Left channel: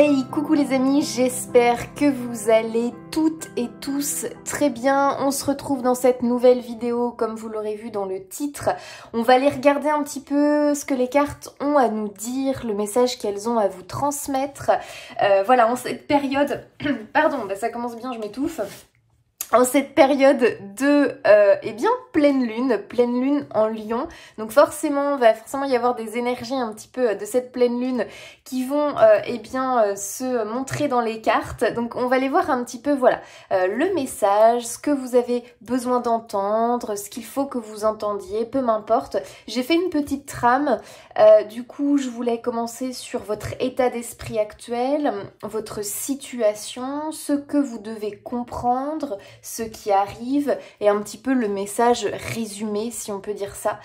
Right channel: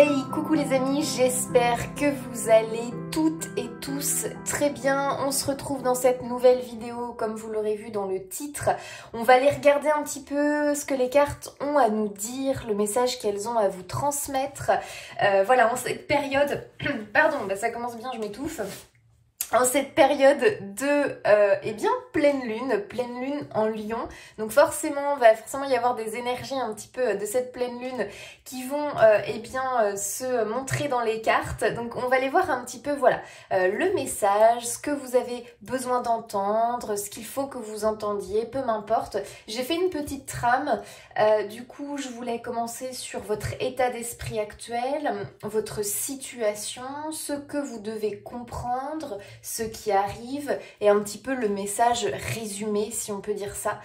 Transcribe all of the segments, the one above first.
Hey, coucou les amis, j'espère que vous allez toutes et tous très bien. On se retrouve dans cette nouvelle vidéo, comme vous l'aurez vu dans le titre. On va aller regarder un petit peu ce que les cartes ont à nous dire, le message qu'elles ont à vous transmettre. Voilà, en cette période... Pardon, bah ça commence bien, je m'étouffe. En cette période de pleine lune en Lion, donc forcément va forcément y avoir des énergies un petit peu de cette pleine lune qui vont se montrer dans les cartes. Donc on va aller voir un petit peu voilà le message, ce que vous avez besoin d'entendre, ce qu'il faut que vous entendiez, peu m'importe. J'ai fait une petite trame, du coup je voulais commencer sur votre état d'esprit actuel, votre situation, ce que vous devez comprendre, ce qui arrive et un petit peu le message résumé si on peut dire ça,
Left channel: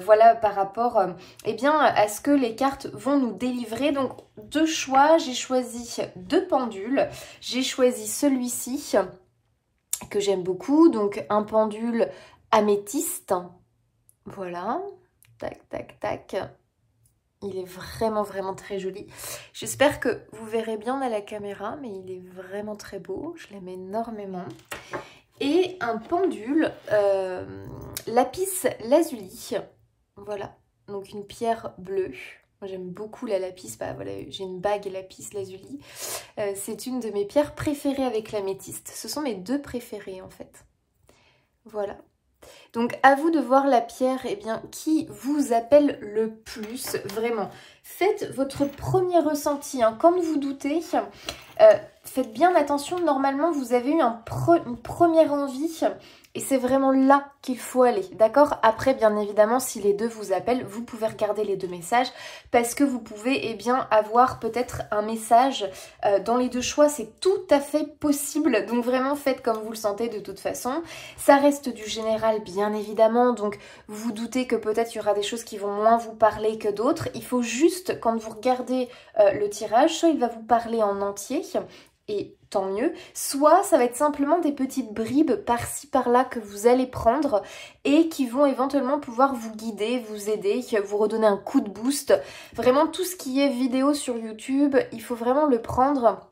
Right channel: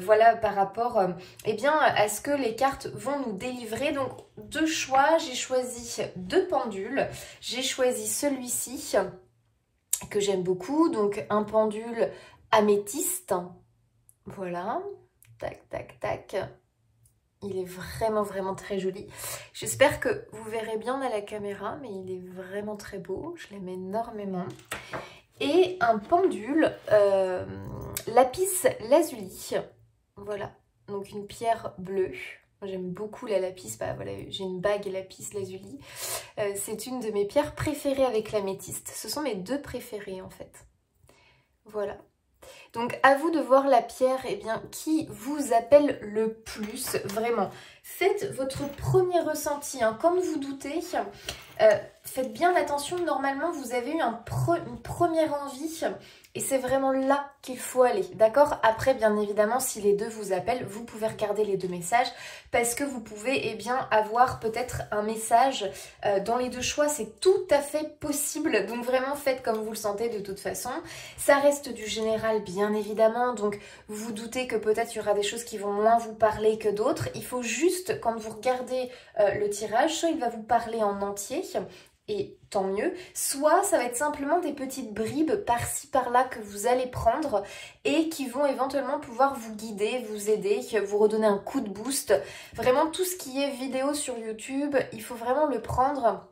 voilà par rapport à ce que les cartes vont nous délivrer. Donc deux choix, j'ai choisi deux pendules, j'ai choisi celui-ci que j'aime beaucoup, donc un pendule améthyste, voilà, tac tac tac. Il est vraiment très joli. J'espère que vous verrez bien à la caméra, mais il est vraiment très beau. Je l'aime énormément. Et un pendule lapis lazuli. Voilà, donc une pierre bleue. J'aime beaucoup la lapis. Bah, voilà, j'ai une bague lapis lazuli. C'est une de mes pierres préférées avec l'améthyste. Ce sont mes deux préférées en fait. Voilà. Donc à vous de voir la pierre qui vous appelle le plus, vraiment. Faites votre premier ressenti, hein. Comme vous doutez, faites bien attention, normalement vous avez eu une première envie et c'est vraiment là qu'il faut aller, d'accord? Après, bien évidemment, si les deux vous appellent, vous pouvez regarder les deux messages parce que vous pouvez avoir peut-être un message dans les deux choix, c'est tout à fait possible. Donc vraiment, faites comme vous le sentez de toute façon. Ça reste du général, bien évidemment, donc vous doutez que peut-être il y aura des choses qui vont moins vous parler que d'autres. Il faut juste, quand vous regardez le tirage, soit il va vous parler en entier, et tant mieux, soit ça va être simplement des petites bribes par-ci par-là que vous allez prendre et qui vont éventuellement pouvoir vous guider, vous aider, vous redonner un coup de boost. Vraiment tout ce qui est vidéo sur YouTube, il faut vraiment le prendre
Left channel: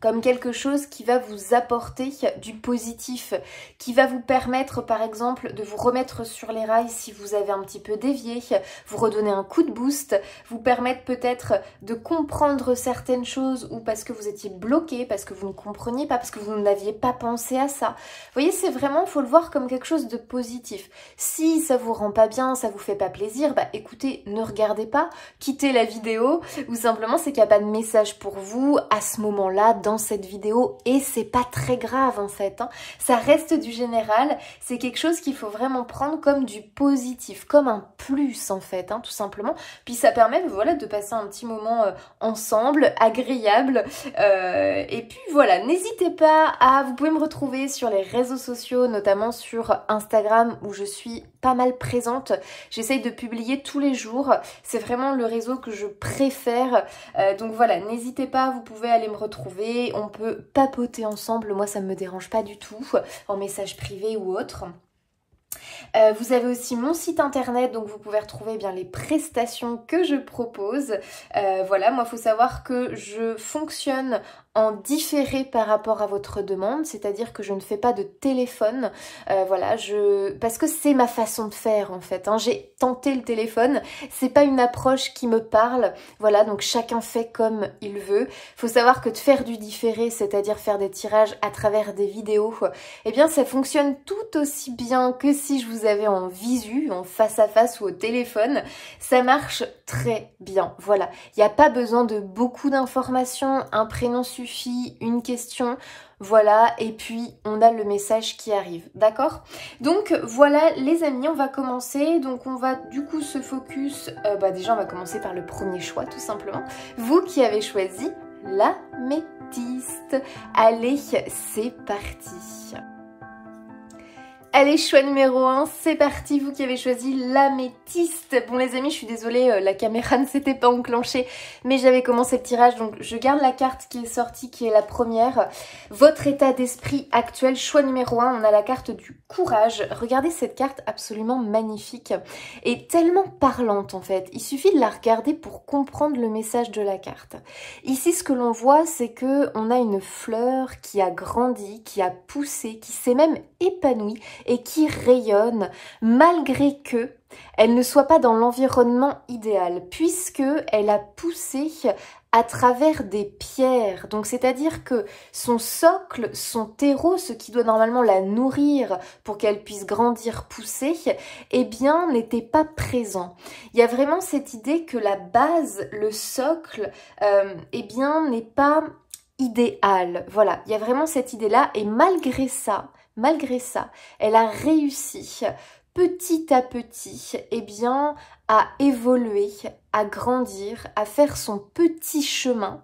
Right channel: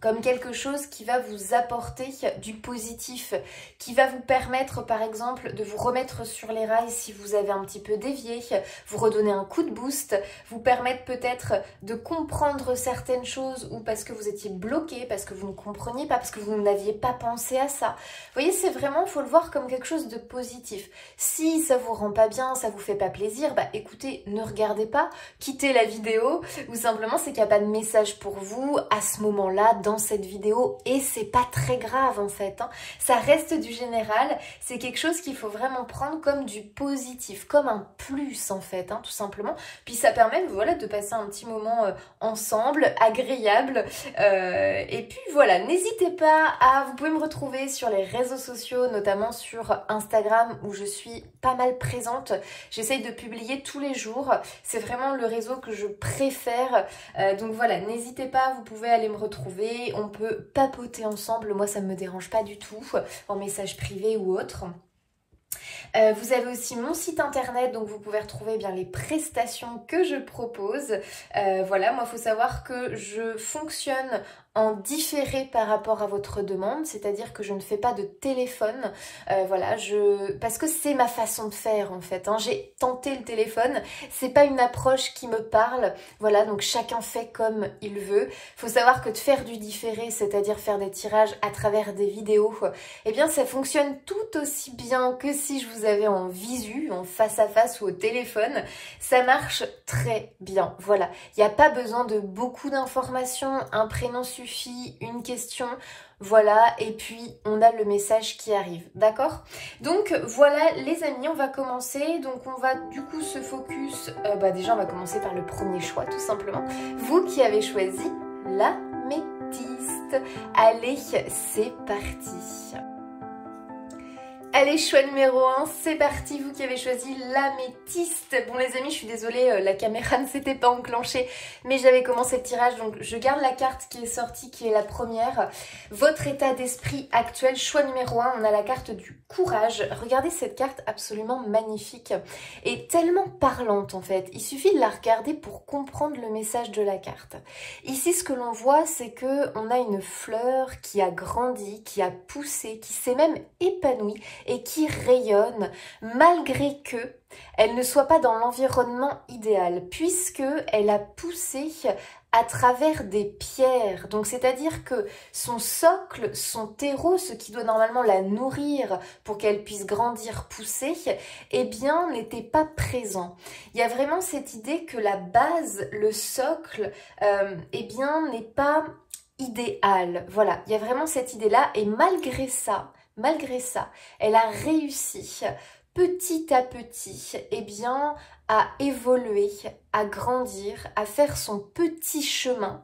comme quelque chose qui va vous apporter du positif, qui va vous permettre par exemple de vous remettre sur les rails si vous avez un petit peu dévié, vous redonner un coup de boost, vous permettre peut-être de comprendre certaines choses ou parce que vous étiez bloqué, parce que vous ne compreniez pas, parce que vous n'aviez pas pensé à ça. Vous voyez, c'est vraiment, il faut le voir comme quelque chose de positif. Si ça vous rend pas bien, ça vous fait pas plaisir, bah écoutez, ne regardez pas, quittez la vidéo ou simplement c'est qu'il n'y a pas de message pour vous à ce moment-là dans cette vidéo et c'est pas très grave en fait, hein. Ça reste du général, c'est quelque chose qu'il faut vraiment prendre comme du positif, comme un plus en fait, hein, tout simplement. Puis ça permet voilà, de passer un petit moment ensemble, agréable. Et puis voilà, n'hésitez pas vous pouvez me retrouver sur les réseaux sociaux, notamment sur Instagram où je suis pas mal présente. J'essaye de publier tous les jours, c'est vraiment le réseau que je préfère. Donc voilà, n'hésitez pas, vous pouvez aller me retrouver. On peut papoter ensemble, moi ça me dérange pas du tout, en message privé ou autre. Vous avez aussi mon site internet, donc vous pouvez retrouver les prestations que je propose. Voilà, moi il faut savoir que je fonctionne en différé par rapport à votre demande, c'est-à-dire que je ne fais pas de téléphone, voilà, parce que c'est ma façon de faire en fait, hein. J'ai tenté le téléphone, c'est pas une approche qui me parle, voilà, donc chacun fait comme il veut. Faut savoir que de faire du différé, c'est-à-dire faire des tirages à travers des vidéos, ça fonctionne tout aussi bien que si je vous avais en visu, en face à face ou au téléphone, ça marche très bien, voilà. Il n'y a pas besoin de beaucoup d'informations, un prénom suffit, une question, voilà, et puis on a le message qui arrive, d'accord? Donc voilà les amis, on va commencer, donc on va du coup se focus, déjà on va commencer par le premier choix tout simplement, vous qui avez choisi l'améthyste. Allez, c'est parti. Allez, choix numéro 1, c'est parti, vous qui avez choisi l'améthyste. Bon les amis, je suis désolée, la caméra ne s'était pas enclenchée, mais j'avais commencé le tirage, donc je garde la carte qui est sortie, qui est la première. Votre état d'esprit actuel, choix numéro 1, on a la carte du courage. Regardez cette carte absolument magnifique et tellement parlante en fait. Il suffit de la regarder pour comprendre le message de la carte. Ici, ce que l'on voit, c'est que on a une fleur qui a grandi, qui a poussé, qui s'est même épanouie et qui rayonne malgré que elle ne soit pas dans l'environnement idéal, puisque elle a poussé à travers des pierres. Donc c'est-à-dire que son socle, son terreau, ce qui doit normalement la nourrir pour qu'elle puisse grandir, pousser, eh bien n'était pas présent. Il y a vraiment cette idée que la base, le socle, eh bien n'est pas idéal. Voilà, il y a vraiment cette idée-là et malgré ça, elle a réussi petit à petit, eh bien, à évoluer, à grandir, à faire son petit chemin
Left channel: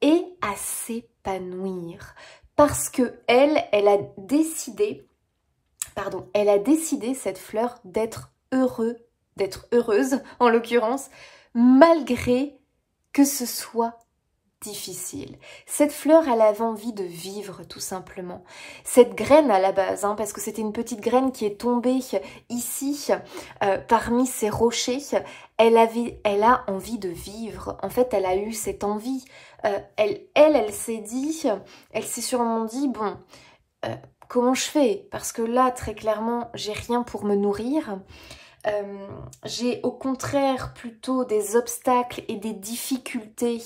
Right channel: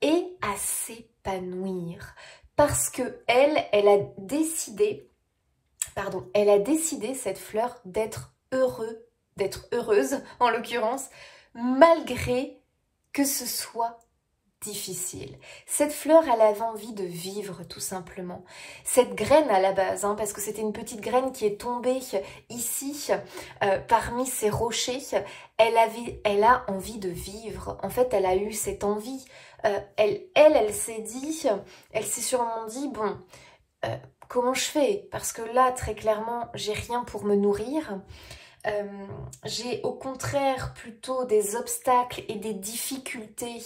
et à s'épanouir. Parce que elle a décidé, cette fleur, d'être heureuse en l'occurrence, malgré que ce soit difficile. Cette fleur, elle avait envie de vivre tout simplement. Cette graine à la base, hein, parce que c'était une petite graine qui est tombée ici, parmi ces rochers, elle a envie de vivre. En fait, elle a eu cette envie. Elle s'est dit, elle s'est sûrement dit, bon, comment je fais? Parce que là, très clairement, j'ai rien pour me nourrir. J'ai au contraire plutôt des obstacles et des difficultés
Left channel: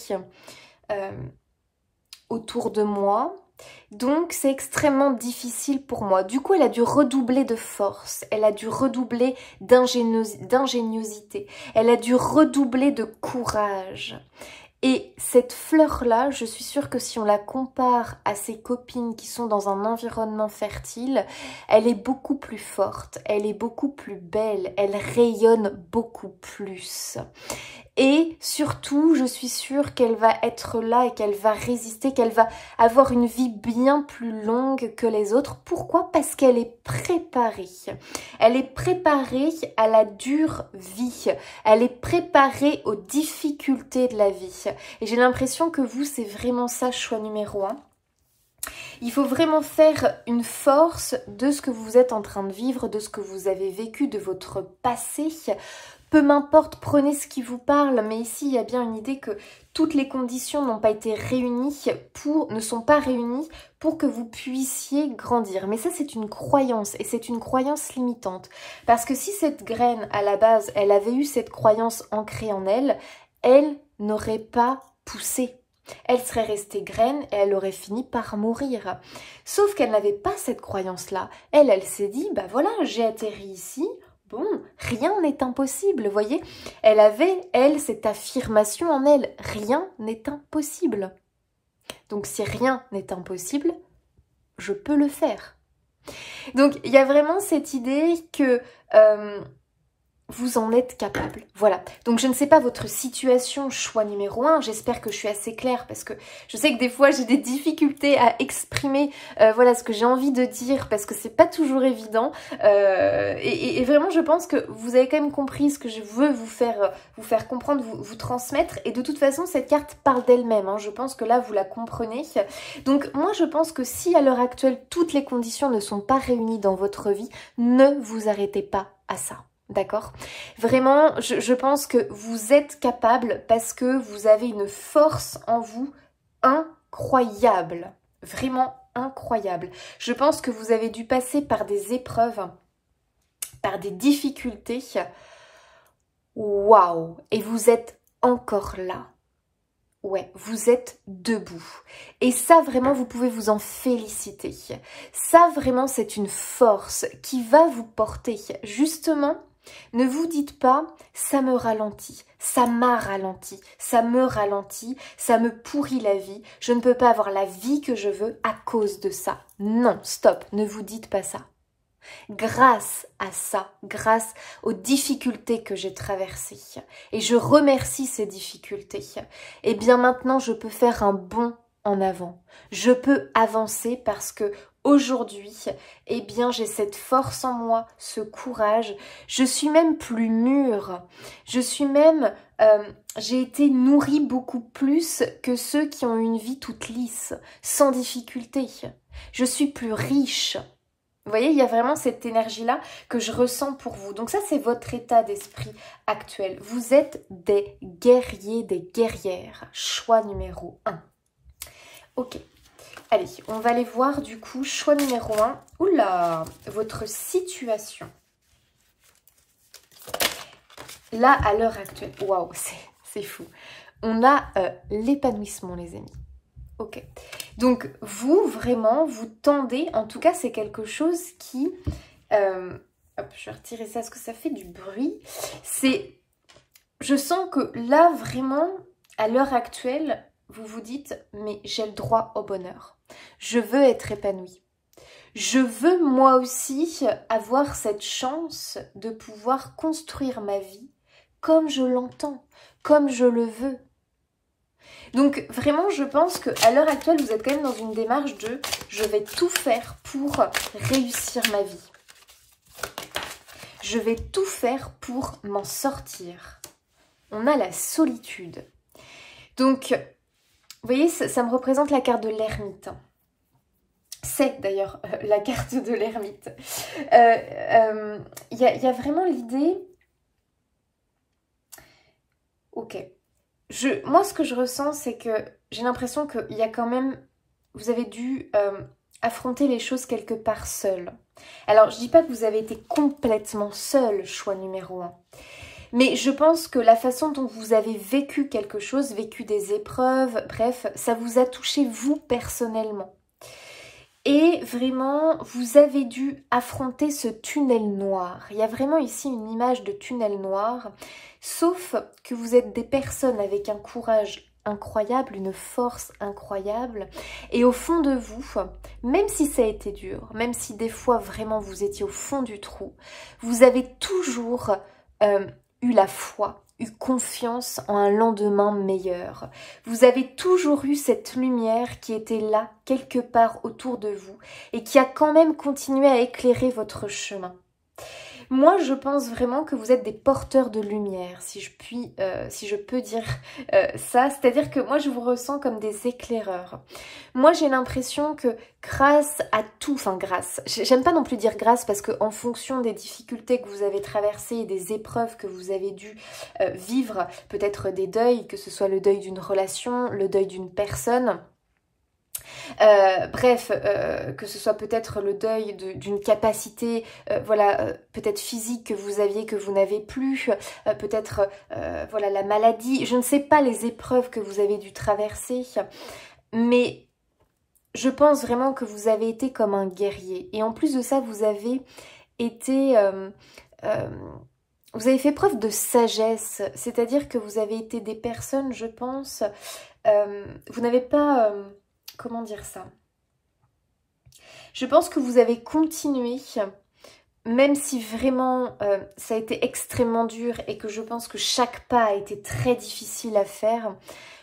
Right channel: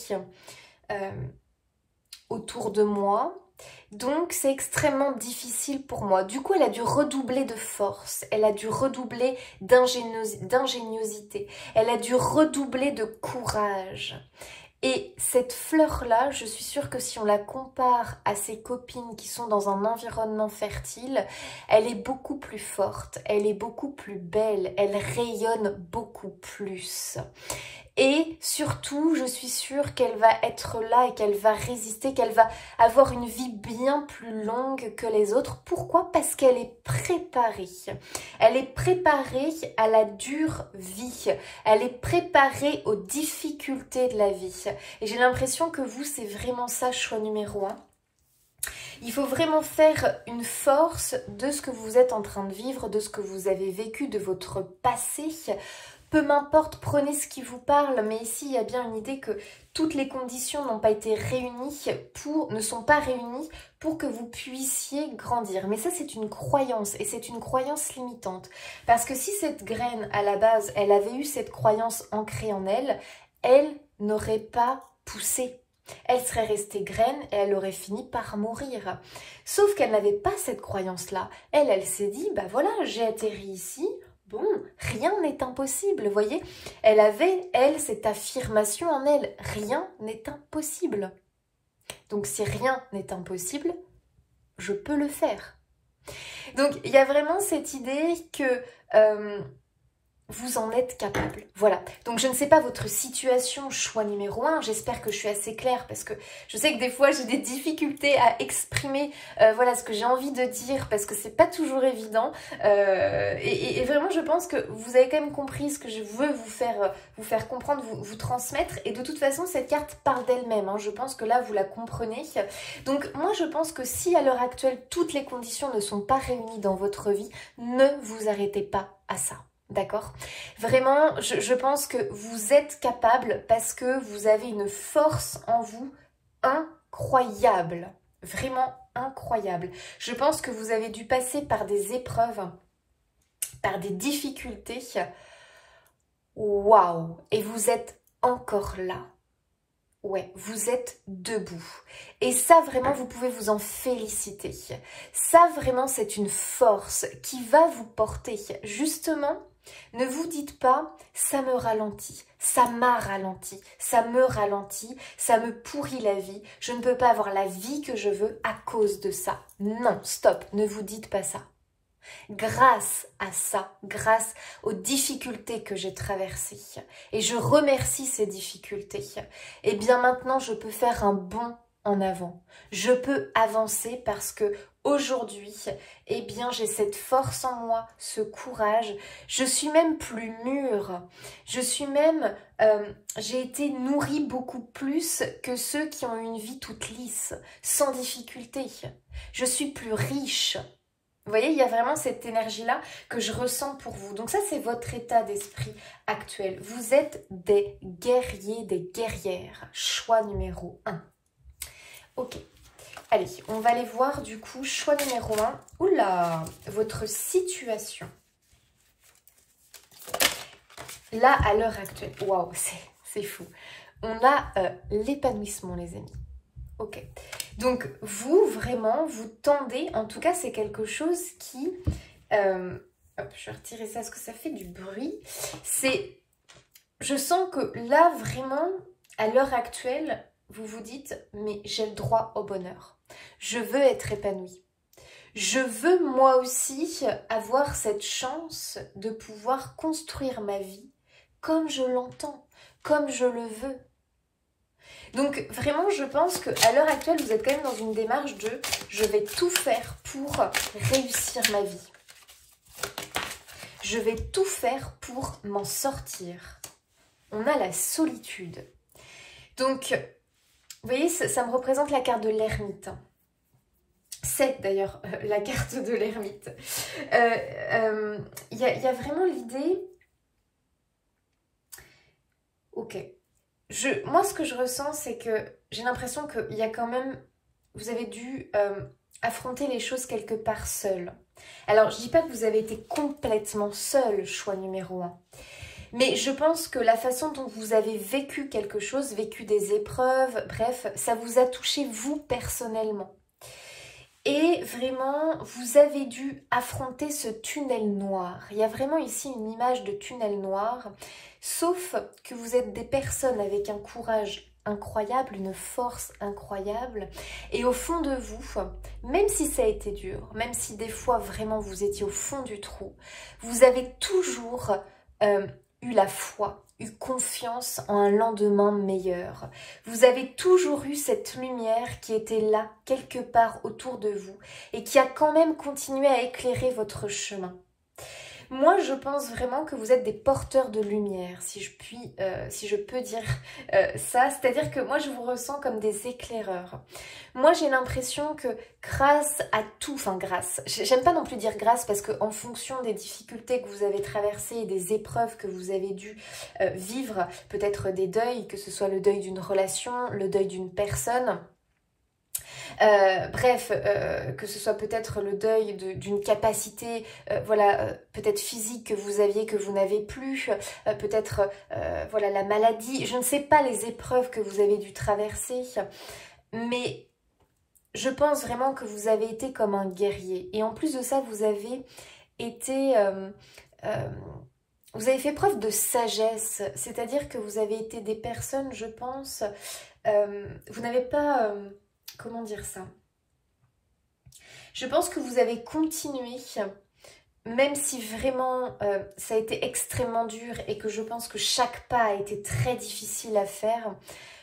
autour de moi, donc c'est extrêmement difficile pour moi. Du coup, elle a dû redoubler de force, elle a dû redoubler d'ingéniosité, elle a dû redoubler de courage. Et cette fleur-là, je suis sûre que si on la compare à ses copines qui sont dans un environnement fertile, elle est beaucoup plus forte, elle est beaucoup plus belle, elle rayonne beaucoup plus. Et surtout, je suis sûre qu'elle va être là et qu'elle va résister, qu'elle va avoir une vie bien plus longue que les autres. Pourquoi? Parce qu'elle est préparée. Elle est préparée à la dure vie. Elle est préparée aux difficultés de la vie. Et j'ai l'impression que vous, c'est vraiment ça, choix numéro 1. Il faut vraiment faire une force de ce que vous êtes en train de vivre, de ce que vous avez vécu, de votre passé. Peu m'importe, prenez ce qui vous parle, mais ici il y a bien une idée que toutes les conditions n'ont pas été réunies ne sont pas réunies pour que vous puissiez grandir. Mais ça c'est une croyance et c'est une croyance limitante. Parce que si cette graine à la base, elle avait eu cette croyance ancrée en elle, elle n'aurait pas poussé. Elle serait restée graine et elle aurait fini par mourir. Sauf qu'elle n'avait pas cette croyance-là. Elle s'est dit, bah voilà, j'ai atterri ici. Bon, rien n'est impossible, vous voyez. Elle avait, cette affirmation en elle. Rien n'est impossible. Donc, si rien n'est impossible, je peux le faire. Donc, il y a vraiment cette idée que vous en êtes capable. Voilà. Donc, je ne sais pas votre situation, choix numéro 1. J'espère que je suis assez claire parce que je sais que des fois, j'ai des difficultés à exprimer voilà, ce que j'ai envie de dire parce que c'est pas toujours évident. Et vraiment, je pense que vous avez quand même compris ce que je veux vous faire comprendre, vous transmettre. Et de toute façon, cette carte parle d'elle-même. Hein. Je pense que là, vous la comprenez. Donc, moi, je pense que si à l'heure actuelle, toutes les conditions ne sont pas réunies dans votre vie, ne vous arrêtez pas à ça. D'accord? Vraiment, je pense que vous êtes capable parce que vous avez une force en vous incroyable. Vraiment incroyable. Je pense que vous avez dû passer par des épreuves, par des difficultés. Waouh! Et vous êtes encore là. Ouais, vous êtes debout. Et ça, vraiment, vous pouvez vous en féliciter. Ça, vraiment, c'est une force qui va vous porter. Justement, ne vous dites pas « ça me ralentit, ça m'a ralenti, ça me ralentit, ça me pourrit la vie, je ne peux pas avoir la vie que je veux à cause de ça ». Non, stop, ne vous dites pas ça. Grâce à ça, grâce aux difficultés que j'ai traversées, et je remercie ces difficultés, et bien maintenant je peux faire un bond en avant. Je peux avancer parce que aujourd'hui, eh bien, j'ai cette force en moi, ce courage. Je suis même plus mûre. Je suis même... j'ai été nourrie beaucoup plus que ceux qui ont une vie toute lisse, sans difficulté. Je suis plus riche. Vous voyez, il y a vraiment cette énergie-là que je ressens pour vous. Donc ça, c'est votre état d'esprit actuel. Vous êtes des guerriers, des guerrières. Choix numéro 1. Ok. Allez, on va aller voir du coup, choix numéro 1. Oula, votre situation. Là, à l'heure actuelle, waouh, c'est fou. On a l'épanouissement, les amis. Ok. Donc, vous, vraiment, vous tendez, en tout cas, c'est quelque chose qui... hop, je vais retirer ça, parce que ça fait du bruit. C'est... Je sens que là, vraiment, à l'heure actuelle, vous vous dites, mais j'ai le droit au bonheur. Je veux être épanouie. Je veux, moi aussi, avoir cette chance de pouvoir construire ma vie comme je l'entends, comme je le veux. Donc vraiment, je pense qu'à l'heure actuelle, vous êtes quand même dans une démarche de « je vais tout faire pour réussir ma vie ». Je vais tout faire pour m'en sortir. On a la solitude. Donc, vous voyez, ça me représente la carte de l'ermite. C'est d'ailleurs la carte de l'ermite. Il y a vraiment l'idée... Ok. Moi, ce que je ressens, c'est que j'ai l'impression qu'il y a quand même... Vous avez dû affronter les choses quelque part seul. Alors, je ne dis pas que vous avez été complètement seul, choix numéro 1. Mais je pense que la façon dont vous avez vécu quelque chose, vécu des épreuves, bref, ça vous a touché vous personnellement. Et vraiment, vous avez dû affronter ce tunnel noir. Il y a vraiment ici une image de tunnel noir. Sauf que vous êtes des personnes avec un courage incroyable, une force incroyable. Et au fond de vous, même si ça a été dur, même si des fois vraiment vous étiez au fond du trou, vous avez toujours eu la foi, eu confiance en un lendemain meilleur. Vous avez toujours eu cette lumière qui était là, quelque part autour de vous, et qui a quand même continué à éclairer votre chemin. Moi, je pense vraiment que vous êtes des porteurs de lumière, si je peux dire ça. C'est-à-dire que moi, je vous ressens comme des éclaireurs. Moi, j'ai l'impression que grâce à tout, enfin grâce, j'aime pas non plus dire grâce parce qu'en fonction des difficultés que vous avez traversées et des épreuves que vous avez dû vivre, peut-être des deuils, que ce soit le deuil d'une relation, le deuil d'une personne... bref, que ce soit peut-être le deuil d'une capacité, voilà, peut-être physique que vous aviez, que vous n'avez plus, peut-être, voilà, la maladie, je ne sais pas les épreuves que vous avez dû traverser, mais je pense vraiment que vous avez été comme un guerrier. Et en plus de ça, vous avez été... vous avez fait preuve de sagesse, c'est-à-dire que vous avez été des personnes, je pense, vous n'avez pas... comment dire ça? Je pense que vous avez continué, même si vraiment ça a été extrêmement dur et que je pense que chaque pas a été très difficile à faire,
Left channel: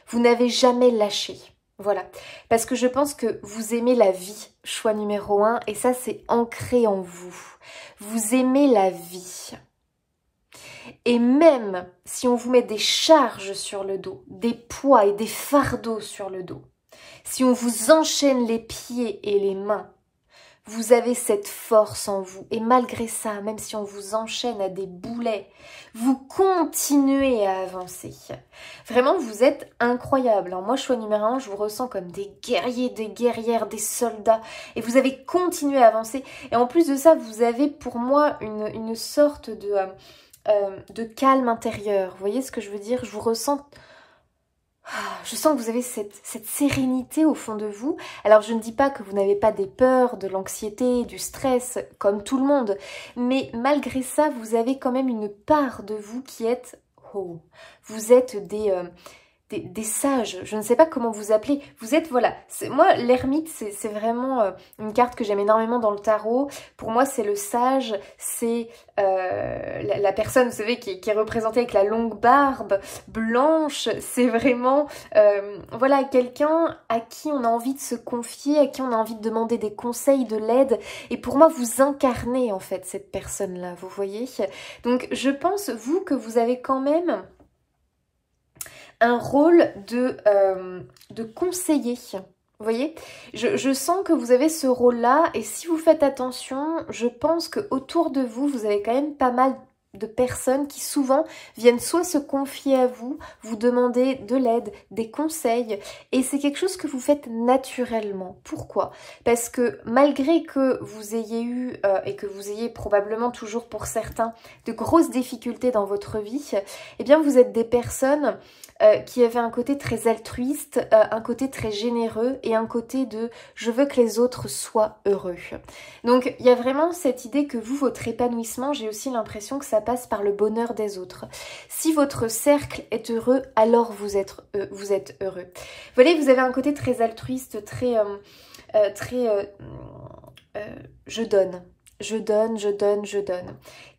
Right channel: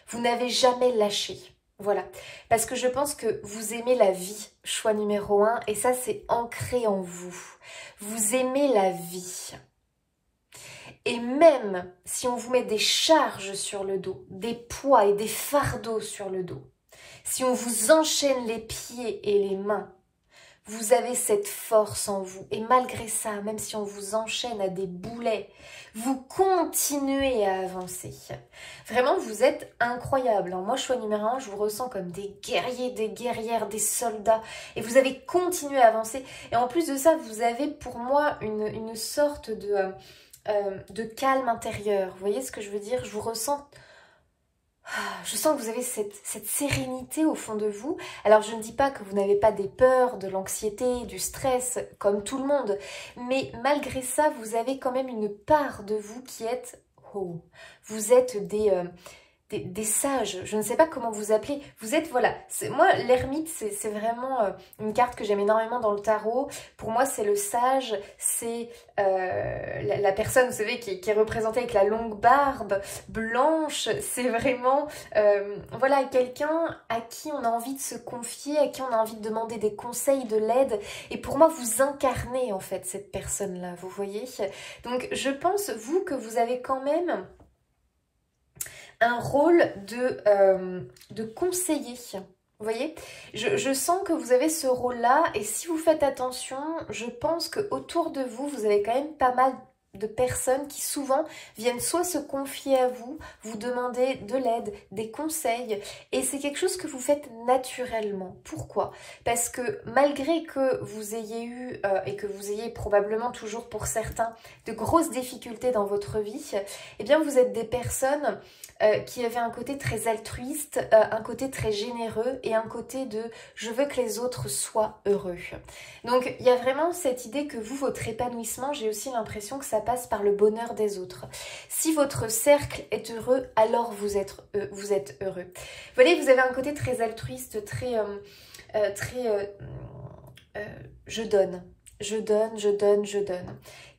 vous n'avez jamais lâché. Voilà, parce que je pense que vous aimez la vie, choix numéro 1, et ça c'est ancré en vous. Vous aimez la vie. Et même si on vous met des charges sur le dos, des poids et des fardeaux sur le dos, si on vous enchaîne les pieds et les mains, vous avez cette force en vous. Et malgré ça, même si on vous enchaîne à des boulets, vous continuez à avancer. Vraiment, vous êtes incroyable. Moi, choix numéro 1, je vous ressens comme des guerriers, des guerrières, des soldats. Et vous avez continué à avancer. Et en plus de ça, vous avez pour moi une sorte de calme intérieur. Vous voyez ce que je veux dire? Je vous ressens... Je sens que vous avez cette sérénité au fond de vous. Alors, je ne dis pas que vous n'avez pas des peurs, de l'anxiété, du stress, comme tout le monde. Mais malgré ça, vous avez quand même une part de vous qui est... Oh, vous êtes des sages, je ne sais pas comment vous appeler. Vous êtes, voilà, moi l'ermite c'est vraiment une carte que j'aime énormément dans le tarot. Pour moi c'est le sage, c'est la personne, vous savez, qui est représentée avec la longue barbe blanche. C'est vraiment, voilà, quelqu'un à qui on a envie de se confier, à qui on a envie de demander des conseils, de l'aide. Et pour moi vous incarnez en fait cette personne-là, vous voyez. Donc je pense, vous, que vous avez quand même un rôle de conseiller. Vous voyez, je sens que vous avez ce rôle-là, et si vous faites attention, je pense qu'autour de vous, vous avez quand même pas mal de personnes qui souvent viennent soit se confier à vous, vous demander de l'aide, des conseils, et c'est quelque chose que vous faites naturellement. Pourquoi? Parce que malgré que vous ayez eu, et que vous ayez probablement toujours pour certains, de grosses difficultés dans votre vie, eh bien vous êtes des personnes qui avaient un côté très altruiste, un côté très généreux et un côté de « je veux que les autres soient heureux ». Donc il y a vraiment cette idée que vous, votre épanouissement, j'ai aussi l'impression que ça passe par le bonheur des autres. Si votre cercle est heureux, alors vous êtes heureux. Vous voyez, vous avez un côté très altruiste, très je donne, je donne, je donne, je donne.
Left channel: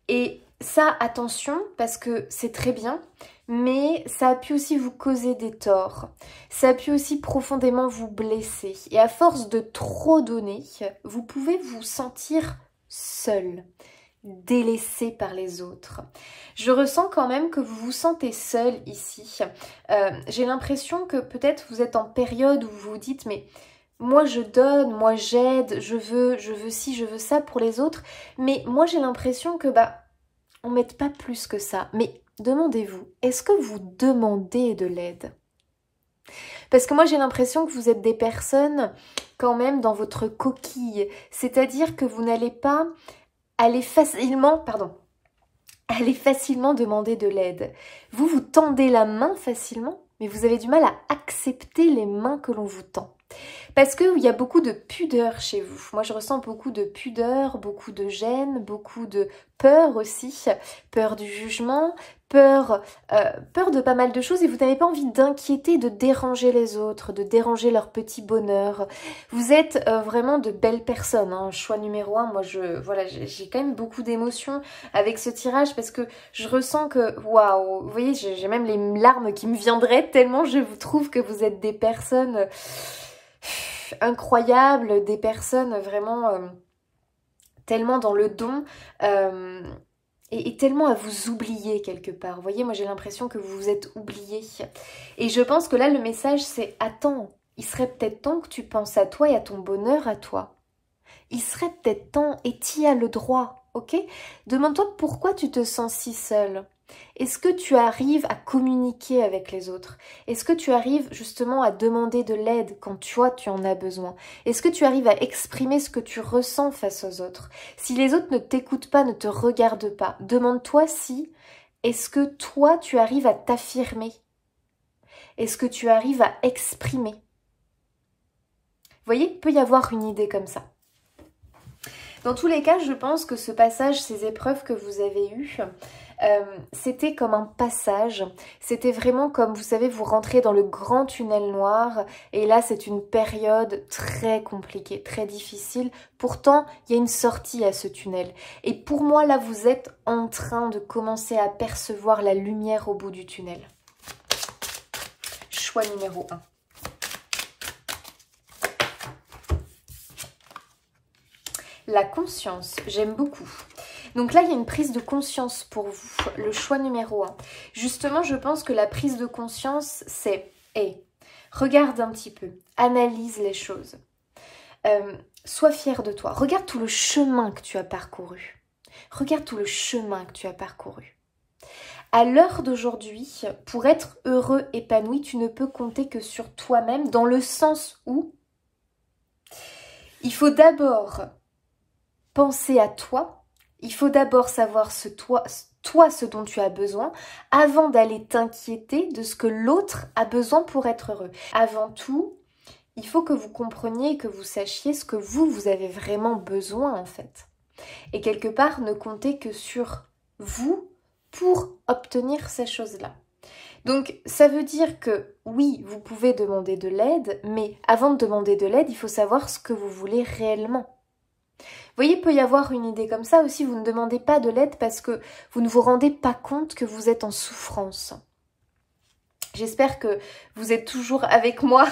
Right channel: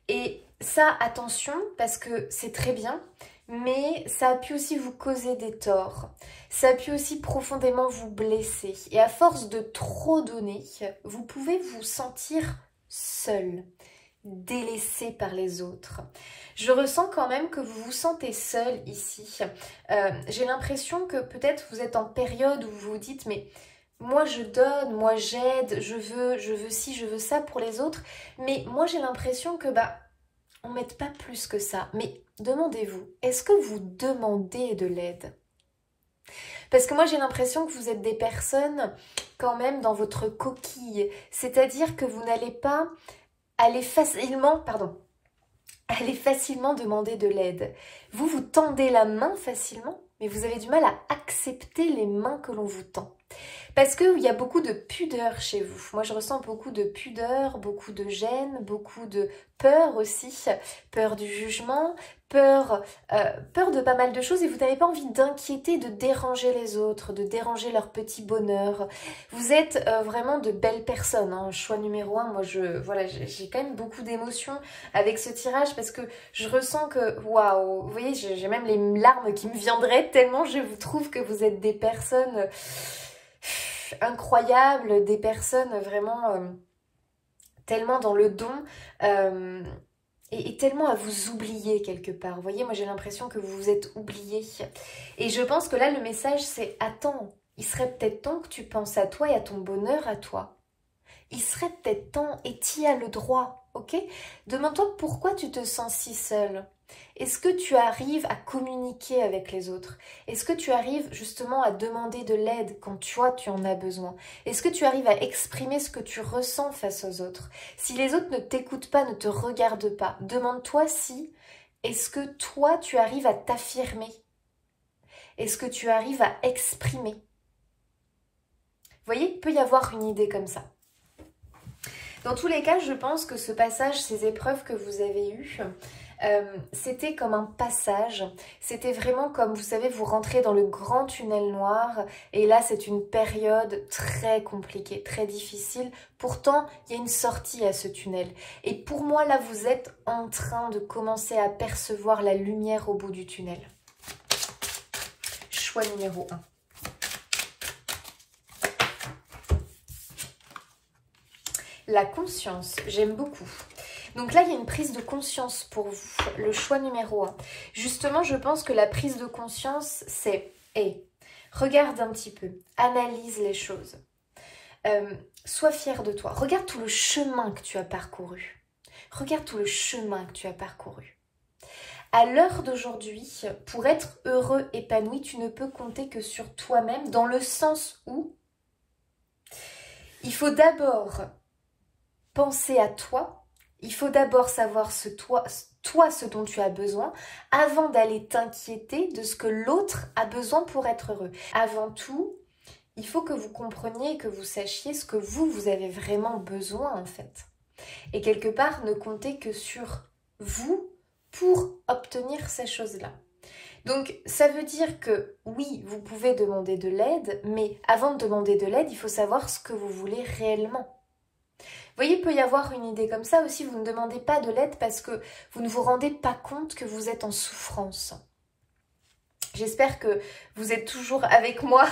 Et ça, attention, parce que c'est très bien, mais ça a pu aussi vous causer des torts. Ça a pu aussi profondément vous blesser. Et à force de trop donner, vous pouvez vous sentir seul, délaissé par les autres. Je ressens quand même que vous vous sentez seul ici. J'ai l'impression que peut-être vous êtes en période où vous vous dites « mais moi je donne, moi j'aide, je veux ci, je veux ça pour les autres ». Mais moi j'ai l'impression que on ne m'aide pas plus que ça. Mais demandez-vous, est-ce que vous demandez de l'aide? Parce que moi j'ai l'impression que vous êtes des personnes quand même dans votre coquille. C'est-à-dire que vous n'allez pas aller facilement, demander de l'aide. Vous tendez la main facilement, mais vous avez du mal à accepter les mains que l'on vous tend. Parce qu'il y a beaucoup de pudeur chez vous. Moi, je ressens beaucoup de pudeur, beaucoup de gêne, beaucoup de peur aussi. Peur du jugement, peur de pas mal de choses. Et vous n'avez pas envie d'inquiéter, de déranger les autres, de déranger leur petit bonheur. Vous êtes vraiment de belles personnes. Hein. Choix numéro 1, moi, voilà, j'ai quand même beaucoup d'émotions avec ce tirage parce que je ressens que, waouh, vous voyez, j'ai même les larmes qui me viendraient tellement je vous trouve que vous êtes des personnes incroyables, des personnes vraiment tellement dans le don et tellement à vous oublier quelque part. Vous voyez, moi j'ai l'impression que vous vous êtes oublié. Et je pense que là le message c'est « Attends, il serait peut-être temps que tu penses à toi et à ton bonheur à toi. Il serait peut-être temps et tu y as le droit, ok? Demande-toi pourquoi tu te sens si seule. Est-ce que tu arrives à communiquer avec les autres? Est-ce que tu arrives justement à demander de l'aide quand toi tu en as besoin? Est-ce que tu arrives à exprimer ce que tu ressens face aux autres? Si les autres ne t'écoutent pas, ne te regardent pas, demande-toi si, est-ce que toi tu arrives à t'affirmer? Est-ce que tu arrives à exprimer? Vous voyez, il peut y avoir une idée comme ça. Dans tous les cas, je pense que ce passage, ces épreuves que vous avez eues, c'était comme un passage, c'était vraiment comme, vous savez, vous rentrez dans le grand tunnel noir et là c'est une période très compliquée, très difficile. Pourtant, il y a une sortie à ce tunnel. Et pour moi, là, vous êtes en train de commencer à percevoir la lumière au bout du tunnel. Choix numéro 1. La conscience, j'aime beaucoup. Donc là, il y a une prise de conscience pour vous, le choix numéro 1. Justement, je pense que la prise de conscience, c'est hey, regarde un petit peu, analyse les choses. Sois fier de toi. Regarde tout le chemin que tu as parcouru. Regarde tout le chemin que tu as parcouru. À l'heure d'aujourd'hui, pour être heureux, épanoui, tu ne peux compter que sur toi-même, dans le sens où il faut d'abord penser à toi, il faut d'abord savoir ce dont tu as besoin avant d'aller t'inquiéter de ce que l'autre a besoin pour être heureux. Avant tout, il faut que vous compreniez et que vous sachiez ce que vous avez vraiment besoin en fait. Et quelque part, ne comptez que sur vous pour obtenir ces choses-là. Donc ça veut dire que oui, vous pouvez demander de l'aide, mais avant de demander de l'aide, il faut savoir ce que vous voulez réellement. Vous voyez, il peut y avoir une idée comme ça aussi, vous ne demandez pas de l'aide parce que vous ne vous rendez pas compte que vous êtes en souffrance. J'espère que vous êtes toujours avec moi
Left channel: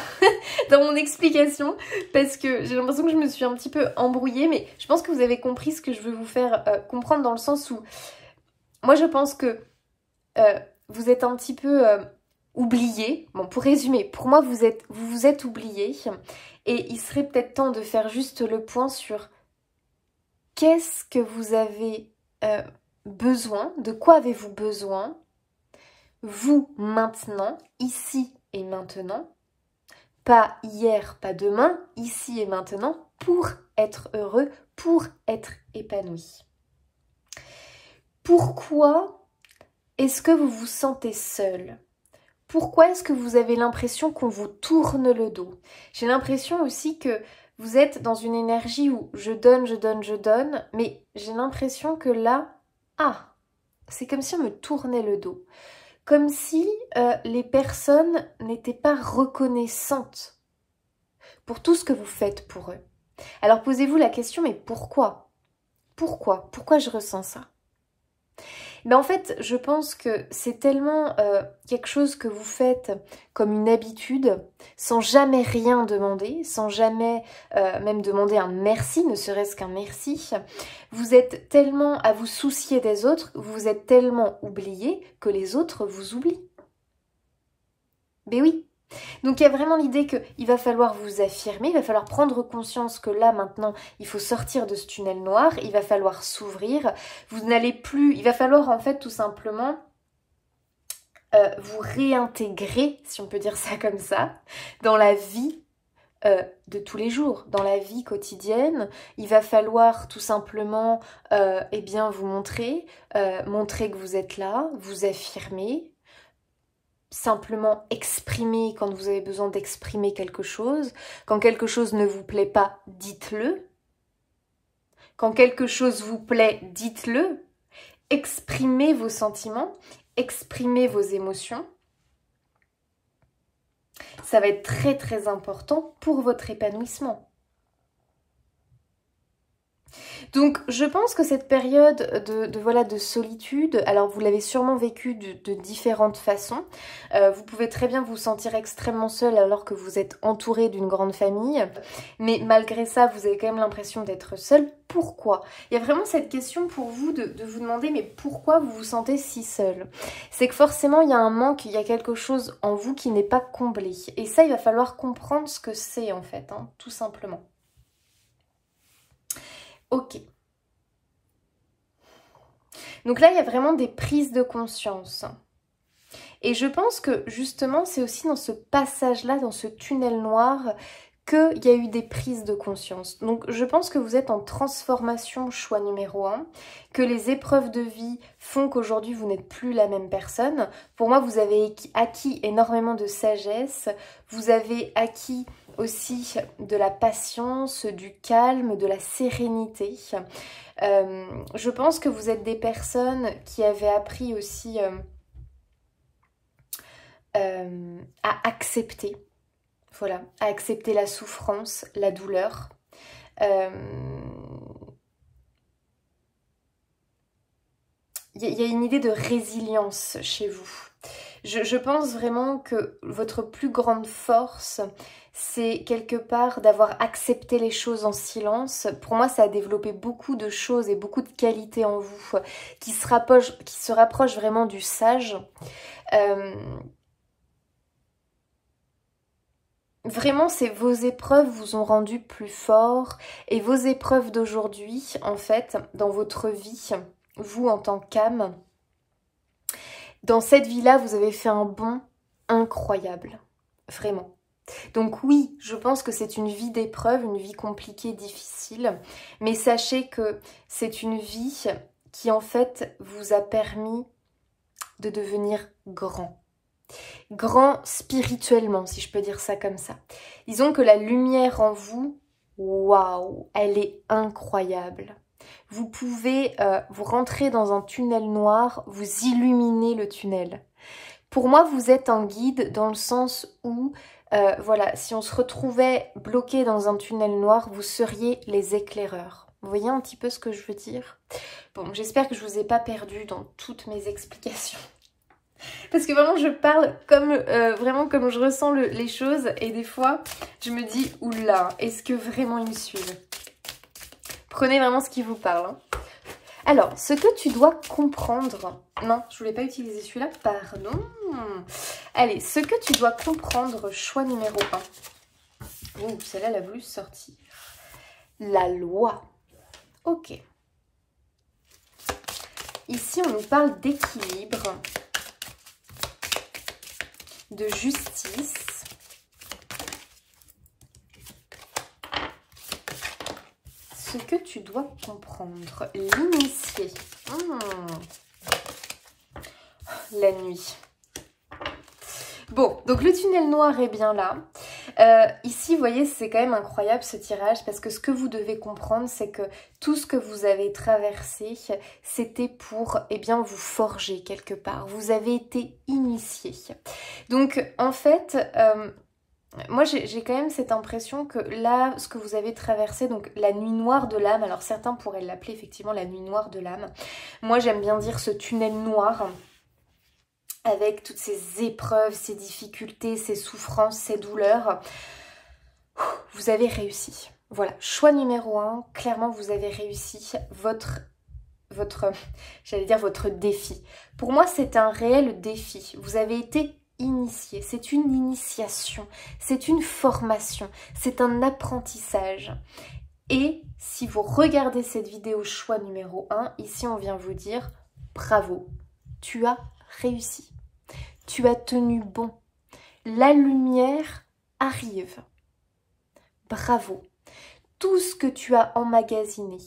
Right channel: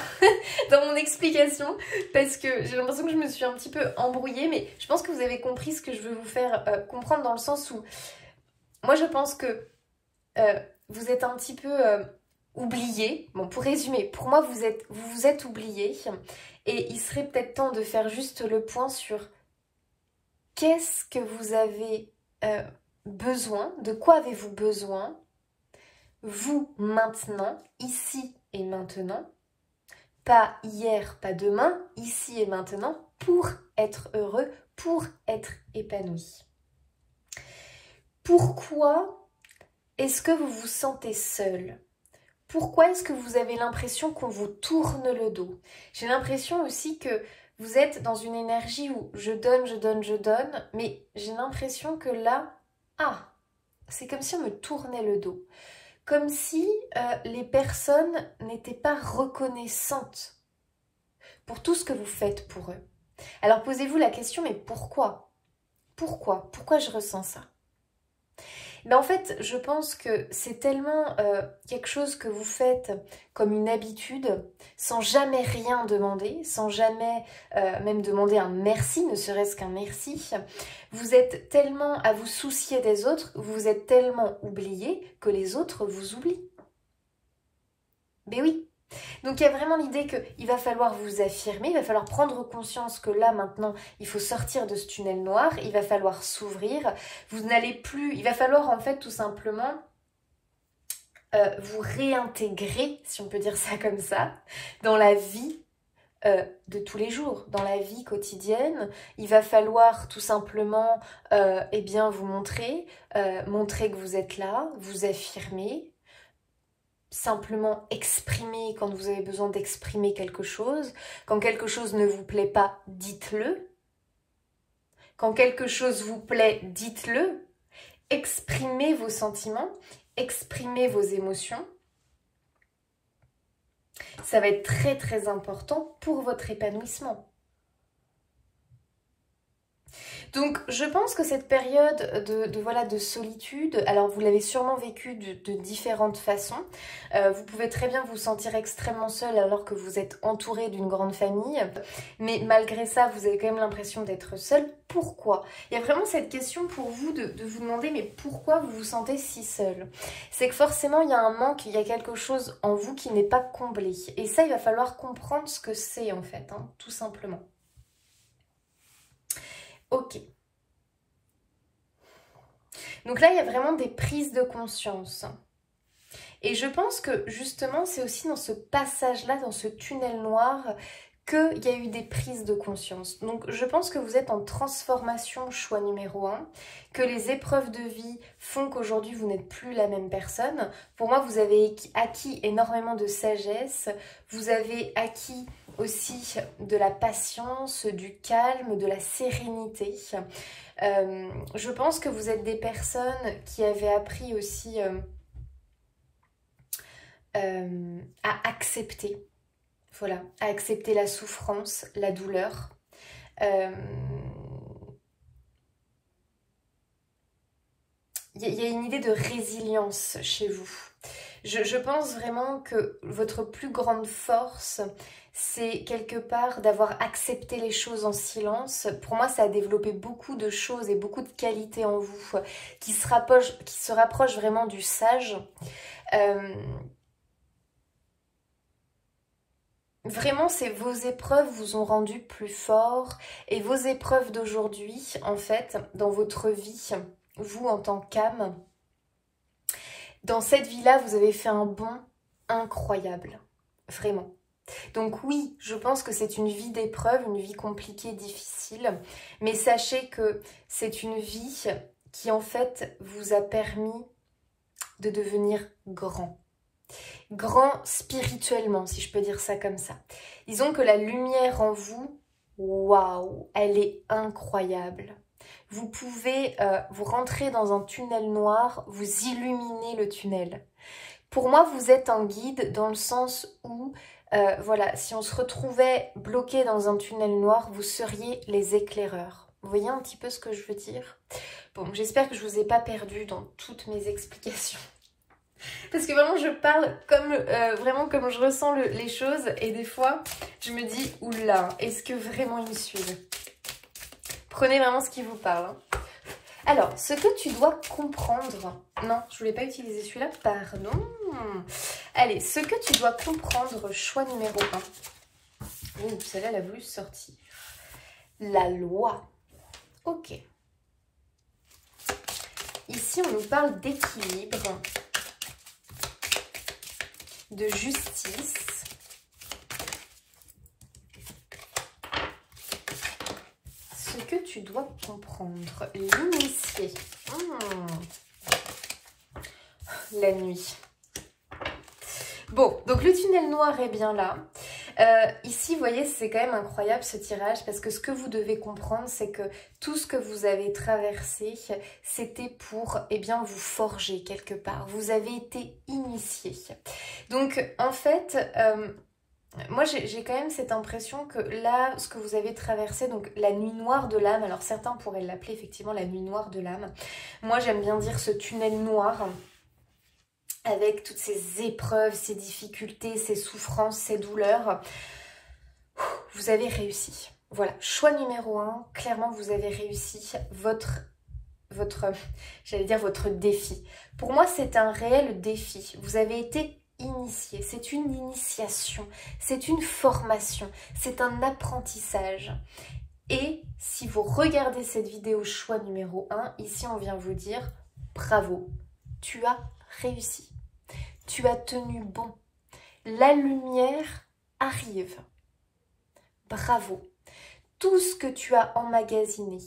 dans mon explication parce que j'ai l'impression que je me suis un petit peu embrouillée, mais je pense que vous avez compris ce que je veux vous faire comprendre dans le sens où moi je pense que vous êtes un petit peu oublié. Bon, pour résumer, pour moi vous vous êtes oublié et il serait peut-être temps de faire juste le point sur qu'est-ce que vous avez besoin, de quoi avez-vous besoin vous, maintenant, ici et maintenant, pas hier, pas demain, ici et maintenant, pour être heureux, pour être épanoui. Pourquoi est-ce que vous vous sentez seul? Pourquoi est-ce que vous avez l'impression qu'on vous tourne le dos? J'ai l'impression aussi que vous êtes dans une énergie où je donne, je donne, je donne, mais j'ai l'impression que là, c'est comme si on me tournait le dos. Comme si les personnes n'étaient pas reconnaissantes pour tout ce que vous faites pour eux. Alors posez-vous la question, mais pourquoi? Pourquoi je ressens ça? Mais en fait, je pense que c'est tellement quelque chose que vous faites comme une habitude, sans jamais rien demander, sans jamais même demander un merci, ne serait-ce qu'un merci. Vous êtes tellement à vous soucier des autres, vous êtes tellement oublié que les autres vous oublient. Mais oui. Donc il y a vraiment l'idée qu'il va falloir vous affirmer, il va falloir prendre conscience que là maintenant il faut sortir de ce tunnel noir, il va falloir s'ouvrir, vous n'allez plus, il va falloir en fait tout simplement vous réintégrer, si on peut dire ça comme ça, dans la vie de tous les jours, dans la vie quotidienne. Il va falloir tout simplement eh bien vous montrer que vous êtes là, vous affirmer, simplement exprimer quand vous avez besoin d'exprimer quelque chose. Quand quelque chose ne vous plaît pas, dites-le. Quand quelque chose vous plaît, dites-le. Exprimez vos sentiments, exprimez vos émotions. Ça va être très très important pour votre épanouissement. Donc je pense que cette période de solitude, alors vous l'avez sûrement vécue de différentes façons. Vous pouvez très bien vous sentir extrêmement seul alors que vous êtes entouré d'une grande famille. Mais malgré ça, vous avez quand même l'impression d'être seul. Pourquoi? Il y a vraiment cette question pour vous de vous demander mais pourquoi vous vous sentez si seul? C'est que forcément il y a un manque, il y a quelque chose en vous qui n'est pas comblé. Et ça, il va falloir comprendre ce que c'est en fait, hein, tout simplement. Ok. Donc là, il y a vraiment des prises de conscience. Et je pense que justement, c'est aussi dans ce passage-là, dans ce tunnel noir, qu'il y a eu des prises de conscience. Donc je pense que vous êtes en transformation, choix numéro 1, que les épreuves de vie font qu'aujourd'hui vous n'êtes plus la même personne. Pour moi, vous avez acquis énormément de sagesse, vous avez acquis aussi de la patience, du calme, de la sérénité. Je pense que vous êtes des personnes qui avaient appris aussi à accepter. Voilà, à accepter la souffrance, la douleur. Il y a une idée de résilience chez vous. Je pense vraiment que votre plus grande force, c'est quelque part d'avoir accepté les choses en silence. Pour moi, ça a développé beaucoup de choses et beaucoup de qualités en vous qui se rapprochent vraiment du sage. Vraiment, vos épreuves vous ont rendu plus fort et vos épreuves d'aujourd'hui, en fait, dans votre vie, vous en tant qu'âme, dans cette vie-là, vous avez fait un bond incroyable, vraiment. Donc oui, je pense que c'est une vie d'épreuve, une vie compliquée, difficile, mais sachez que c'est une vie qui en fait vous a permis de devenir grand. Grand spirituellement, si je peux dire ça comme ça. Disons que la lumière en vous, waouh, elle est incroyable. Vous pouvez vous rentrer dans un tunnel noir, vous illuminer le tunnel. Pour moi, vous êtes un guide dans le sens où, voilà, si on se retrouvait bloqué dans un tunnel noir, vous seriez les éclaireurs. Vous voyez un petit peu ce que je veux dire? Bon, j'espère que je vous ai pas perdu dans toutes mes explications. Parce que vraiment, je parle comme vraiment comme je ressens les choses. Et des fois, je me dis, oula, est-ce que vraiment ils me suivent? Prenez vraiment ce qui vous parle. Hein. Alors, ce que tu dois comprendre... Non, je voulais pas utiliser celui-là, pardon. Allez, ce que tu dois comprendre, choix numéro 1. Ouh, celle-là, elle a voulu sortir. La loi. Ok. Ici, on nous parle d'équilibre, de justice. Ce que tu dois comprendre, l'initié. La nuit. Bon, donc le tunnel noir est bien là. Ici, vous voyez, c'est quand même incroyable ce tirage parce que ce que vous devez comprendre, c'est que tout ce que vous avez traversé, c'était pour, eh bien, vous forger quelque part. Vous avez été initié. Donc, en fait... moi, j'ai quand même cette impression que là, ce que vous avez traversé, donc la nuit noire de l'âme, alors certains pourraient l'appeler effectivement la nuit noire de l'âme. Moi, j'aime bien dire ce tunnel noir avec toutes ces épreuves, ces difficultés, ces souffrances, ces douleurs. Vous avez réussi. Voilà, choix numéro 1, clairement, vous avez réussi j'allais dire votre défi. Pour moi, c'est un réel défi. Vous avez été initié, c'est une initiation, c'est une formation, c'est un apprentissage. Et si vous regardez cette vidéo choix numéro 1, ici on vient vous dire bravo, tu as réussi, tu as tenu bon, la lumière arrive, bravo. Tout ce que tu as emmagasiné,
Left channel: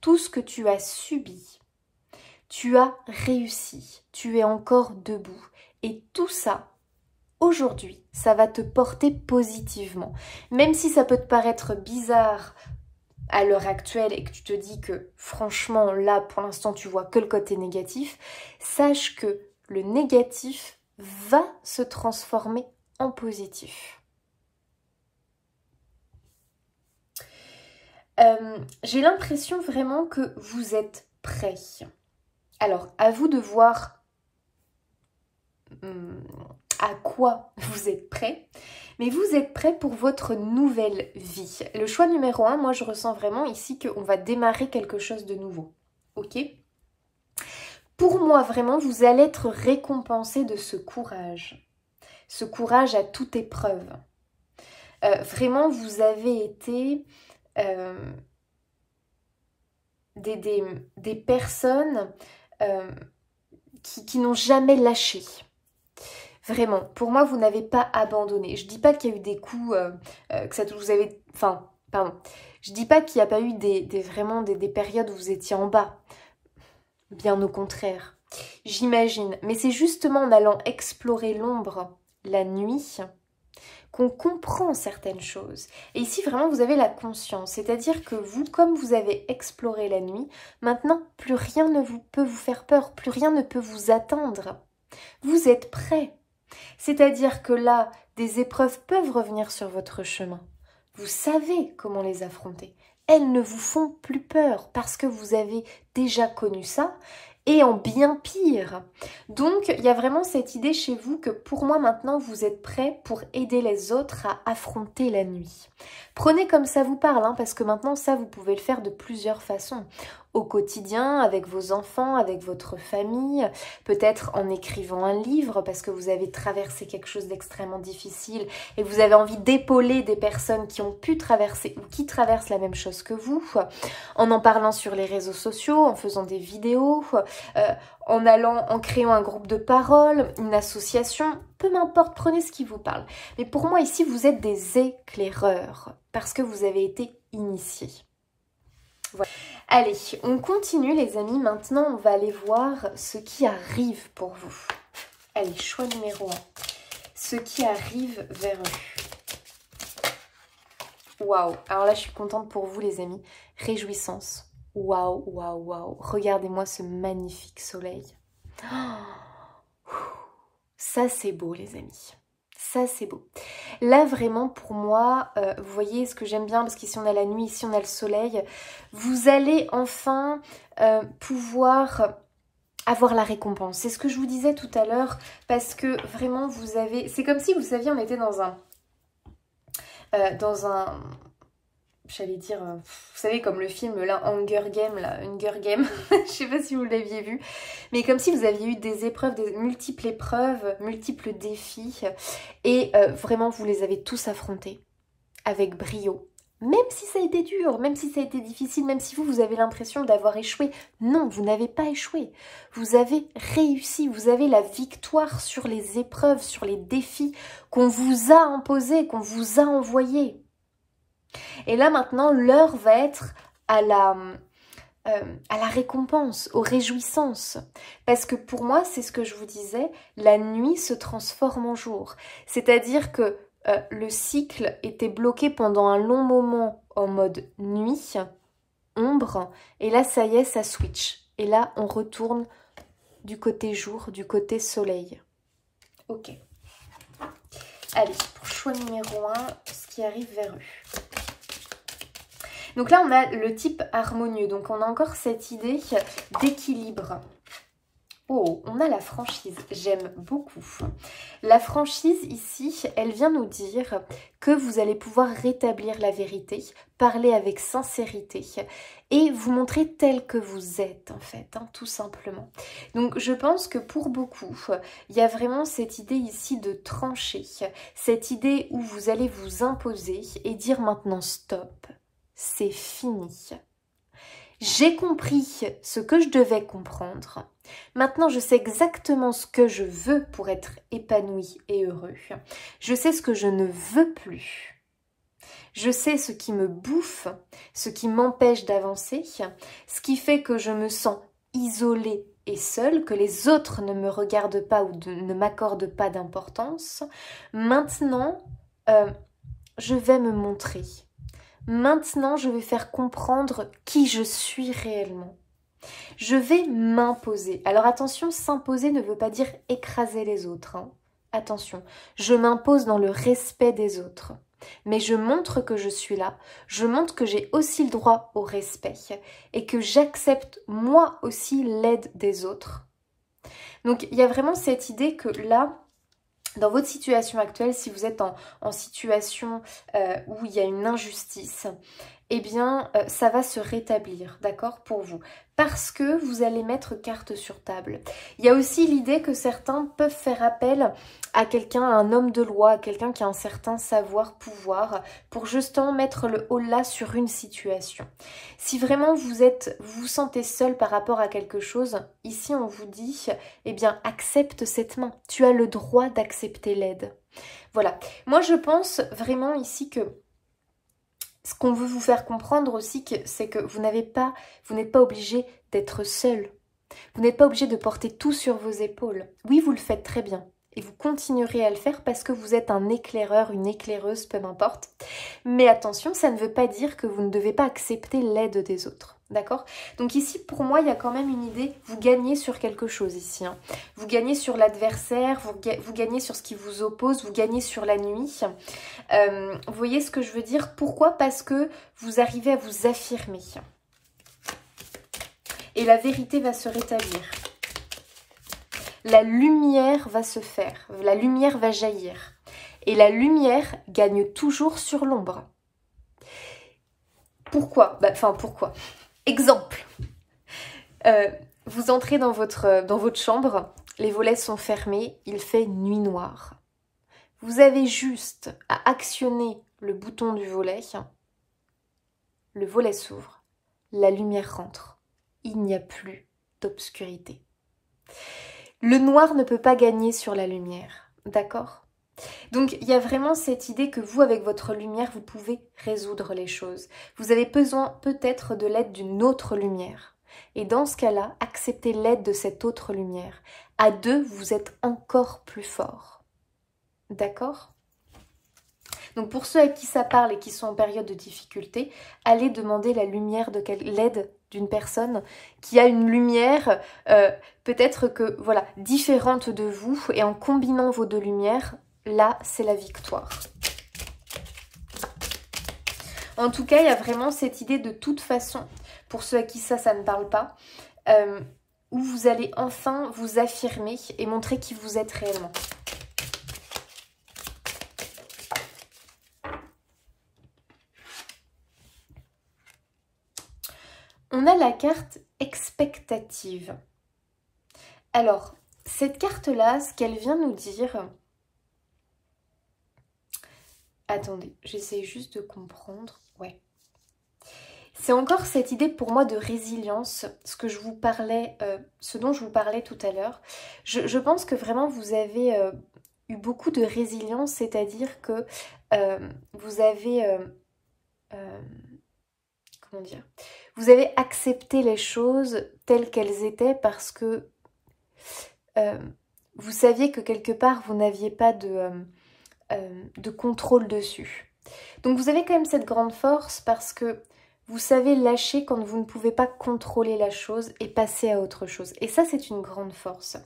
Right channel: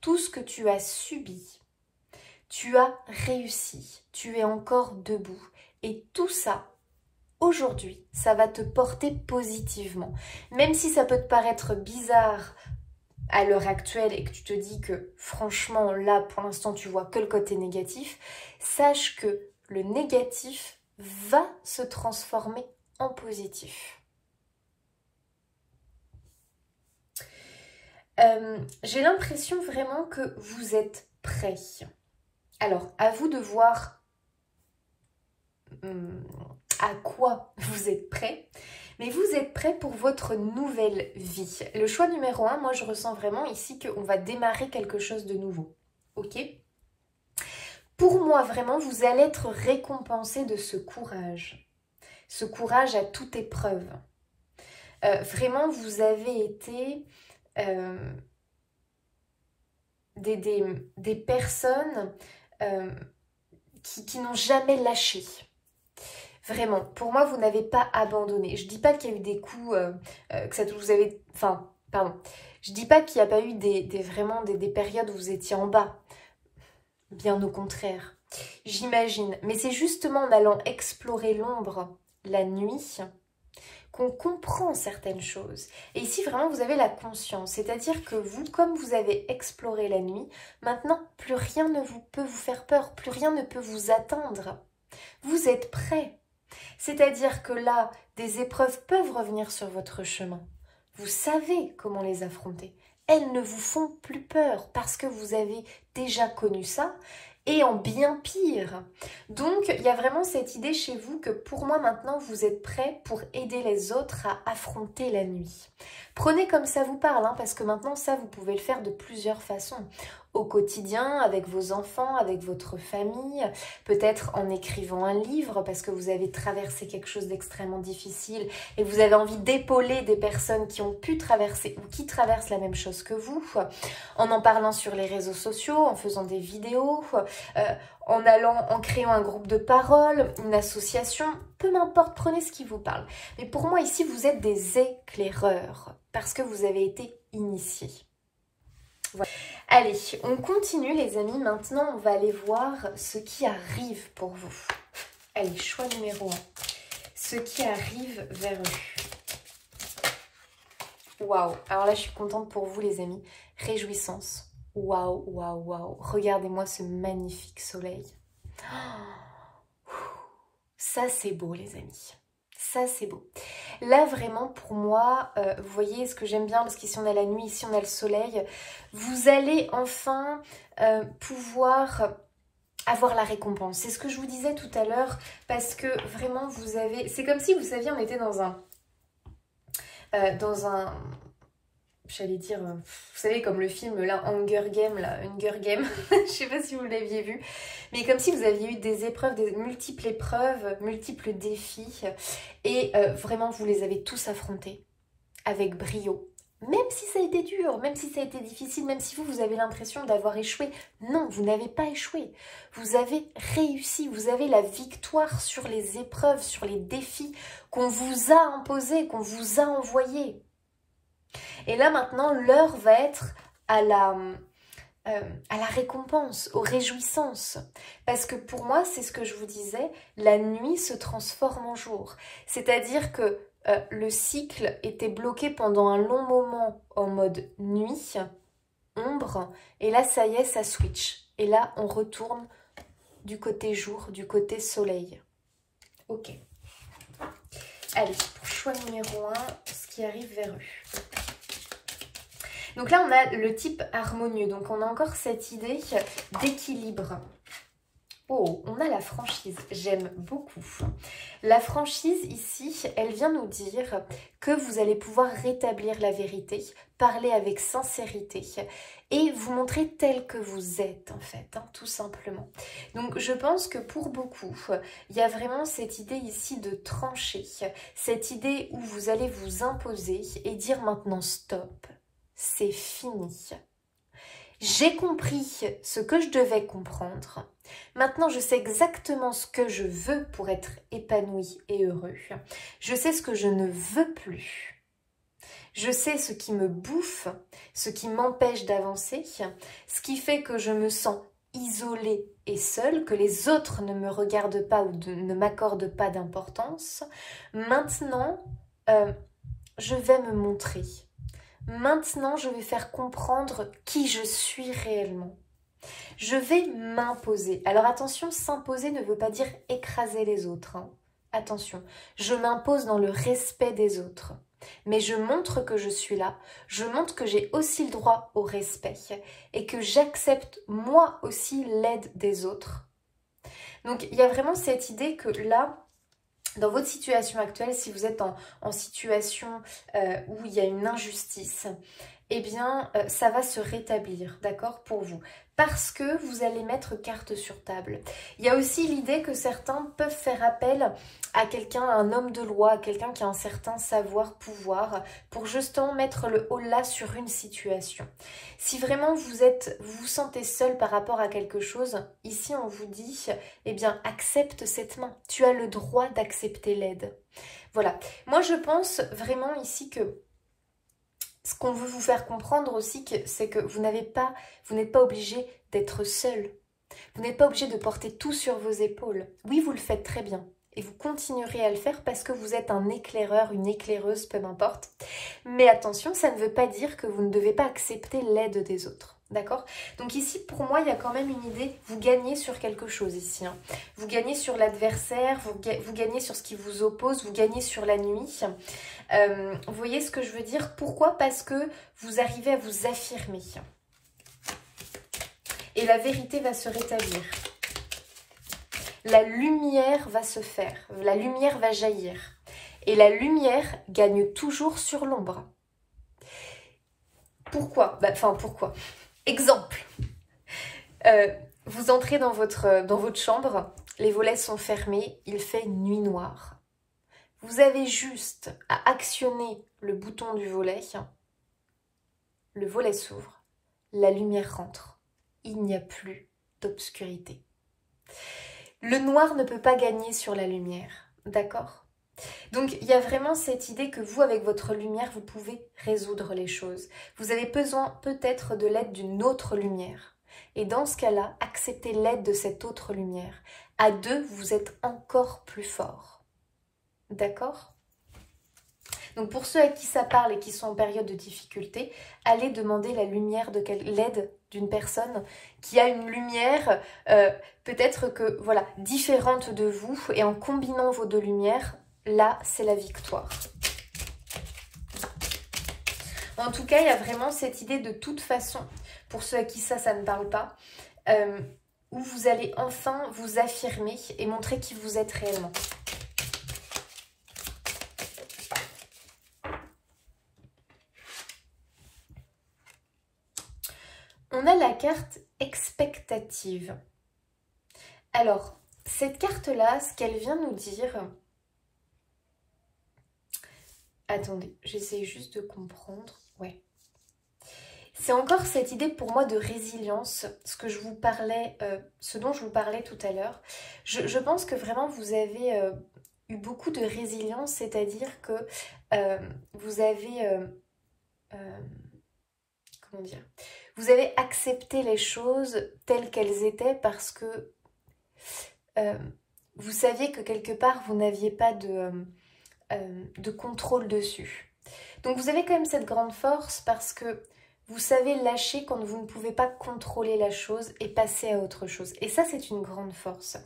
tout ce que tu as subi, tu as réussi, tu es encore debout. Et tout ça, aujourd'hui, ça va te porter positivement. Même si ça peut te paraître bizarre à l'heure actuelle et que tu te dis que franchement, là, pour l'instant, tu vois que le côté négatif, sache que le négatif va se transformer en positif. J'ai l'impression vraiment que vous êtes prêts. Alors, à vous de voir à quoi vous êtes prêts. Mais vous êtes prêts pour votre nouvelle vie. Le choix numéro 1, moi je ressens vraiment ici qu'on va démarrer quelque chose de nouveau. Ok ? Pour moi, vraiment, vous allez être récompensé de ce courage. Ce courage à toute épreuve. Vraiment, vous avez été... des personnes qui n'ont jamais lâché. Vraiment, pour moi, vous n'avez pas abandonné. Je dis pas qu'il y a eu des coups, que ça vous avez... Enfin, pardon. Je dis pas qu'il n'y a pas eu vraiment des périodes où vous étiez en bas. Bien au contraire. J'imagine. Mais c'est justement en allant explorer l'ombre la nuit qu'on comprend certaines choses. Et ici, vraiment, vous avez la conscience. C'est-à-dire que vous, comme vous avez exploré la nuit, maintenant, plus rien ne peut vous faire peur. Plus rien ne peut vous atteindre. Vous êtes prêts. C'est-à-dire que là, des épreuves peuvent revenir sur votre chemin. Vous savez comment les affronter. Elles ne vous font plus peur parce que vous avez déjà connu ça et en bien pire. Donc, il y a vraiment cette idée chez vous que pour moi maintenant, vous êtes prêts pour aider les autres à affronter la nuit. Prenez comme ça vous parle, hein, parce que maintenant, ça, vous pouvez le faire de plusieurs façons. Au quotidien, avec vos enfants, avec votre famille, peut-être en écrivant un livre parce que vous avez traversé quelque chose d'extrêmement difficile et vous avez envie d'épauler des personnes qui ont pu traverser ou qui traversent la même chose que vous, en parlant sur les réseaux sociaux, en faisant des vidéos, en créant un groupe de parole, une association, peu m'importe, prenez ce qui vous parle. Mais pour moi ici, vous êtes des éclaireurs parce que vous avez été initiés. Voilà. Allez, on continue les amis. Maintenant, on va aller voir ce qui arrive pour vous. Allez, choix numéro 1. Ce qui arrive vers eux. Waouh. Alors là, je suis contente pour vous les amis. Réjouissance. Waouh, waouh, waouh. Regardez-moi ce magnifique soleil. Ça, c'est beau, les amis. Ça, c'est beau. Là, vraiment, pour moi, vous voyez ce que j'aime bien, parce qu'ici, on a la nuit, ici, on a le soleil. Vous allez enfin pouvoir avoir la récompense. C'est ce que je vous disais tout à l'heure, parce que vraiment, vous avez... C'est comme si, vous saviez, on était dans un... J'allais dire, vous savez, comme le film, là, Hunger Game, je sais pas si vous l'aviez vu, mais comme si vous aviez eu des épreuves, des multiples épreuves, multiples défis, et vraiment, vous les avez tous affrontés avec brio. Même si ça a été dur, même si ça a été difficile, même si vous avez l'impression d'avoir échoué. Non, vous n'avez pas échoué. Vous avez réussi, vous avez la victoire sur les épreuves, sur les défis qu'on vous a imposés, qu'on vous a envoyés. Et là maintenant, l'heure va être à la récompense, aux réjouissances. Parce que pour moi, c'est ce que je vous disais, la nuit se transforme en jour. C'est-à-dire que le cycle était bloqué pendant un long moment en mode nuit, ombre, et là ça y est, ça switch. Et là, on retourne du côté jour, du côté soleil. Ok. Allez, pour choix numéro 1, ce qui arrive vers eux. Donc là, on a le type harmonieux. Donc, on a encore cette idée d'équilibre. Oh, on a la franchise. J'aime beaucoup. La franchise, ici, elle vient nous dire que vous allez pouvoir rétablir la vérité, parler avec sincérité et vous montrer tel que vous êtes, en fait, hein, tout simplement. Donc, je pense que pour beaucoup, il y a vraiment cette idée ici de trancher. Cette idée où vous allez vous imposer et dire maintenant stop. C'est fini. J'ai compris ce que je devais comprendre. Maintenant, je sais exactement ce que je veux pour être épanoui et heureux. Je sais ce que je ne veux plus. Je sais ce qui me bouffe, ce qui m'empêche d'avancer, ce qui fait que je me sens isolée et seule, que les autres ne me regardent pas ou ne m'accordent pas d'importance. Maintenant, je vais me montrer. Maintenant, je vais faire comprendre qui je suis réellement. Je vais m'imposer. Alors attention, s'imposer ne veut pas dire écraser les autres. Hein. Attention, je m'impose dans le respect des autres. Mais je montre que je suis là. Je montre que j'ai aussi le droit au respect. Et que j'accepte moi aussi l'aide des autres. Donc il y a vraiment cette idée que là... Dans votre situation actuelle, si vous êtes en situation où il y a une injustice, eh bien, ça va se rétablir, d'accord, pour vous. Parce que vous allez mettre carte sur table. Il y a aussi l'idée que certains peuvent faire appel à quelqu'un, à un homme de loi, à quelqu'un qui a un certain savoir-pouvoir, pour justement mettre le holà sur une situation. Si vraiment vous vous sentez seul par rapport à quelque chose, ici on vous dit, eh bien, accepte cette main. Tu as le droit d'accepter l'aide. Voilà. Moi, je pense vraiment ici que ce qu'on veut vous faire comprendre aussi, c'est que vous n'êtes pas obligé d'être seul. Vous n'êtes pas obligé de porter tout sur vos épaules. Oui, vous le faites très bien. Et vous continuerez à le faire parce que vous êtes un éclaireur, une éclaireuse, peu m'importe. Mais attention, ça ne veut pas dire que vous ne devez pas accepter l'aide des autres. D'accord? Donc ici, pour moi, il y a quand même une idée. Vous gagnez sur quelque chose ici. Hein. Vous gagnez sur l'adversaire, vous gagnez sur ce qui vous oppose, vous gagnez sur la nuit. Vous voyez ce que je veux dire? Pourquoi? Parce que vous arrivez à vous affirmer. Et la vérité va se rétablir. La lumière va se faire. La lumière va jaillir. Et la lumière gagne toujours sur l'ombre. Pourquoi? Pourquoi? Exemple. Vous entrez dans votre chambre, les volets sont fermés, il fait nuit noire. Vous avez juste à actionner le bouton du volet, le volet s'ouvre, la lumière rentre. Il n'y a plus d'obscurité. Le noir ne peut pas gagner sur la lumière, d'accord? Donc, il y a vraiment cette idée que vous, avec votre lumière, vous pouvez résoudre les choses. Vous avez besoin peut-être de l'aide d'une autre lumière. Et dans ce cas-là, acceptez l'aide de cette autre lumière. À deux, vous êtes encore plus fort. D'accord? Donc pour ceux à qui ça parle et qui sont en période de difficulté, allez demander la lumière, l'aide d'une personne qui a une lumière peut-être que voilà différente de vous, et en combinant vos deux lumières, là c'est la victoire. En tout cas, il y a vraiment cette idée de toute façon, pour ceux à qui ça ne parle pas, où vous allez enfin vous affirmer et montrer qui vous êtes réellement. On a la carte expectative. Alors, cette carte-là, ce qu'elle vient nous dire... Attendez, j'essaie juste de comprendre. Ouais. C'est encore cette idée pour moi de résilience, ce dont je vous parlais tout à l'heure. Je pense que vraiment vous avez eu beaucoup de résilience, c'est-à-dire que vous avez... comment dire ? Vous avez accepté les choses telles qu'elles étaient parce que vous saviez que quelque part vous n'aviez pas de contrôle dessus. Donc vous avez quand même cette grande force parce que vous savez lâcher quand vous ne pouvez pas contrôler la chose et passer à autre chose. Et ça, c'est une grande force.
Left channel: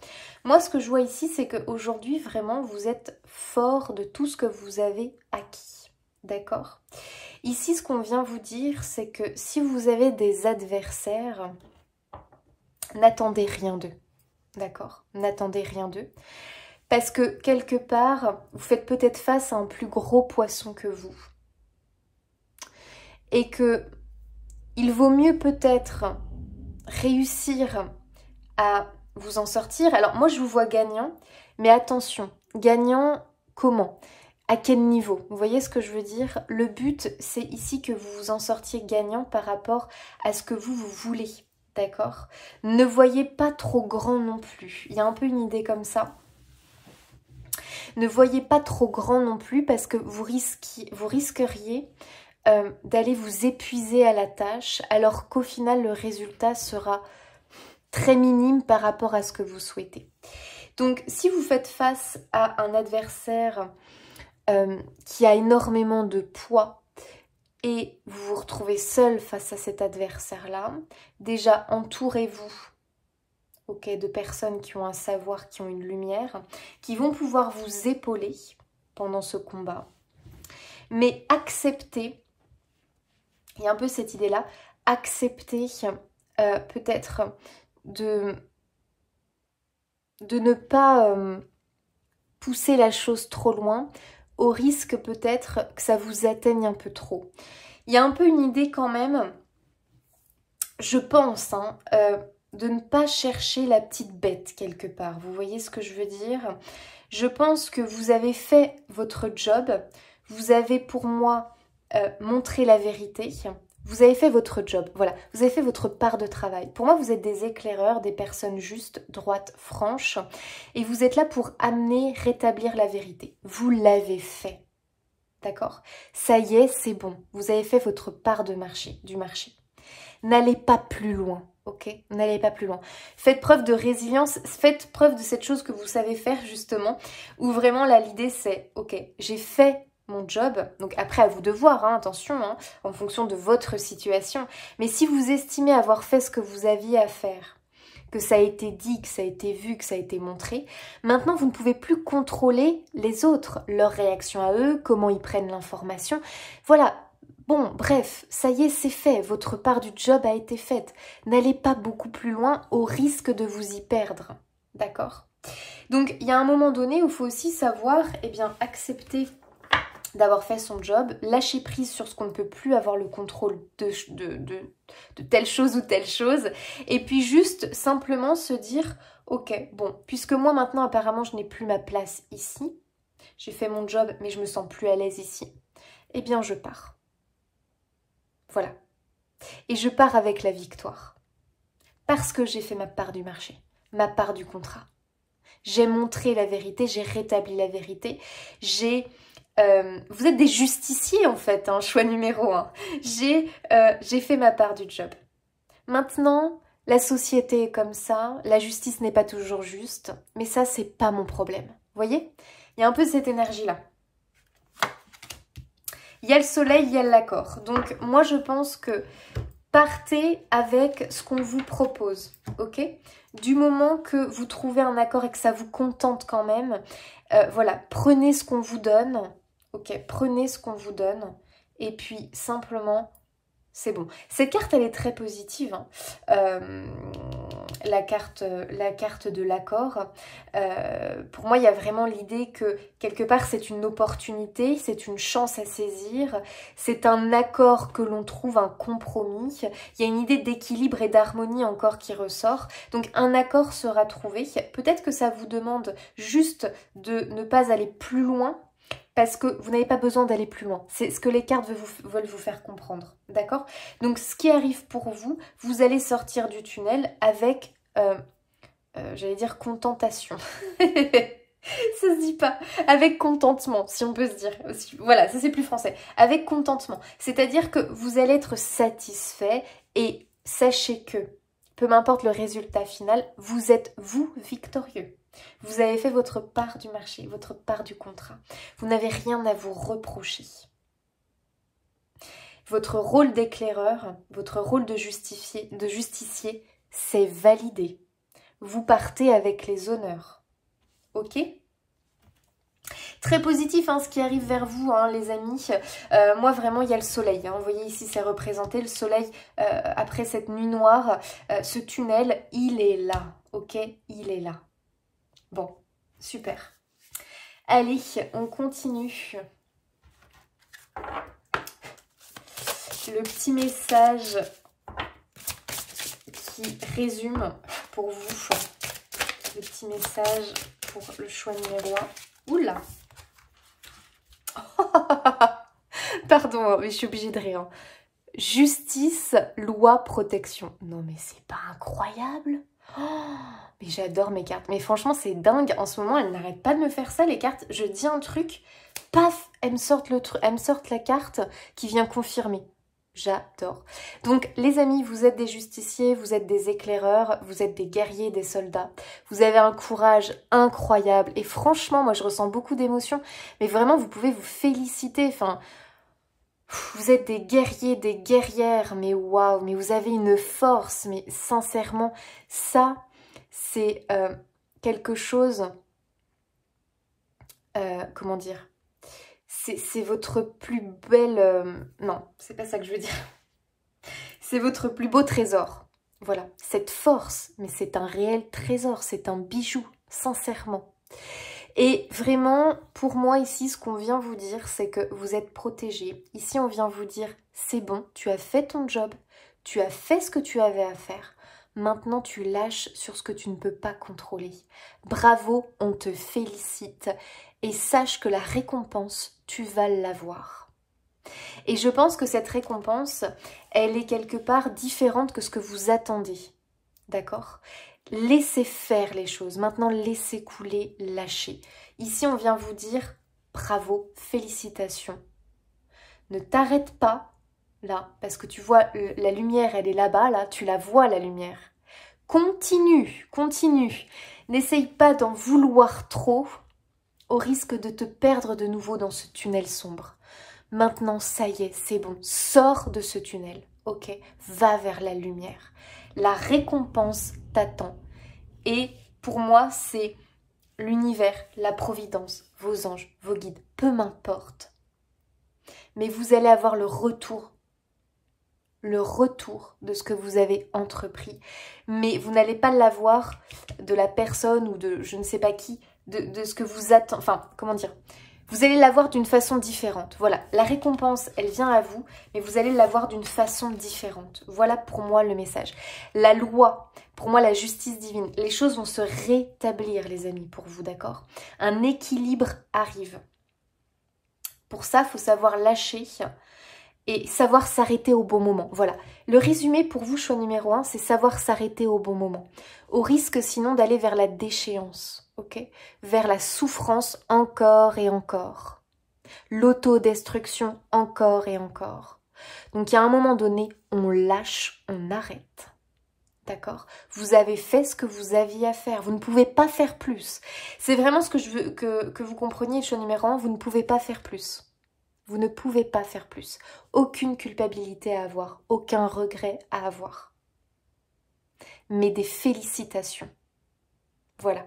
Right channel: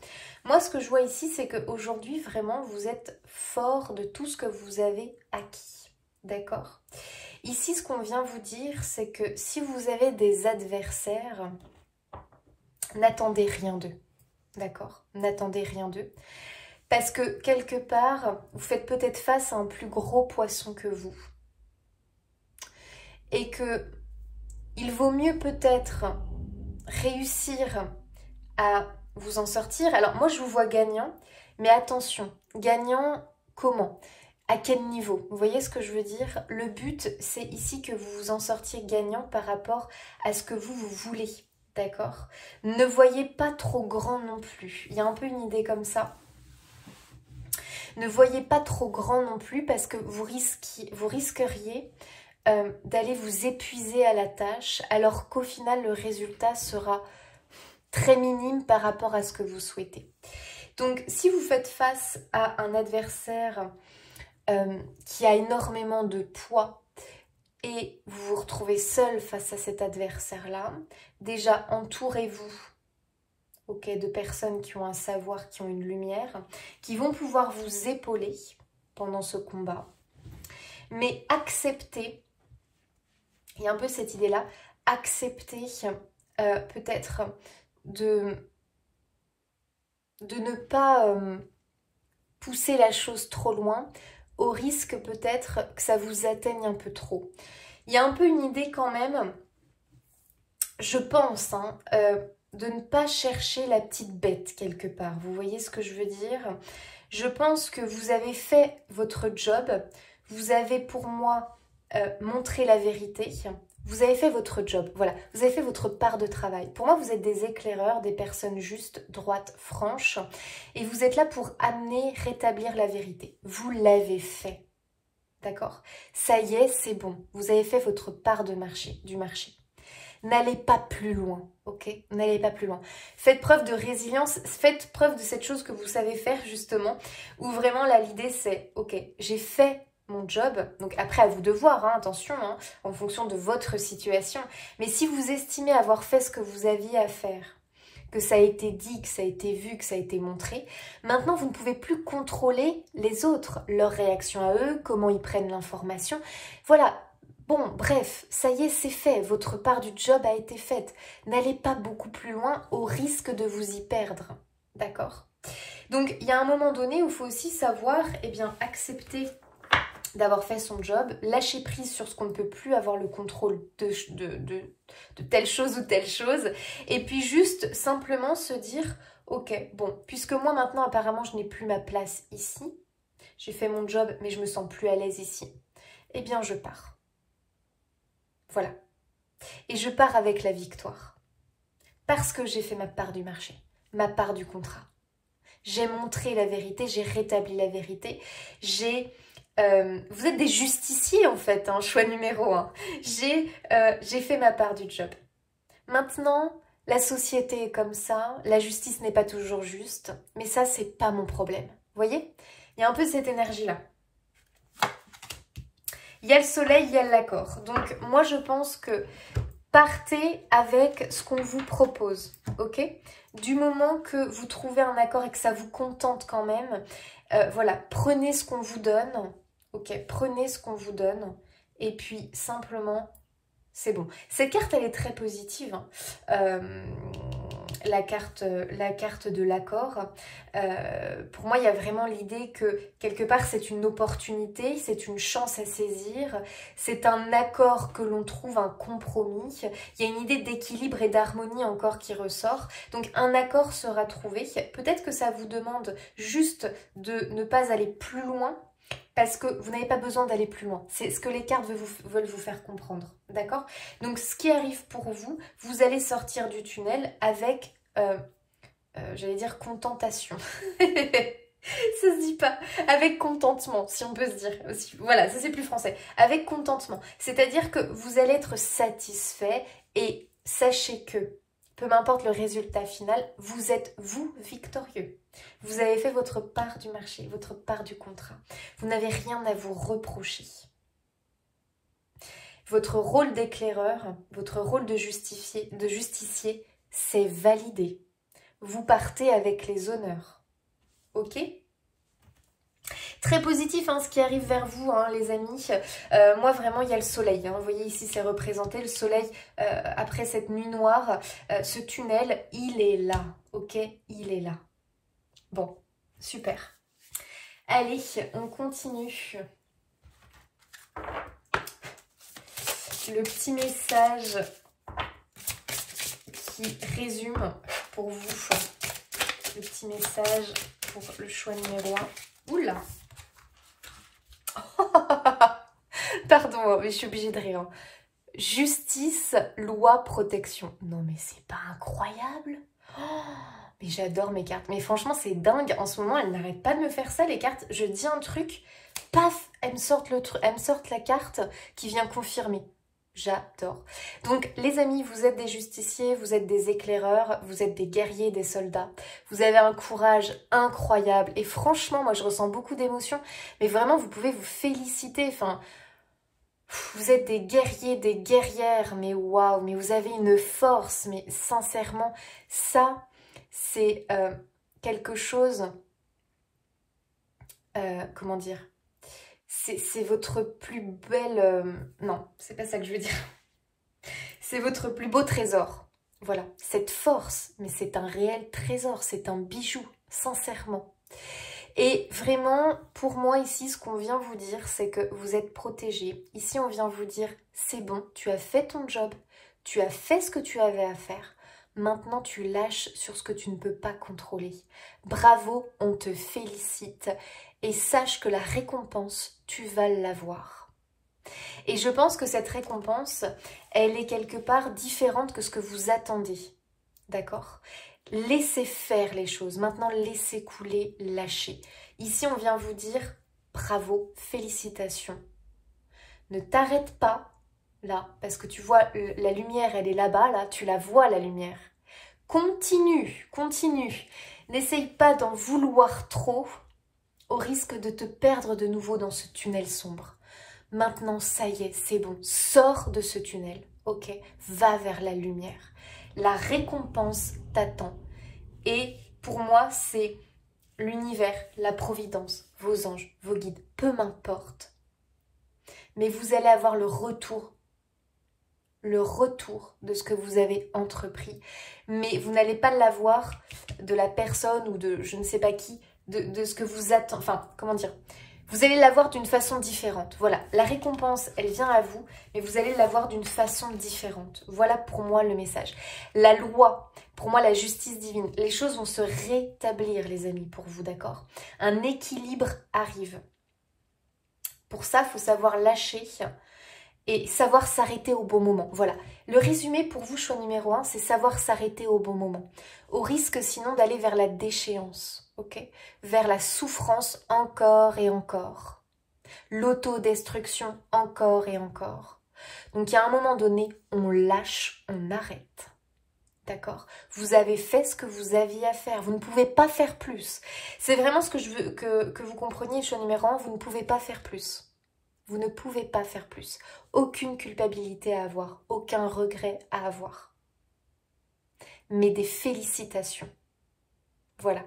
Moi, ce que je vois ici, c'est qu'aujourd'hui, vraiment, vous êtes fort de tout ce que vous avez acquis. D'accord ? Ici, ce qu'on vient vous dire, c'est que si vous avez des adversaires, n'attendez rien d'eux. D'accord ? N'attendez rien d'eux. Parce que quelque part, vous faites peut-être face à un plus gros poisson que vous. Et que il vaut mieux peut-être réussir à vous en sortir. Alors moi, je vous vois gagnant, mais attention, gagnant comment ? À quel niveau? Vous voyez ce que je veux dire? Le but, c'est ici que vous vous en sortiez gagnant par rapport à ce que vous voulez. D'accord? Ne voyez pas trop grand non plus. Il y a un peu une idée comme ça. Ne voyez pas trop grand non plus parce que vous risqueriez d'aller vous épuiser à la tâche alors qu'au final le résultat sera très minime par rapport à ce que vous souhaitez. Donc si vous faites face à un adversaire qui a énormément de poids et vous vous retrouvez seul face à cet adversaire-là, déjà entourez-vous de personnes qui ont un savoir, qui ont une lumière, qui vont pouvoir vous épauler pendant ce combat. Mais acceptez, il y a un peu cette idée-là, acceptez peut-être de ne pas pousser la chose trop loin, au risque peut-être que ça vous atteigne un peu trop. Il y a un peu une idée quand même, je pense, de ne pas chercher la petite bête quelque part. Vous voyez ce que je veux dire? Je pense que vous avez fait votre job, vous avez pour moi montré la vérité, vous avez fait votre job, voilà, vous avez fait votre part de travail. Pour moi, vous êtes des éclaireurs, des personnes justes, droites, franches, et vous êtes là pour amener, rétablir la vérité. Vous l'avez fait, d'accord? Ça y est, c'est bon, vous avez fait votre part du marché. N'allez pas plus loin, ok? N'allez pas plus loin. Faites preuve de résilience, faites preuve de cette chose que vous savez faire justement, où vraiment là l'idée c'est, ok, j'ai fait mon job, donc après à vous de voir, hein, attention, hein, en fonction de votre situation, mais si vous estimez avoir fait ce que vous aviez à faire, que ça a été dit, que ça a été vu, que ça a été montré, maintenant vous ne pouvez plus contrôler les autres, leur réaction à eux, comment ils prennent l'information, voilà. Bon, bref, ça y est, c'est fait, votre part du job a été faite. N'allez pas beaucoup plus loin au risque de vous y perdre, d'accord? Donc, il y a un moment donné où il faut aussi savoir, eh bien, accepter d'avoir fait son job, lâcher prise sur ce qu'on ne peut plus avoir le contrôle de telle chose ou telle chose, et puis juste simplement se dire, ok, bon, puisque moi maintenant apparemment je n'ai plus ma place ici, j'ai fait mon job mais je me sens plus à l'aise ici, eh bien je pars. Voilà. Et je pars avec la victoire. Parce que j'ai fait ma part du marché, ma part du contrat. J'ai montré la vérité, j'ai rétabli la vérité. Vous êtes des justiciers en fait, hein, choix numéro 1. J'ai fait ma part du job. Maintenant, la société est comme ça, la justice n'est pas toujours juste, mais ça, c'est pas mon problème. Vous voyez? Il y a un peu cette énergie-là. Il y a le soleil, il y a l'accord. Donc moi je pense que partez avec ce qu'on vous propose, ok? Du moment que vous trouvez un accord et que ça vous contente quand même, voilà, prenez ce qu'on vous donne, ok? Prenez ce qu'on vous donne et puis simplement, c'est bon. Cette carte, elle est très positive, hein. La carte de l'accord. Pour moi, il y a vraiment l'idée que quelque part, c'est une opportunité, c'est une chance à saisir, c'est un accord que l'on trouve, un compromis. Il y a une idée d'équilibre et d'harmonie encore qui ressort. Donc, un accord sera trouvé. Peut-être que ça vous demande juste de ne pas aller plus loin, parce que vous n'avez pas besoin d'aller plus loin. C'est ce que les cartes veulent vous faire comprendre, d'accord? Donc, ce qui arrive pour vous, vous allez sortir du tunnel avec, j'allais dire contentation. Ça se dit pas. Avec contentement, si on peut se dire. Voilà, ça c'est plus français. Avec contentement. C'est-à-dire que vous allez être satisfait et sachez que, peu m'importe le résultat final, vous êtes, vous, victorieux. Vous avez fait votre part du marché, votre part du contrat. Vous n'avez rien à vous reprocher. Votre rôle d'éclaireur, votre rôle de justicier, c'est validé. Vous partez avec les honneurs. Ok ? Très positif, hein, ce qui arrive vers vous, hein, les amis. Moi, vraiment, il y a le soleil. Hein. Vous voyez ici, c'est représenté le soleil après cette nuit noire. Ce tunnel, il est là. Ok ? Il est là. Bon, super. Allez, on continue. Le petit message qui résume pour vous. Le petit message pour le choix numéro 1. Oula! Pardon, mais je suis obligée de rire. Justice, loi, protection. Non, mais c'est pas incroyable? Oh, mais j'adore mes cartes. Mais franchement, c'est dingue. En ce moment, elles n'arrêtent pas de me faire ça, les cartes. Je dis un truc, paf, elles me sortent la carte qui vient confirmer. J'adore. Donc, les amis, vous êtes des justiciers, vous êtes des éclaireurs, vous êtes des guerriers, des soldats. Vous avez un courage incroyable. Et franchement, moi, je ressens beaucoup d'émotions. Mais vraiment, vous pouvez vous féliciter. Enfin, vous êtes des guerriers, des guerrières. Mais waouh, mais vous avez une force. Mais sincèrement, ça, c'est quelque chose... comment dire ? C'est votre plus belle... non, c'est pas ça que je veux dire. C'est votre plus beau trésor. Voilà, cette force, mais c'est un réel trésor, c'est un bijou, sincèrement. Et vraiment, pour moi ici, ce qu'on vient vous dire, c'est que vous êtes protégés. Ici, on vient vous dire, c'est bon, tu as fait ton job, tu as fait ce que tu avais à faire. Maintenant, tu lâches sur ce que tu ne peux pas contrôler. Bravo, on te félicite. Et sache que la récompense, tu vas l'avoir. Et je pense que cette récompense, elle est quelque part différente que ce que vous attendez. D'accord ? Laissez faire les choses. Maintenant, laissez couler, lâchez. Ici, on vient vous dire bravo, félicitations. Ne t'arrête pas là, parce que tu vois, la lumière, elle est là-bas, là, tu la vois, la lumière. Continue, continue. N'essaye pas d'en vouloir trop, au risque de te perdre de nouveau dans ce tunnel sombre. Maintenant, ça y est, c'est bon. Sors de ce tunnel, ok? Va vers la lumière. La récompense t'attend. Et pour moi, c'est l'univers, la providence, vos anges, vos guides, peu m'importe. Mais vous allez avoir le retour de ce que vous avez entrepris. Mais vous n'allez pas l'avoir de la personne ou de je ne sais pas qui, de ce que vous attendez, enfin, comment dire, vous allez l'avoir d'une façon différente. Voilà, la récompense, elle vient à vous, mais vous allez l'avoir d'une façon différente. Voilà pour moi le message. La loi, pour moi la justice divine, les choses vont se rétablir, les amis, pour vous, d'accord? Un équilibre arrive. Pour ça, il faut savoir lâcher et savoir s'arrêter au bon moment. Voilà, le résumé pour vous, choix numéro 1, c'est savoir s'arrêter au bon moment. Au risque sinon d'aller vers la déchéance, ok? Vers la souffrance encore et encore. L'autodestruction encore et encore. Donc il y a un moment donné, on lâche, on arrête. D'accord? Vous avez fait ce que vous aviez à faire. Vous ne pouvez pas faire plus. C'est vraiment ce que je veux que vous compreniez, le choix numéro 1, vous ne pouvez pas faire plus. Vous ne pouvez pas faire plus. Aucune culpabilité à avoir, aucun regret à avoir. Mais des félicitations. Voilà.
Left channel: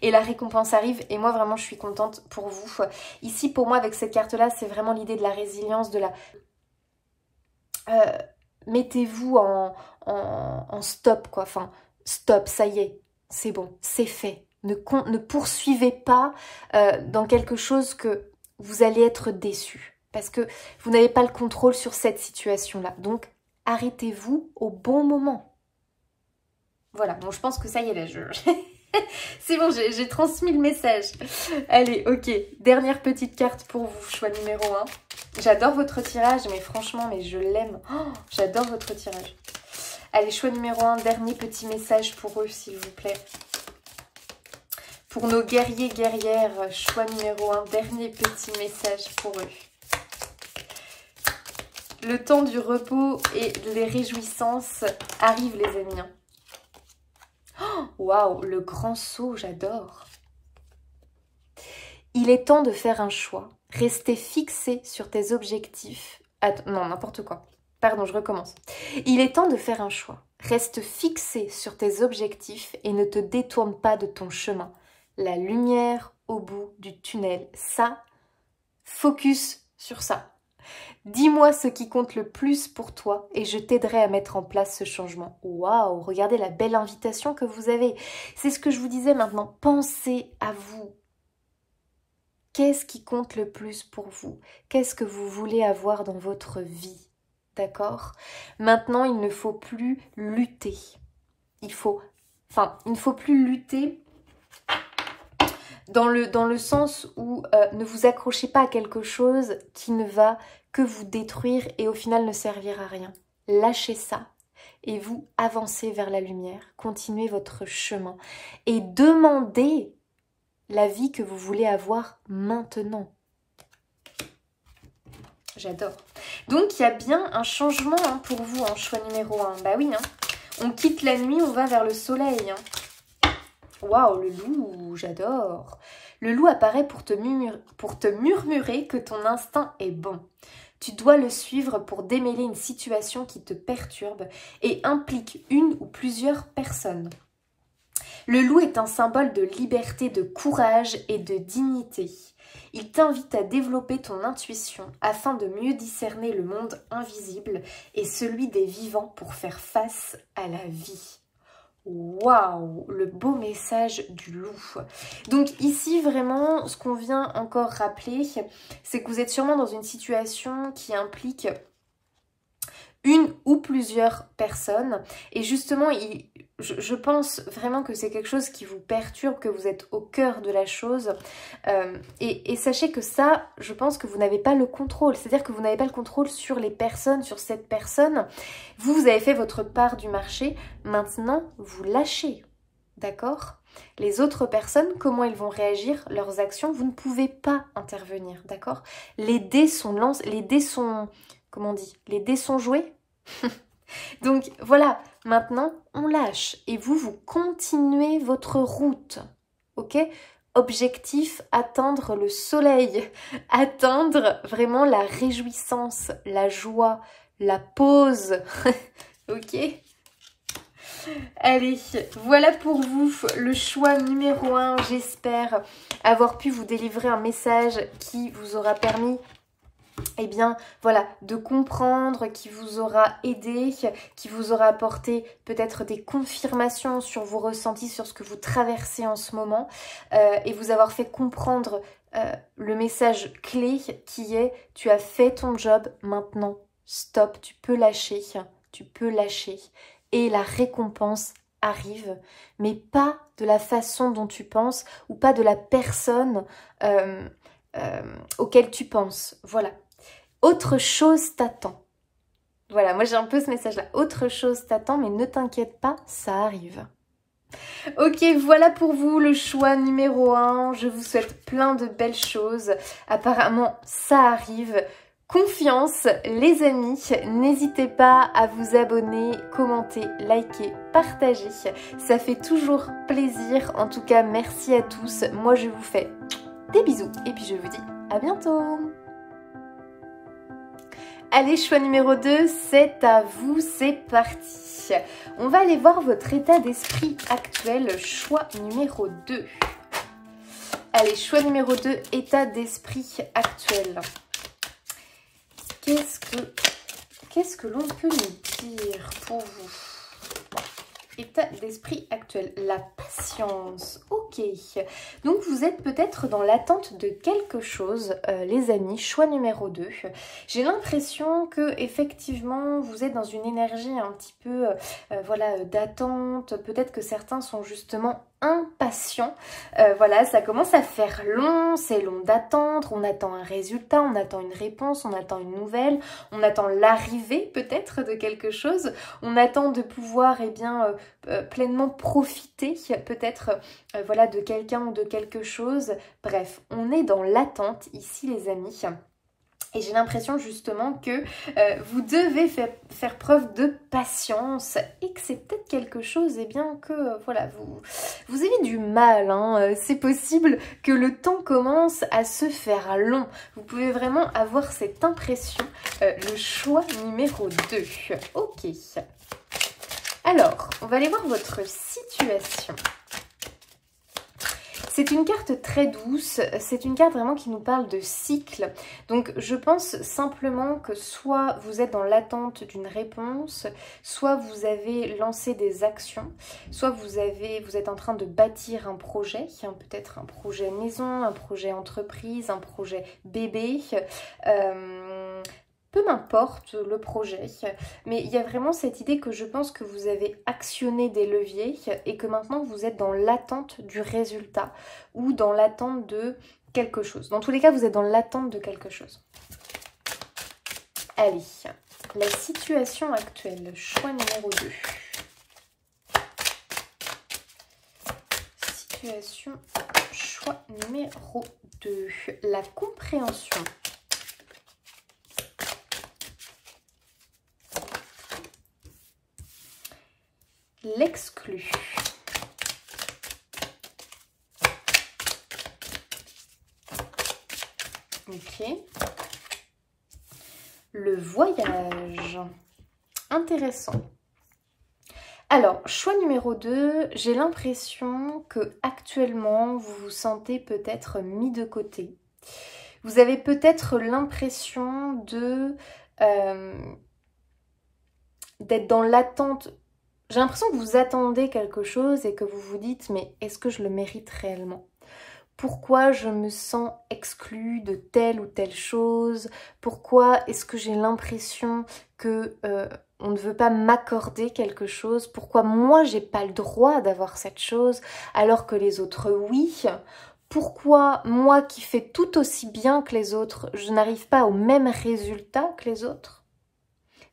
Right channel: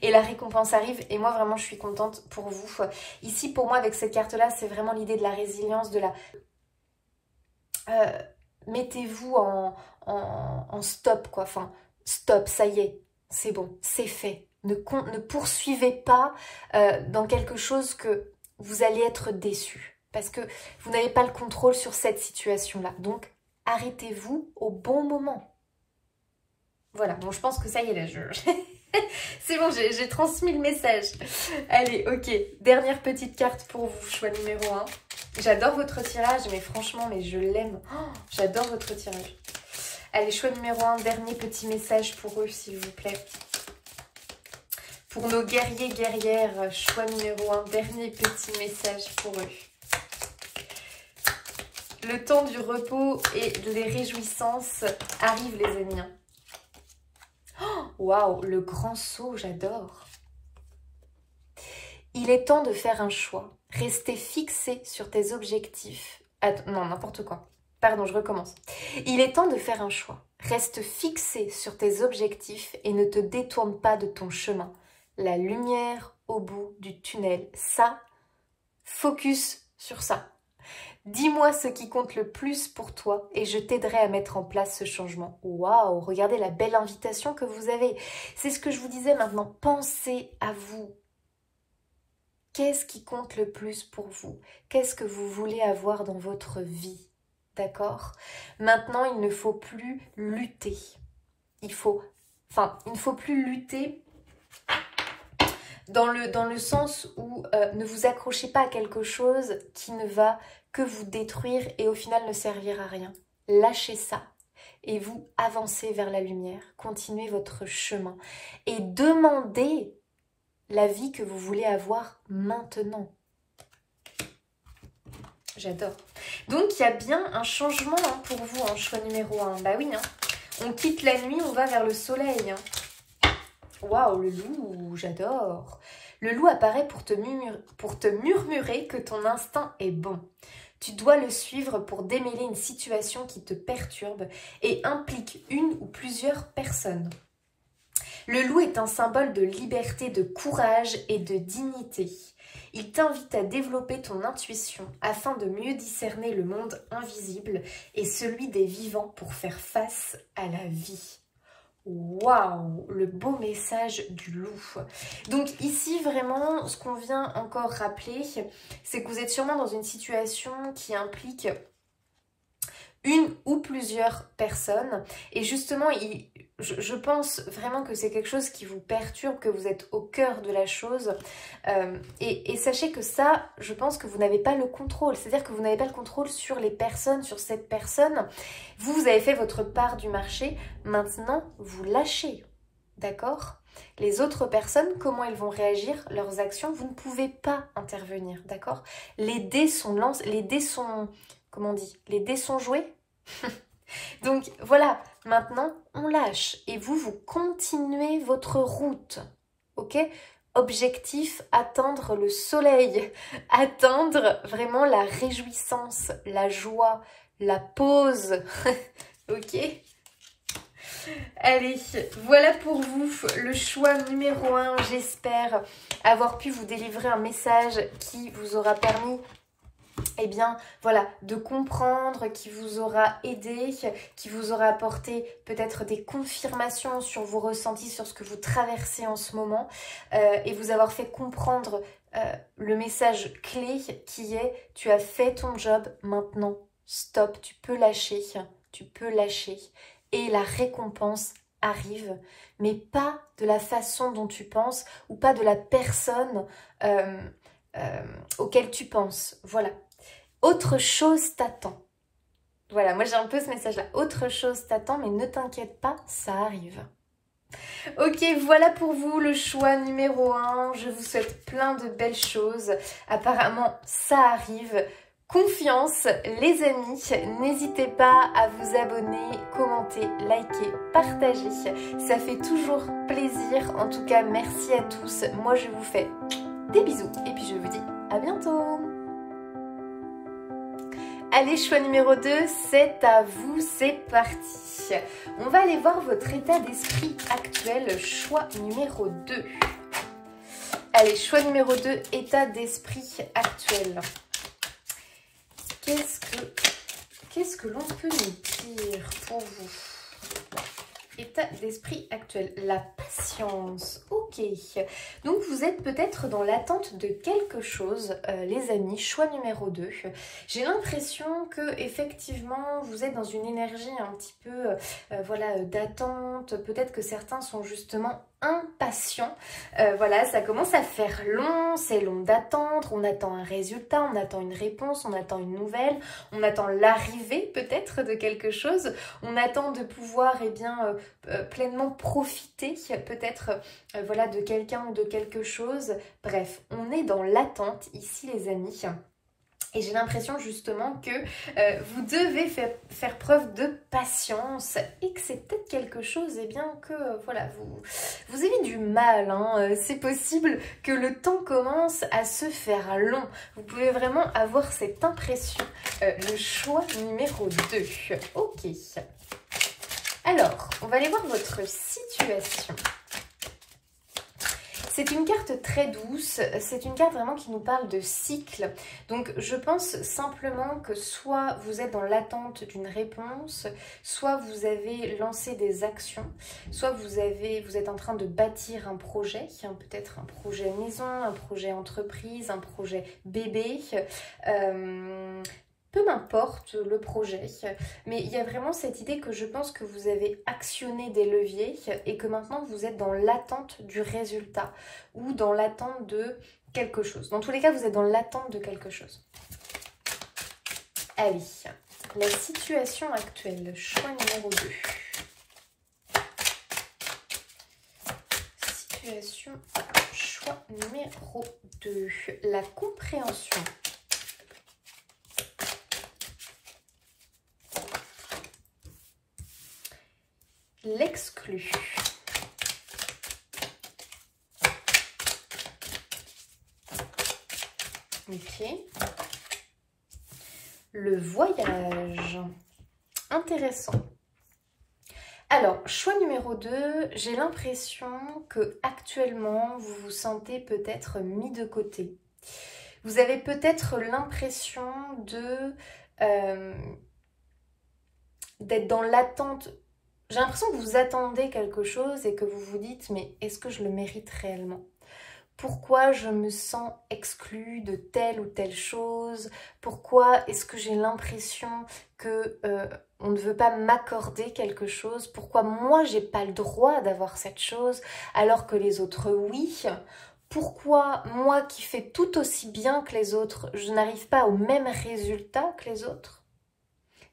Et la récompense arrive et moi vraiment je suis contente pour vous. Ici pour moi avec cette carte-là, c'est vraiment l'idée de la résilience, de la... mettez-vous en stop quoi. Enfin, stop, ça y est, c'est bon, c'est fait. Ne poursuivez pas dans quelque chose que vous allez être déçu. Parce que vous n'avez pas le contrôle sur cette situation-là. Donc, arrêtez-vous au bon moment. Voilà, bon, je pense que ça y est, là, c'est bon, j'ai transmis le message. Allez, ok, dernière petite carte pour vous, choix numéro 1. J'adore votre tirage, mais franchement, mais je l'aime. Oh, j'adore votre tirage. Allez, choix numéro 1, dernier petit message pour eux, s'il vous plaît. Pour nos guerriers, guerrières, choix numéro 1, dernier petit message pour eux. Le temps du repos et des réjouissances arrive, les amis. Waouh, le grand saut, j'adore. Il est temps de faire un choix. Rester fixé sur tes objectifs. Attends, non, n'importe quoi. Pardon, je recommence. Il est temps de faire un choix. Reste fixé sur tes objectifs et ne te détourne pas de ton chemin. La lumière au bout du tunnel. Ça, focus sur ça. Dis-moi ce qui compte le plus pour toi et je t'aiderai à mettre en place ce changement. Waouh, regardez la belle invitation que vous avez. C'est ce que je vous disais maintenant. Pensez à vous. Qu'est-ce qui compte le plus pour vous? Qu'est-ce que vous voulez avoir dans votre vie? D'accord? Maintenant, il ne faut plus lutter. Il ne faut plus lutter dans le sens où ne vous accrochez pas à quelque chose qui ne va que vous détruire et au final ne servir à rien. Lâchez ça et vous avancez vers la lumière. Continuez votre chemin et demandez la vie que vous voulez avoir maintenant. J'adore. Donc, il y a bien un changement pour vous en choix numéro 1. Bah oui, hein. On quitte la nuit, on va vers le soleil. Waouh, le loup, j'adore. Le loup apparaît pour te murmurer que ton instinct est bon. Tu dois le suivre pour démêler une situation qui te perturbe et implique une ou plusieurs personnes. Le loup est un symbole de liberté, de courage et de dignité. Il t'invite à développer ton intuition afin de mieux discerner le monde invisible et celui des vivants pour faire face à la vie. Waouh, le beau message du loup. Donc ici, vraiment, ce qu'on vient encore rappeler, c'est que vous êtes sûrement dans une situation qui implique une ou plusieurs personnes. Et justement, je pense vraiment que c'est quelque chose qui vous perturbe, que vous êtes au cœur de la chose. Et sachez que ça, je pense que vous n'avez pas le contrôle. C'est-à-dire que vous n'avez pas le contrôle sur les personnes, sur cette personne. Vous avez fait votre part du marché. Maintenant, vous lâchez. D'accord ? Les autres personnes, comment ils vont réagir, leurs actions, vous ne pouvez pas intervenir. D'accord ? Les dés sont lancés, les dés sont... Comment on dit? Les dés sont joués. Donc voilà, maintenant on lâche et vous continuez votre route, ok? Objectif, atteindre le soleil, atteindre vraiment la réjouissance, la joie, la pause, ok? Allez, voilà pour vous le choix numéro 1. J'espère avoir pu vous délivrer un message qui vous aura permis, eh bien, voilà, de comprendre, qui vous aura aidé, qui vous aura apporté peut-être des confirmations sur vos ressentis, sur ce que vous traversez en ce moment, et vous avoir fait comprendre le message clé qui est « Tu as fait ton job, maintenant, stop, tu peux lâcher, et la récompense arrive, mais pas de la façon dont tu penses, ou pas de la personne auquel tu penses, voilà. Autre chose t'attend. Voilà, moi j'ai un peu ce message-là. Autre chose t'attend, mais ne t'inquiète pas, ça arrive. Ok, voilà pour vous le choix numéro 1. Je vous souhaite plein de belles choses. Apparemment, ça arrive. Confiance, les amis. N'hésitez pas à vous abonner, commenter, liker, partager. Ça fait toujours plaisir. En tout cas, merci à tous. Moi, je vous fais des bisous. Et puis, je vous dis à bientôt. Allez, choix numéro 2, c'est à vous, c'est parti. On va aller voir votre état d'esprit actuel, choix numéro 2. Allez, choix numéro 2, état d'esprit actuel. Qu'est-ce que l'on peut nous dire pour vous? État d'esprit actuel, la patience, ok. Donc vous êtes peut-être dans l'attente de quelque chose, les amis, choix numéro 2. J'ai l'impression que effectivement vous êtes dans une énergie un petit peu voilà, d'attente. Peut-être que certains sont justement impatients. Voilà, ça commence à faire long, c'est long d'attendre, on attend un résultat, on attend une réponse, on attend une nouvelle, on attend l'arrivée peut-être de quelque chose, on attend de pouvoir pleinement profiter peut-être voilà, de quelqu'un ou de quelque chose. Bref, on est dans l'attente ici les amis. Et j'ai l'impression justement que vous devez faire preuve de patience et que c'est peut-être quelque chose que voilà, vous avez du mal. Hein. C'est possible que le temps commence à se faire long. Vous pouvez vraiment avoir cette impression. Le choix numéro 2. Ok. Alors, on va aller voir votre situation. C'est une carte très douce, c'est une carte vraiment qui nous parle de cycle. Donc je pense simplement que soit vous êtes dans l'attente d'une réponse, soit vous avez lancé des actions, soit vous êtes en train de bâtir un projet, peut-être un projet maison, un projet entreprise, un projet bébé. Peu m'importe le projet, mais il y a vraiment cette idée que je pense que vous avez actionné des leviers et que maintenant vous êtes dans l'attente du résultat ou dans l'attente de quelque chose. Dans tous les cas, vous êtes dans l'attente de quelque chose. Allez, la situation actuelle, choix numéro 2. Situation, choix numéro 2. La compréhension. L'exclu. Ok. Le voyage. Intéressant. Alors, choix numéro 2, j'ai l'impression que actuellement vous vous sentez peut-être mis de côté. Vous avez peut-être l'impression d'être dans l'attente. J'ai l'impression que vous attendez quelque chose et que vous vous dites, mais est-ce que je le mérite réellement? Pourquoi je me sens exclue de telle ou telle chose? Pourquoi est-ce que j'ai l'impression que on ne veut pas m'accorder quelque chose? Pourquoi moi j'ai pas le droit d'avoir cette chose alors que les autres oui? Pourquoi moi qui fais tout aussi bien que les autres, je n'arrive pas au même résultat que les autres?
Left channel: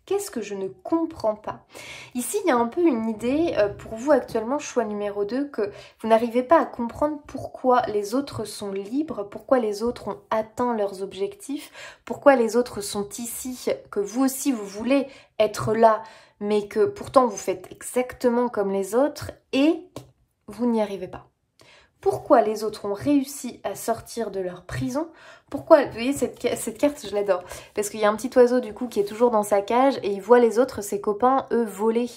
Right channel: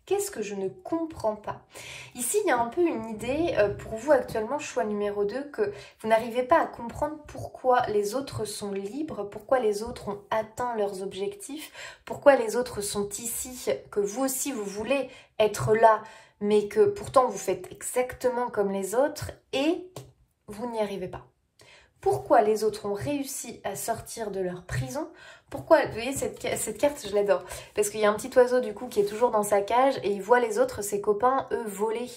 Qu'est-ce que je ne comprends pas? Ici, il y a un peu une idée pour vous actuellement, choix numéro 2, que vous n'arrivez pas à comprendre pourquoi les autres sont libres, pourquoi les autres ont atteint leurs objectifs, pourquoi les autres sont ici, que vous aussi vous voulez être là, mais que pourtant vous faites exactement comme les autres et vous n'y arrivez pas. Pourquoi les autres ont réussi à sortir de leur prison? Pourquoi? Vous voyez, cette carte, je l'adore. Parce qu'il y a un petit oiseau, du coup, qui est toujours dans sa cage et il voit les autres, ses copains, eux, voler.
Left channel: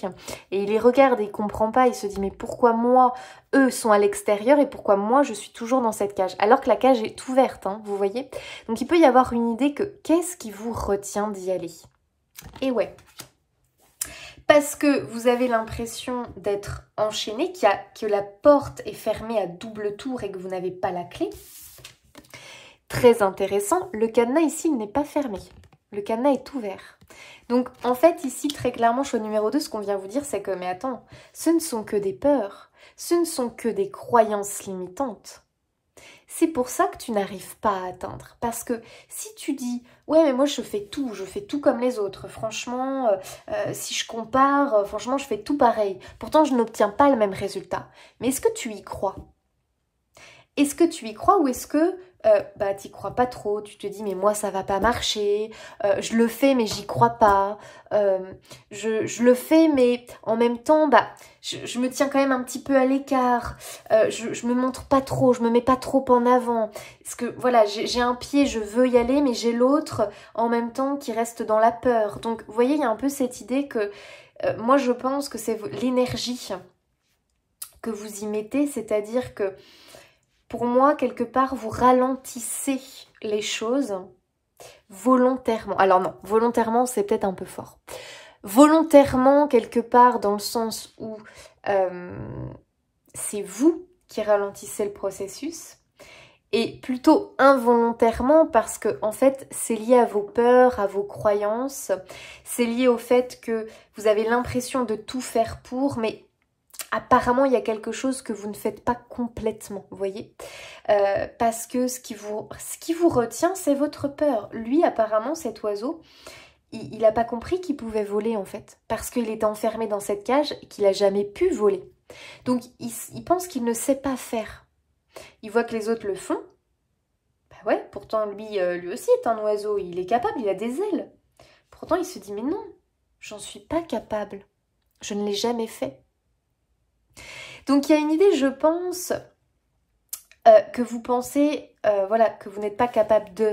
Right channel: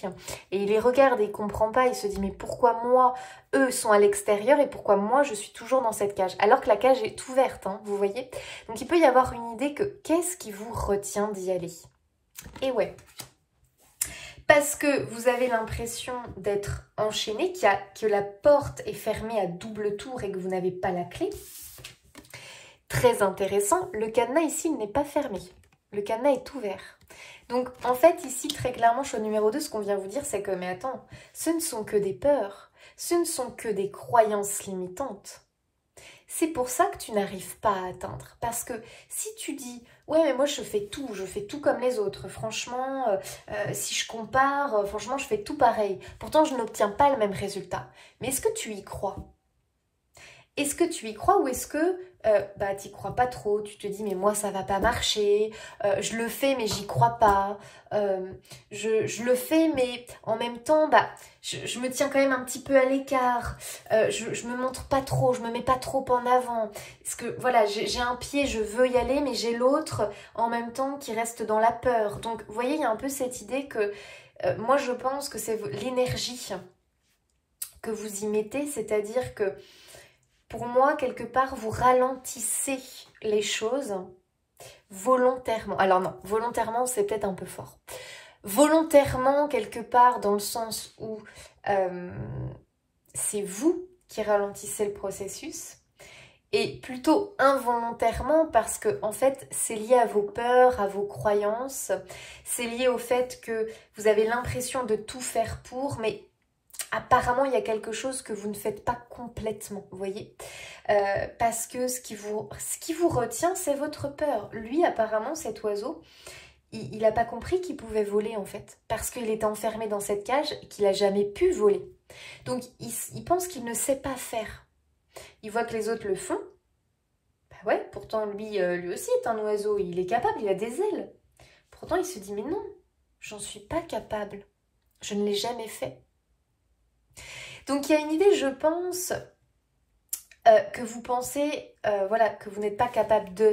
Et il les regarde et il comprend pas. Il se dit, mais pourquoi moi, eux sont à l'extérieur et pourquoi moi, je suis toujours dans cette cage? Alors que la cage est ouverte, hein, vous voyez? Donc, il peut y avoir une idée que qu'est-ce qui vous retient d'y aller? Et ouais. Parce que vous avez l'impression d'être enchaîné, que la porte est fermée à double tour et que vous n'avez pas la clé. Très intéressant, le cadenas ici, il n'est pas fermé. Le cadenas est ouvert. Donc, en fait, ici, très clairement, choix numéro 2, ce qu'on vient vous dire, c'est que, mais attends, ce ne sont que des peurs, ce ne sont que des croyances limitantes. C'est pour ça que tu n'arrives pas à atteindre. Parce que si tu dis, ouais, mais moi je fais tout comme les autres. Franchement, si je compare, franchement, je fais tout pareil. Pourtant, je n'obtiens pas le même résultat. Mais est-ce que tu y crois? Est-ce que tu y crois ou est-ce que tu n'y crois pas trop? Tu te dis, mais moi, ça va pas marcher. Je le fais, mais j'y crois pas. je le fais, mais en même temps, bah, je me tiens quand même un petit peu à l'écart, je me montre pas trop, je me mets pas trop en avant, parce que voilà, j'ai un pied, je veux y aller, mais j'ai l'autre en même temps qui reste dans la peur. Donc vous voyez, il y a un peu cette idée que moi je pense que c'est l'énergie que vous y mettez, c'est-à-dire que pour moi, quelque part, vous ralentissez les choses volontairement. Alors non, volontairement, c'est peut-être un peu fort. Volontairement, quelque part, dans le sens où c'est vous qui ralentissez le processus, et plutôt involontairement parce que, en fait, c'est lié à vos peurs, à vos croyances, c'est lié au fait que vous avez l'impression de tout faire pour, mais apparemment, il y a quelque chose que vous ne faites pas complètement, vous voyez, parce que ce qui vous retient, c'est votre peur. Lui, apparemment, cet oiseau, il n'a pas compris qu'il pouvait voler, en fait, parce qu'il est enfermé dans cette cage et qu'il n'a jamais pu voler. Donc, il pense qu'il ne sait pas faire. Il voit que les autres le font. Bah ouais, pourtant, lui aussi est un oiseau, il est capable, il a des ailes. Pourtant, il se dit, mais non, j'en suis pas capable. Je ne l'ai jamais fait. Donc il y a une idée, je pense, que vous pensez, voilà, que vous n'êtes pas capable de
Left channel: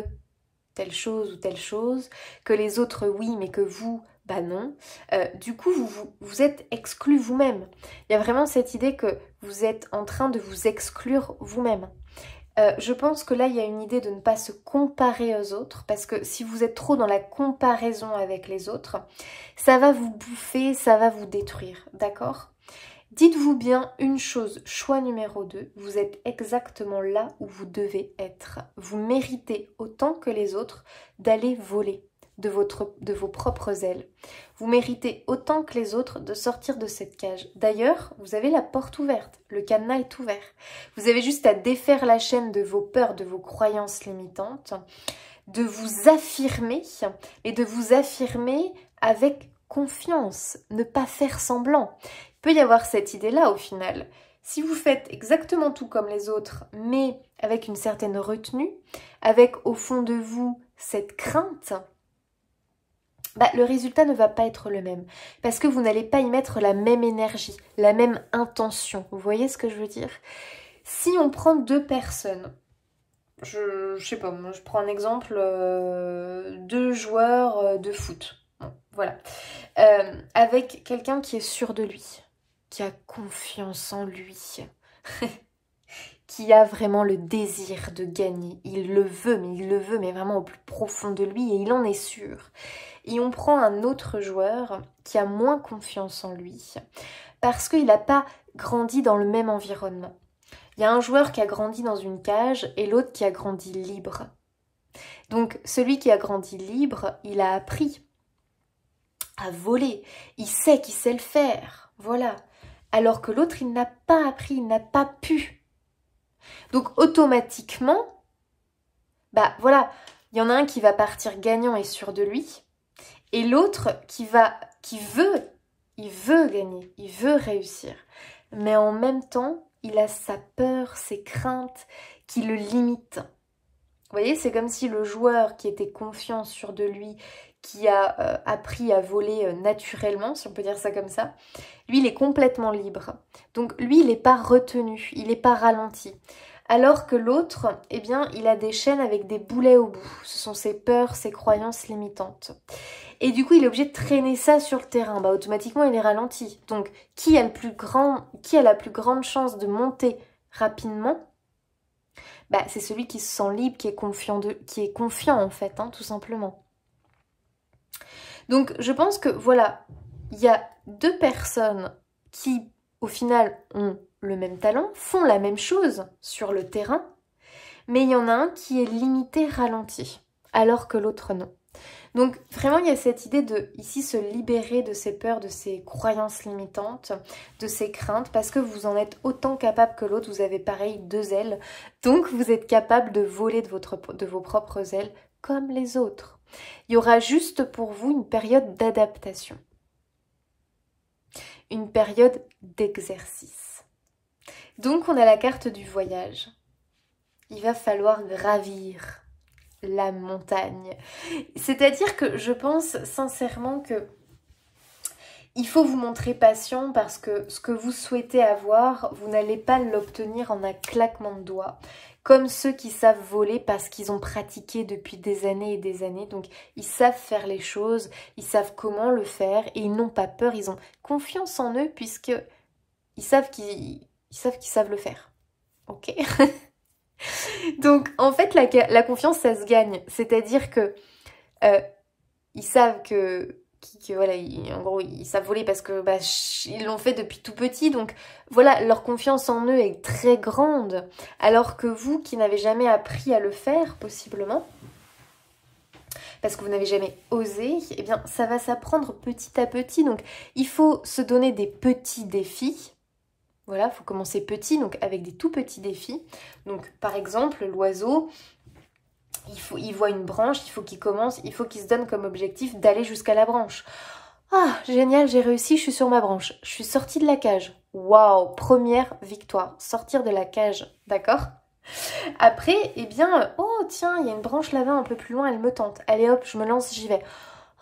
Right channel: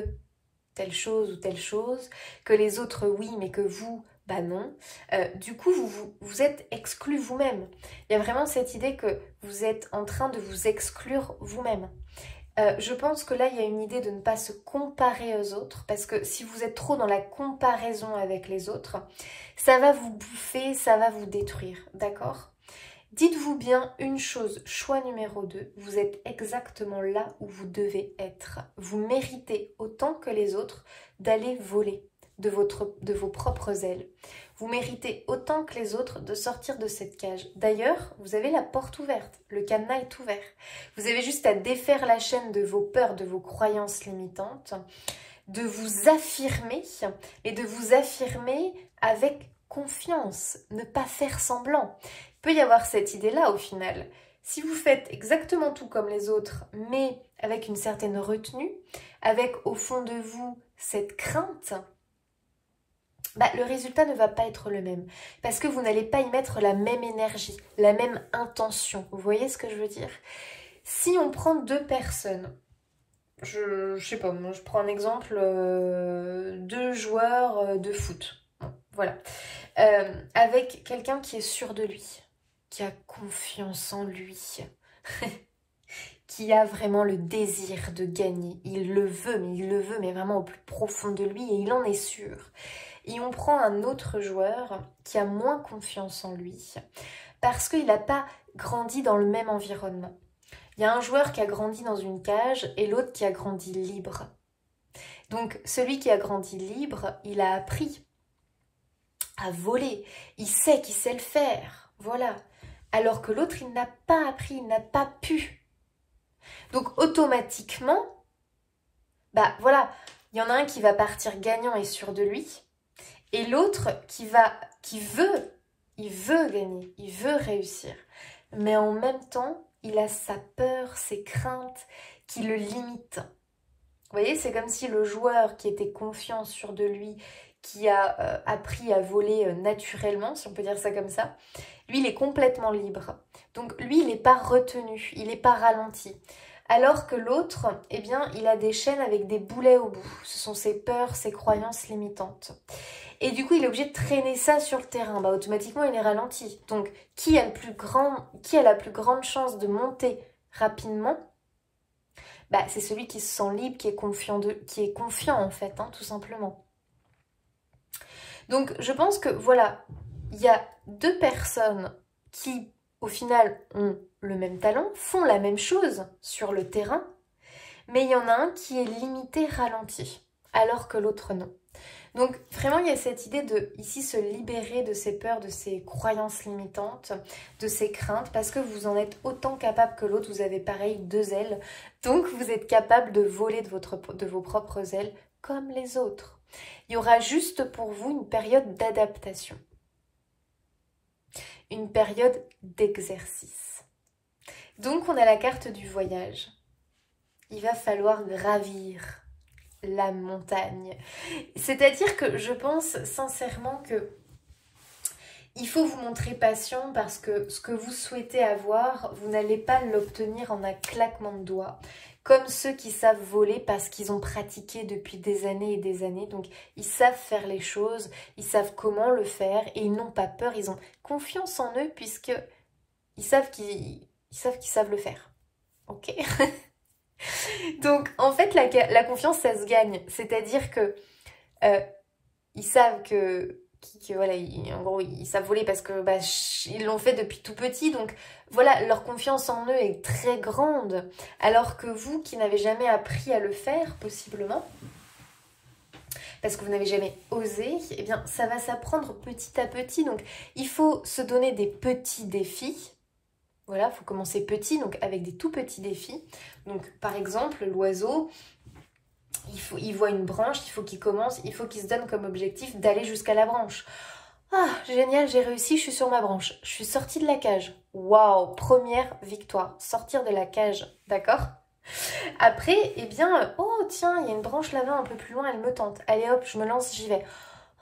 telle chose ou telle chose, que les autres oui, mais que vous, bah non. Du coup, vous êtes exclu vous-même. Il y a vraiment cette idée que vous êtes en train de vous exclure vous-même. Je pense que là, il y a une idée de ne pas se comparer aux autres, parce que si vous êtes trop dans la comparaison avec les autres, ça va vous bouffer, ça va vous détruire, d'accord ? Dites-vous bien une chose, choix numéro 2, vous êtes exactement là où vous devez être. Vous méritez autant que les autres d'aller voler de vos propres ailes. Vous méritez autant que les autres de sortir de cette cage. D'ailleurs, vous avez la porte ouverte, le cadenas est ouvert. Vous avez juste à défaire la chaîne de vos peurs, de vos croyances limitantes, de vous affirmer, mais de vous affirmer avec confiance, ne pas faire semblant. Il peut y avoir cette idée-là au final. Si vous faites exactement tout comme les autres, mais avec une certaine retenue, avec au fond de vous cette crainte, bah, le résultat ne va pas être le même. Parce que vous n'allez pas y mettre la même énergie, la même intention. Vous voyez ce que je veux dire? Si on prend deux personnes, je sais pas, moi je prends un exemple, deux joueurs de foot. Bon, voilà. Avec quelqu'un qui est sûr de lui, qui a confiance en lui, qui a vraiment le désir de gagner. Il le veut, mais vraiment au plus profond de lui, et il en est sûr. Et on prend un autre joueur qui a moins confiance en lui, parce qu'il n'a pas grandi dans le même environnement. Il y a un joueur qui a grandi dans une cage et l'autre qui a grandi libre. Donc celui qui a grandi libre, il a appris à voler. Il sait qu'il sait le faire. Voilà. Alors que l'autre, il n'a pas appris, il n'a pas pu. Donc automatiquement, bah voilà, il y en a un qui va partir gagnant et sûr de lui. Et l'autre qui veut gagner, il veut réussir. Mais en même temps, il a sa peur, ses craintes qui le limitent. Vous voyez, c'est comme si le joueur qui était confiant, sûr de lui, qui a appris à voler naturellement, si on peut dire ça comme ça, lui, il est complètement libre. Donc, lui, il n'est pas retenu, il n'est pas ralenti. Alors que l'autre, eh bien, il a des chaînes avec des boulets au bout. Ce sont ses peurs, ses croyances limitantes. Et du coup, il est obligé de traîner ça sur le terrain. Bah, automatiquement, il est ralenti. Donc, qui a la plus grande chance de monter rapidement? Bah, c'est celui qui se sent libre, qui est confiant en fait, hein, tout simplement. Donc, je pense que, voilà, il y a deux personnes qui, au final, ont le même talent, font la même chose sur le terrain, mais il y en a un qui est limité, ralenti, alors que l'autre non. Donc vraiment il y a cette idée de ici se libérer de ses peurs, de ses croyances limitantes, de ses craintes, parce que vous en êtes autant capable que l'autre, vous avez pareil deux ailes, donc vous êtes capable de voler de vos propres ailes comme les autres. Il y aura juste pour vous une période d'adaptation, une période d'exercice. Donc on a la carte du voyage, il va falloir gravir la montagne. C'est-à-dire que je pense sincèrement que il faut vous montrer patient parce que ce que vous souhaitez avoir, vous n'allez pas l'obtenir en un claquement de doigts. Comme ceux qui savent voler parce qu'ils ont pratiqué depuis des années et des années. Donc, ils savent faire les choses, ils savent comment le faire et ils n'ont pas peur. Ils ont confiance en eux puisqu'ils savent qu'ils savent le faire. Ok. Donc, en fait, la confiance, ça se gagne. C'est-à-dire que ils savent que voilà, en gros, ils savent voler parce que bah, ils l'ont fait depuis tout petit. Donc, voilà, leur confiance en eux est très grande. Alors que vous, qui n'avez jamais appris à le faire, possiblement, parce que vous n'avez jamais osé, eh bien, ça va s'apprendre petit à petit. Donc, il faut se donner des petits défis. Voilà, il faut commencer petit, donc avec des tout petits défis. Donc, par exemple, l'oiseau, il voit une branche, il faut qu'il se donne comme objectif d'aller jusqu'à la branche. Ah, génial, j'ai réussi, je suis sur ma branche. Je suis sortie de la cage. Waouh, première victoire, sortir de la cage, d'accord? Après, eh bien, oh tiens, il y a une branche là-bas un peu plus loin, elle me tente. Allez hop, je me lance, j'y vais.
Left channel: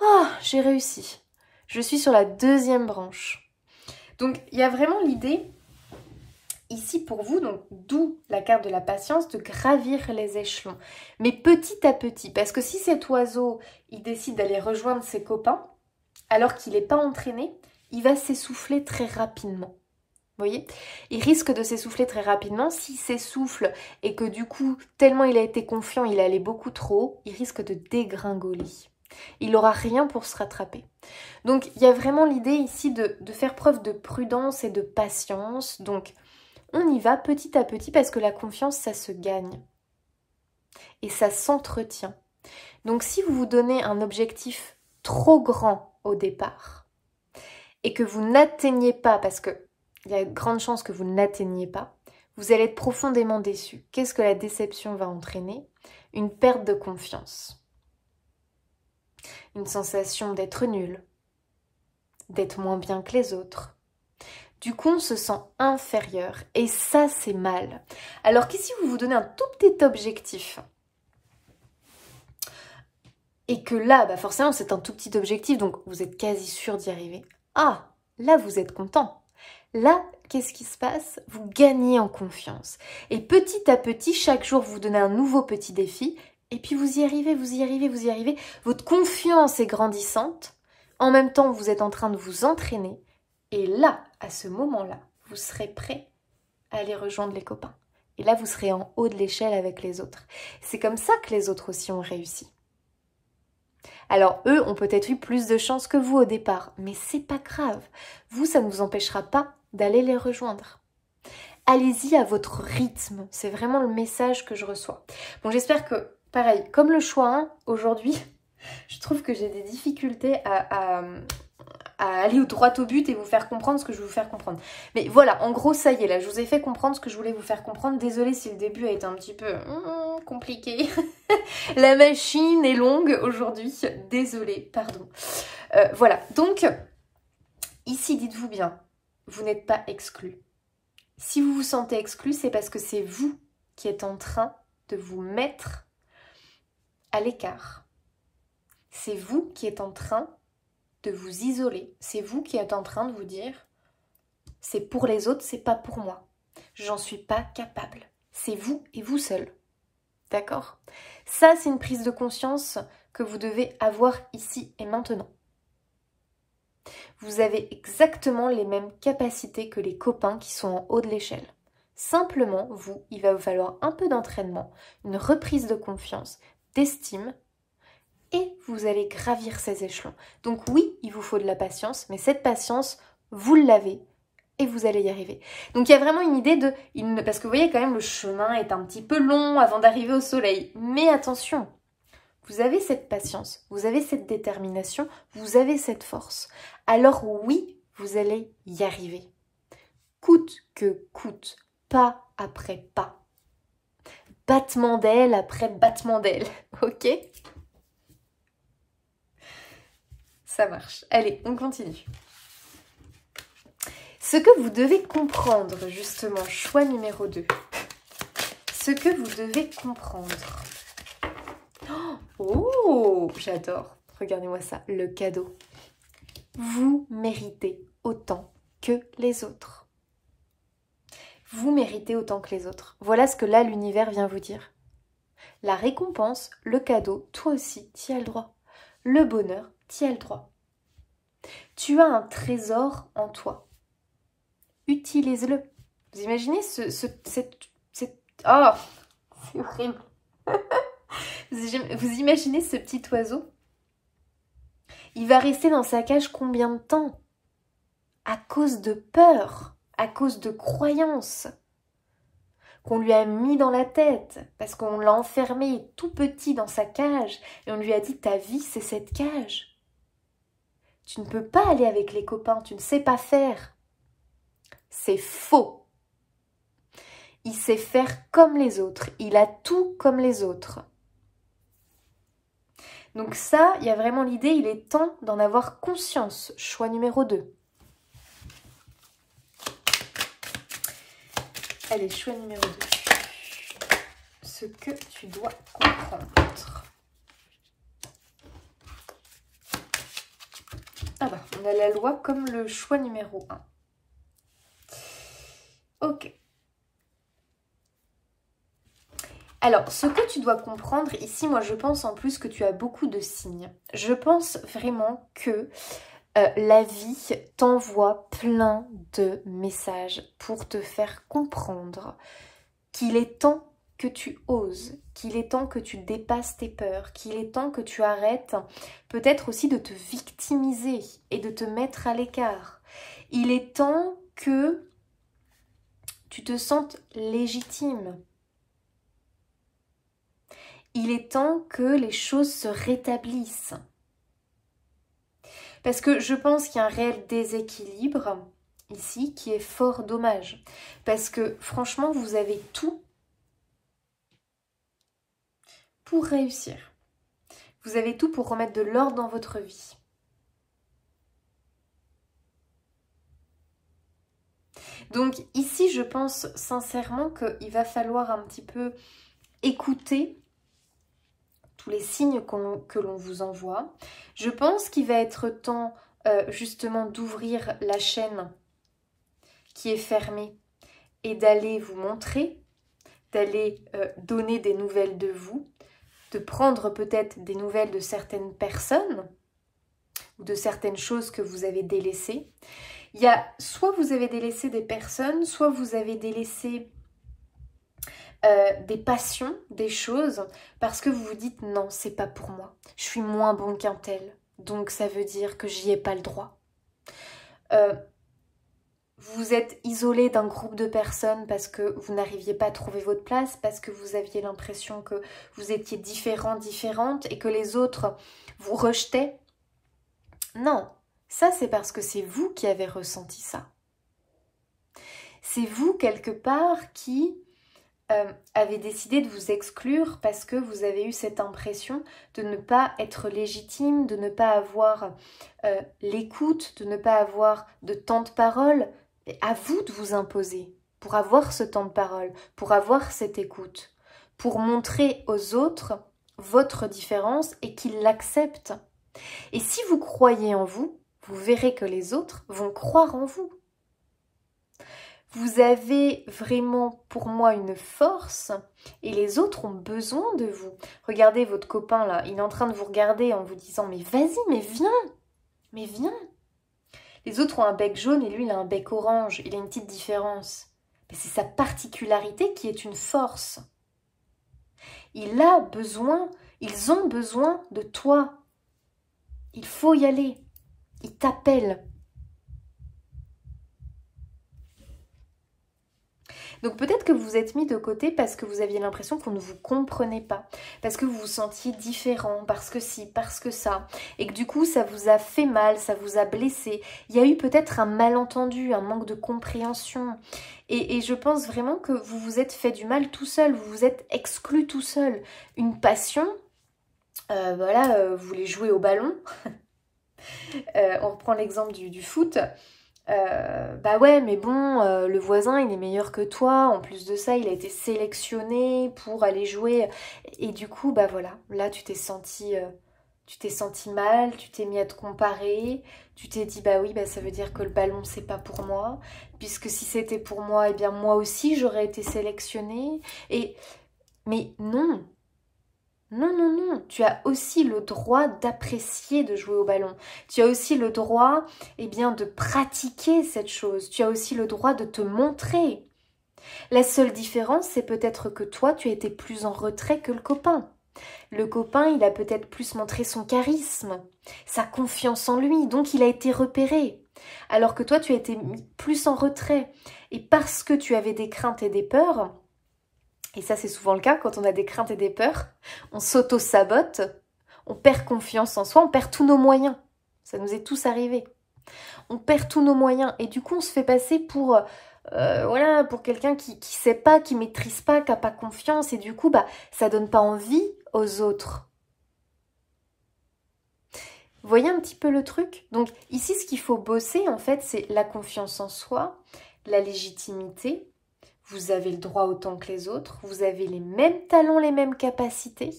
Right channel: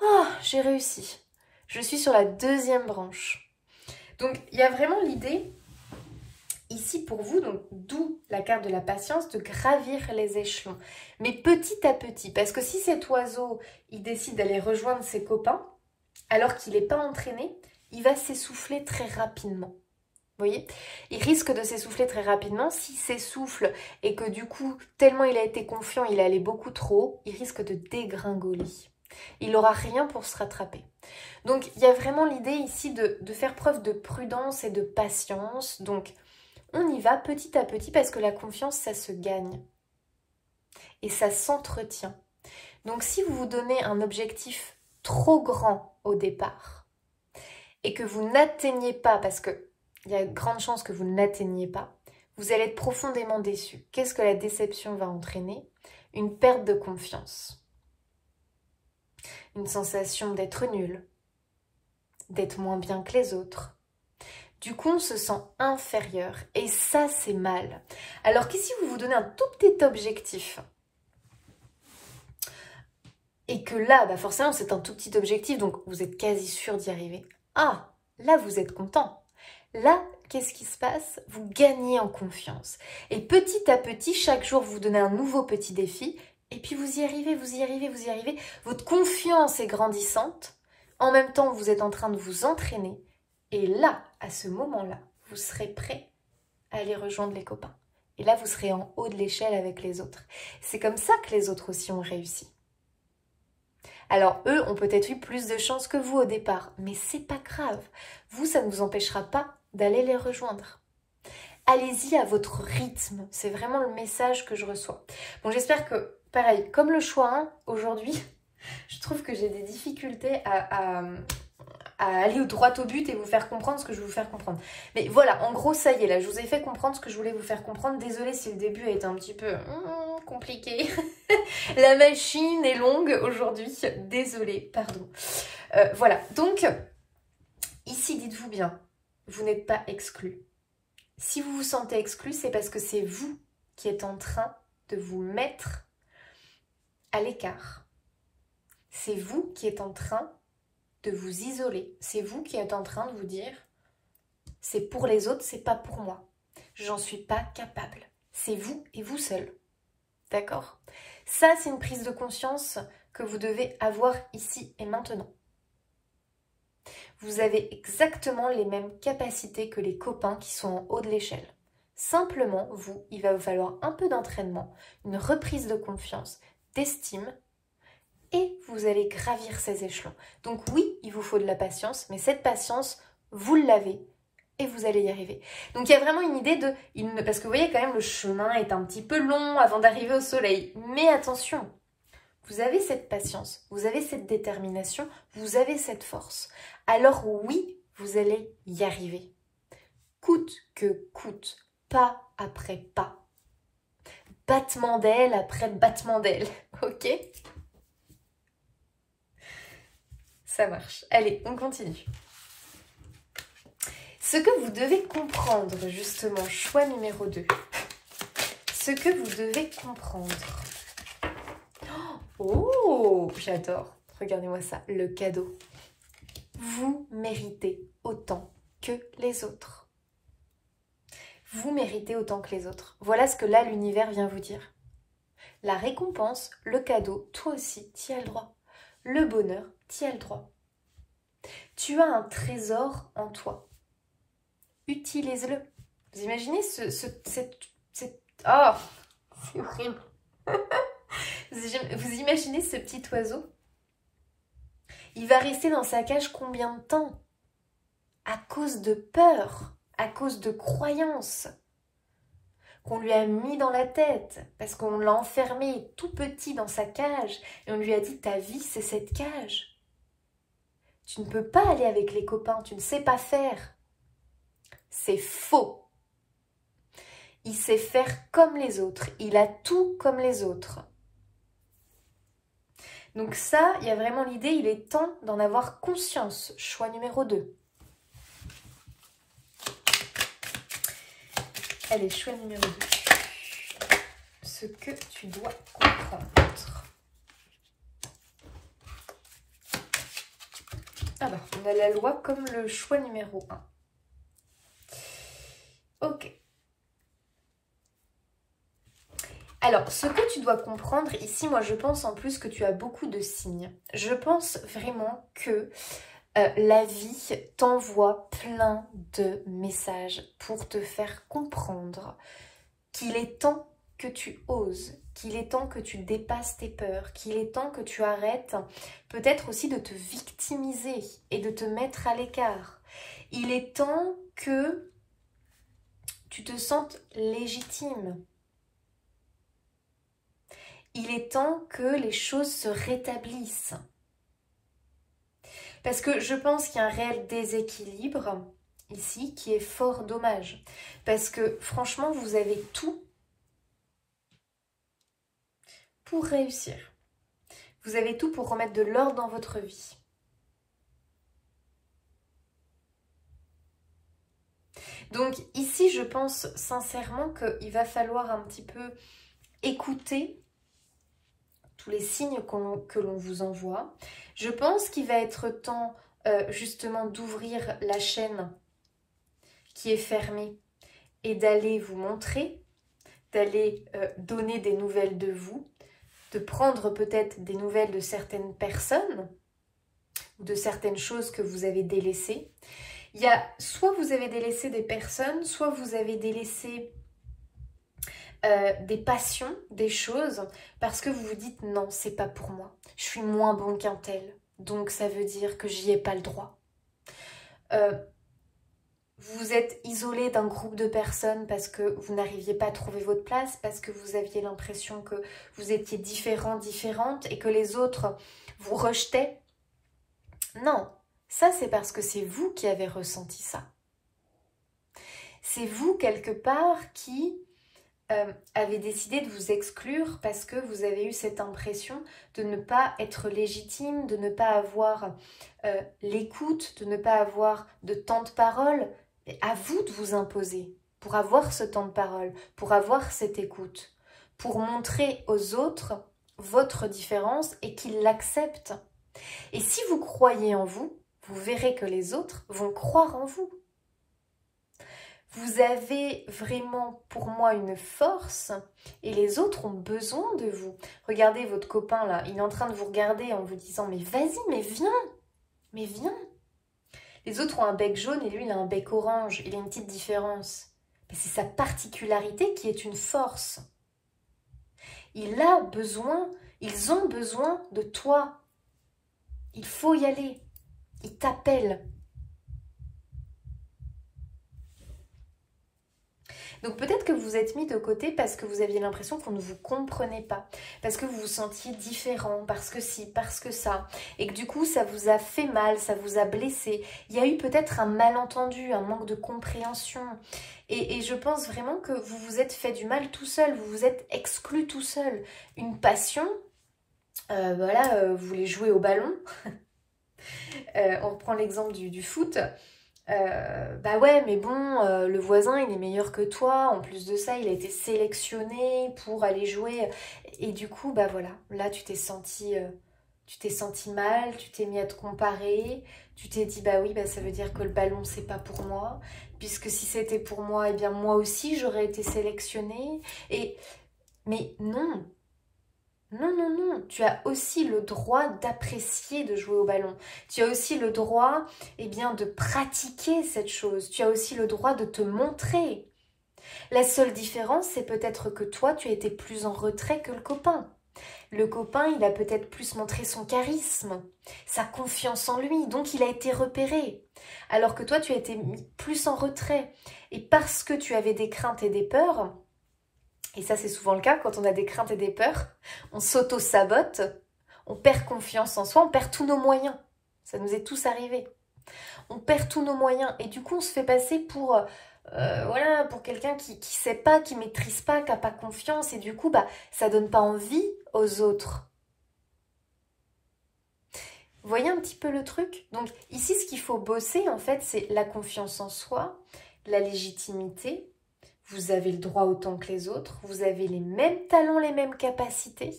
Oh, j'ai réussi. Je suis sur la deuxième branche. Donc, il y a vraiment l'idée ici pour vous, donc d'où la carte de la patience, de gravir les échelons. Mais petit à petit, parce que si cet oiseau, il décide d'aller rejoindre ses copains, alors qu'il n'est pas entraîné, il va s'essouffler très rapidement. Vous voyez? Il risque de s'essouffler très rapidement. S'il s'essouffle et que du coup, tellement il a été confiant, il est allé beaucoup trop haut, il risque de dégringoler. Il n'aura rien pour se rattraper. Donc, il y a vraiment l'idée ici de faire preuve de prudence et de patience. Donc, on y va petit à petit parce que la confiance, ça se gagne. Et ça s'entretient. Donc, si vous vous donnez un objectif trop grand au départ et que vous n'atteignez pas, parce qu'il y a de grandes chances que vous n'atteigniez pas, vous allez être profondément déçu. Qu'est-ce que la déception va entraîner? Une perte de confiance. Une sensation d'être nul, d'être moins bien que les autres. Du coup, on se sent inférieur et ça, c'est mal. Alors qu'ici, vous vous donnez un tout petit objectif et que là, bah forcément, c'est un tout petit objectif, donc vous êtes quasi sûr d'y arriver. Ah, là, vous êtes content. Là, qu'est-ce qui se passe? Vous gagnez en confiance. Et petit à petit, chaque jour, vous donnez un nouveau petit défi et puis vous y arrivez, vous y arrivez, vous y arrivez. Votre confiance est grandissante. En même temps, vous êtes en train de vous entraîner. Et là, à ce moment-là, vous serez prêt à aller rejoindre les copains. Et là, vous serez en haut de l'échelle avec les autres. C'est comme ça que les autres aussi ont réussi. Alors, eux ont peut-être eu plus de chance que vous au départ, mais c'est pas grave. Vous, ça ne vous empêchera pas d'aller les rejoindre. Allez-y à votre rythme. C'est vraiment le message que je reçois. Bon, j'espère que, pareil, comme le choix 1, aujourd'hui, je trouve que j'ai des difficultés à aller droit au but et vous faire comprendre ce que je veux vous faire comprendre. Mais voilà, en gros, ça y est, là, je vous ai fait comprendre ce que je voulais vous faire comprendre. Désolée si le début a été un petit peu compliqué. La machine est longue aujourd'hui. Désolée, pardon. Voilà, donc, ici, dites-vous bien, vous n'êtes pas exclu. Si vous vous sentez exclu, c'est parce que c'est vous qui êtes en train de vous mettre à l'écart. C'est vous qui êtes en train de vous isoler. C'est vous qui êtes en train de vous dire c'est pour les autres, c'est pas pour moi. J'en suis pas capable. C'est vous et vous seul. D'accord? Ça, c'est une prise de conscience que vous devez avoir ici et maintenant. Vous avez exactement les mêmes capacités que les copains qui sont en haut de l'échelle. Simplement, vous, il va vous falloir un peu d'entraînement, une reprise de confiance, d'estime, et vous allez gravir ces échelons. Donc oui, il vous faut de la patience, mais cette patience, vous l'avez et vous allez y arriver. Donc il y a vraiment une idée de... Parce que vous voyez quand même, le chemin est un petit peu long avant d'arriver au soleil. Mais attention, vous avez cette patience, vous avez cette détermination, vous avez cette force. Alors oui, vous allez y arriver. Coûte que coûte, pas après pas. Battement d'aile après battement d'aile, ok ? Ça marche. Allez, on continue. Ce que vous devez comprendre, justement, choix numéro 2. Ce que vous devez comprendre. Oh, j'adore. Regardez-moi ça, le cadeau. Vous méritez autant que les autres. Vous méritez autant que les autres. Voilà ce que là, l'univers vient vous dire. La récompense, le cadeau, toi aussi, tu y as le droit. Le bonheur, tu y as le droit. Tu as un trésor en toi. Utilise-le. Vous imaginez oh, c'est horrible. Vous imaginez ce petit oiseau? Il va rester dans sa cage combien de temps? À cause de peur, à cause de croyances qu'on lui a mis dans la tête, parce qu'on l'a enfermé tout petit dans sa cage et on lui a dit ta vie c'est cette cage. Tu ne peux pas aller avec les copains, tu ne sais pas faire. C'est faux. Il sait faire comme les autres, il a tout comme les autres. Donc ça, il y a vraiment l'idée, il est temps d'en avoir conscience. Choix numéro 2. Allez, choix numéro 2. Ce que tu dois comprendre. Ah bah, on a la loi comme le choix numéro 1. Ok. Alors, ce que tu dois comprendre, ici, moi, je pense en plus que tu as beaucoup de signes. Je pense vraiment que la vie t'envoie plein de messages pour te faire comprendre qu'il est temps que tu oses, qu'il est temps que tu dépasses tes peurs, qu'il est temps que tu arrêtes peut-être aussi de te victimiser et de te mettre à l'écart. Il est temps que tu te sentes légitime. Il est temps que les choses se rétablissent. Parce que je pense qu'il y a un réel déséquilibre ici qui est fort dommage. Parce que franchement, vous avez tout pour réussir. Vous avez tout pour remettre de l'ordre dans votre vie. Donc ici, je pense sincèrement qu'il va falloir un petit peu écouter tous les signes que l'on vous envoie. Je pense qu'il va être temps justement d'ouvrir la chaîne qui est fermée et d'aller vous montrer, d'aller donner des nouvelles de vous, de prendre peut-être des nouvelles de certaines personnes ou de certaines choses que vous avez délaissées. Il y a soit vous avez délaissé des personnes, soit vous avez délaissé des passions, des choses, parce que vous vous dites non, c'est pas pour moi. Je suis moins bon qu'un tel, donc ça veut dire que j'y ai pas le droit. Vous êtes isolé d'un groupe de personnes parce que vous n'arriviez pas à trouver votre place, parce que vous aviez l'impression que vous étiez différent, différente et que les autres vous rejetaient. Non, ça c'est parce que c'est vous qui avez ressenti ça. C'est vous quelque part qui avez décidé de vous exclure parce que vous avez eu cette impression de ne pas être légitime, de ne pas avoir l'écoute, de ne pas avoir de temps de parole. Et à vous de vous imposer pour avoir ce temps de parole, pour avoir cette écoute, pour montrer aux autres votre différence et qu'ils l'acceptent. Et si vous croyez en vous, vous verrez que les autres vont croire en vous. Vous avez vraiment, pour moi, une force et les autres ont besoin de vous. Regardez votre copain là, il est en train de vous regarder en vous disant « Mais vas-y, mais viens !» Les autres ont un bec jaune et lui, il a un bec orange. Il a une petite différence. Mais c'est sa particularité qui est une force. Ils ont besoin de toi. Il faut y aller. Ils t'appellent. Donc peut-être que vous vous êtes mis de côté parce que vous aviez l'impression qu'on ne vous comprenait pas, parce que vous vous sentiez différent, parce que si, parce que ça, et que du coup ça vous a fait mal, ça vous a blessé. Il y a eu peut-être un malentendu, un manque de compréhension. Et je pense vraiment que vous vous êtes fait du mal tout seul, vous vous êtes exclu tout seul. Une passion, vous voulez jouer au ballon, on prend l'exemple du foot. Bah ouais, mais bon, le voisin il est meilleur que toi, en plus de ça il a été sélectionné pour aller jouer et du coup bah voilà, là tu t'es senti mal, tu t'es mis à te comparer, Tu t'es dit, bah oui, bah ça veut dire que le ballon, c'est pas pour moi. Puisque si c'était pour moi, eh bien moi aussi, j'aurais été sélectionnée. Mais non, non, non, non. Tu as aussi le droit d'apprécier de jouer au ballon. Tu as aussi le droit, eh bien, de pratiquer cette chose. Tu as aussi le droit de te montrer. La seule différence, c'est peut-être que toi, tu as été plus en retrait que le copain. Le copain, il a peut-être plus montré son charisme, sa confiance en lui, donc il a été repéré. Alors que toi, tu as été plus en retrait. Et parce que tu avais des craintes et des peurs, et ça c'est souvent le cas quand on a des craintes et des peurs, on s'auto-sabote, on perd confiance en soi, on perd tous nos moyens. Ça nous est tous arrivé. On perd tous nos moyens et du coup on se fait passer pour... voilà, pour quelqu'un qui sait pas, qui maîtrise pas, qui n'a pas confiance, et du coup, bah, ça donne pas envie aux autres. Vous voyez un petit peu le truc? Donc ici, ce qu'il faut bosser, en fait, c'est la confiance en soi, la légitimité. Vous avez le droit autant que les autres, vous avez les mêmes talents, les mêmes capacités.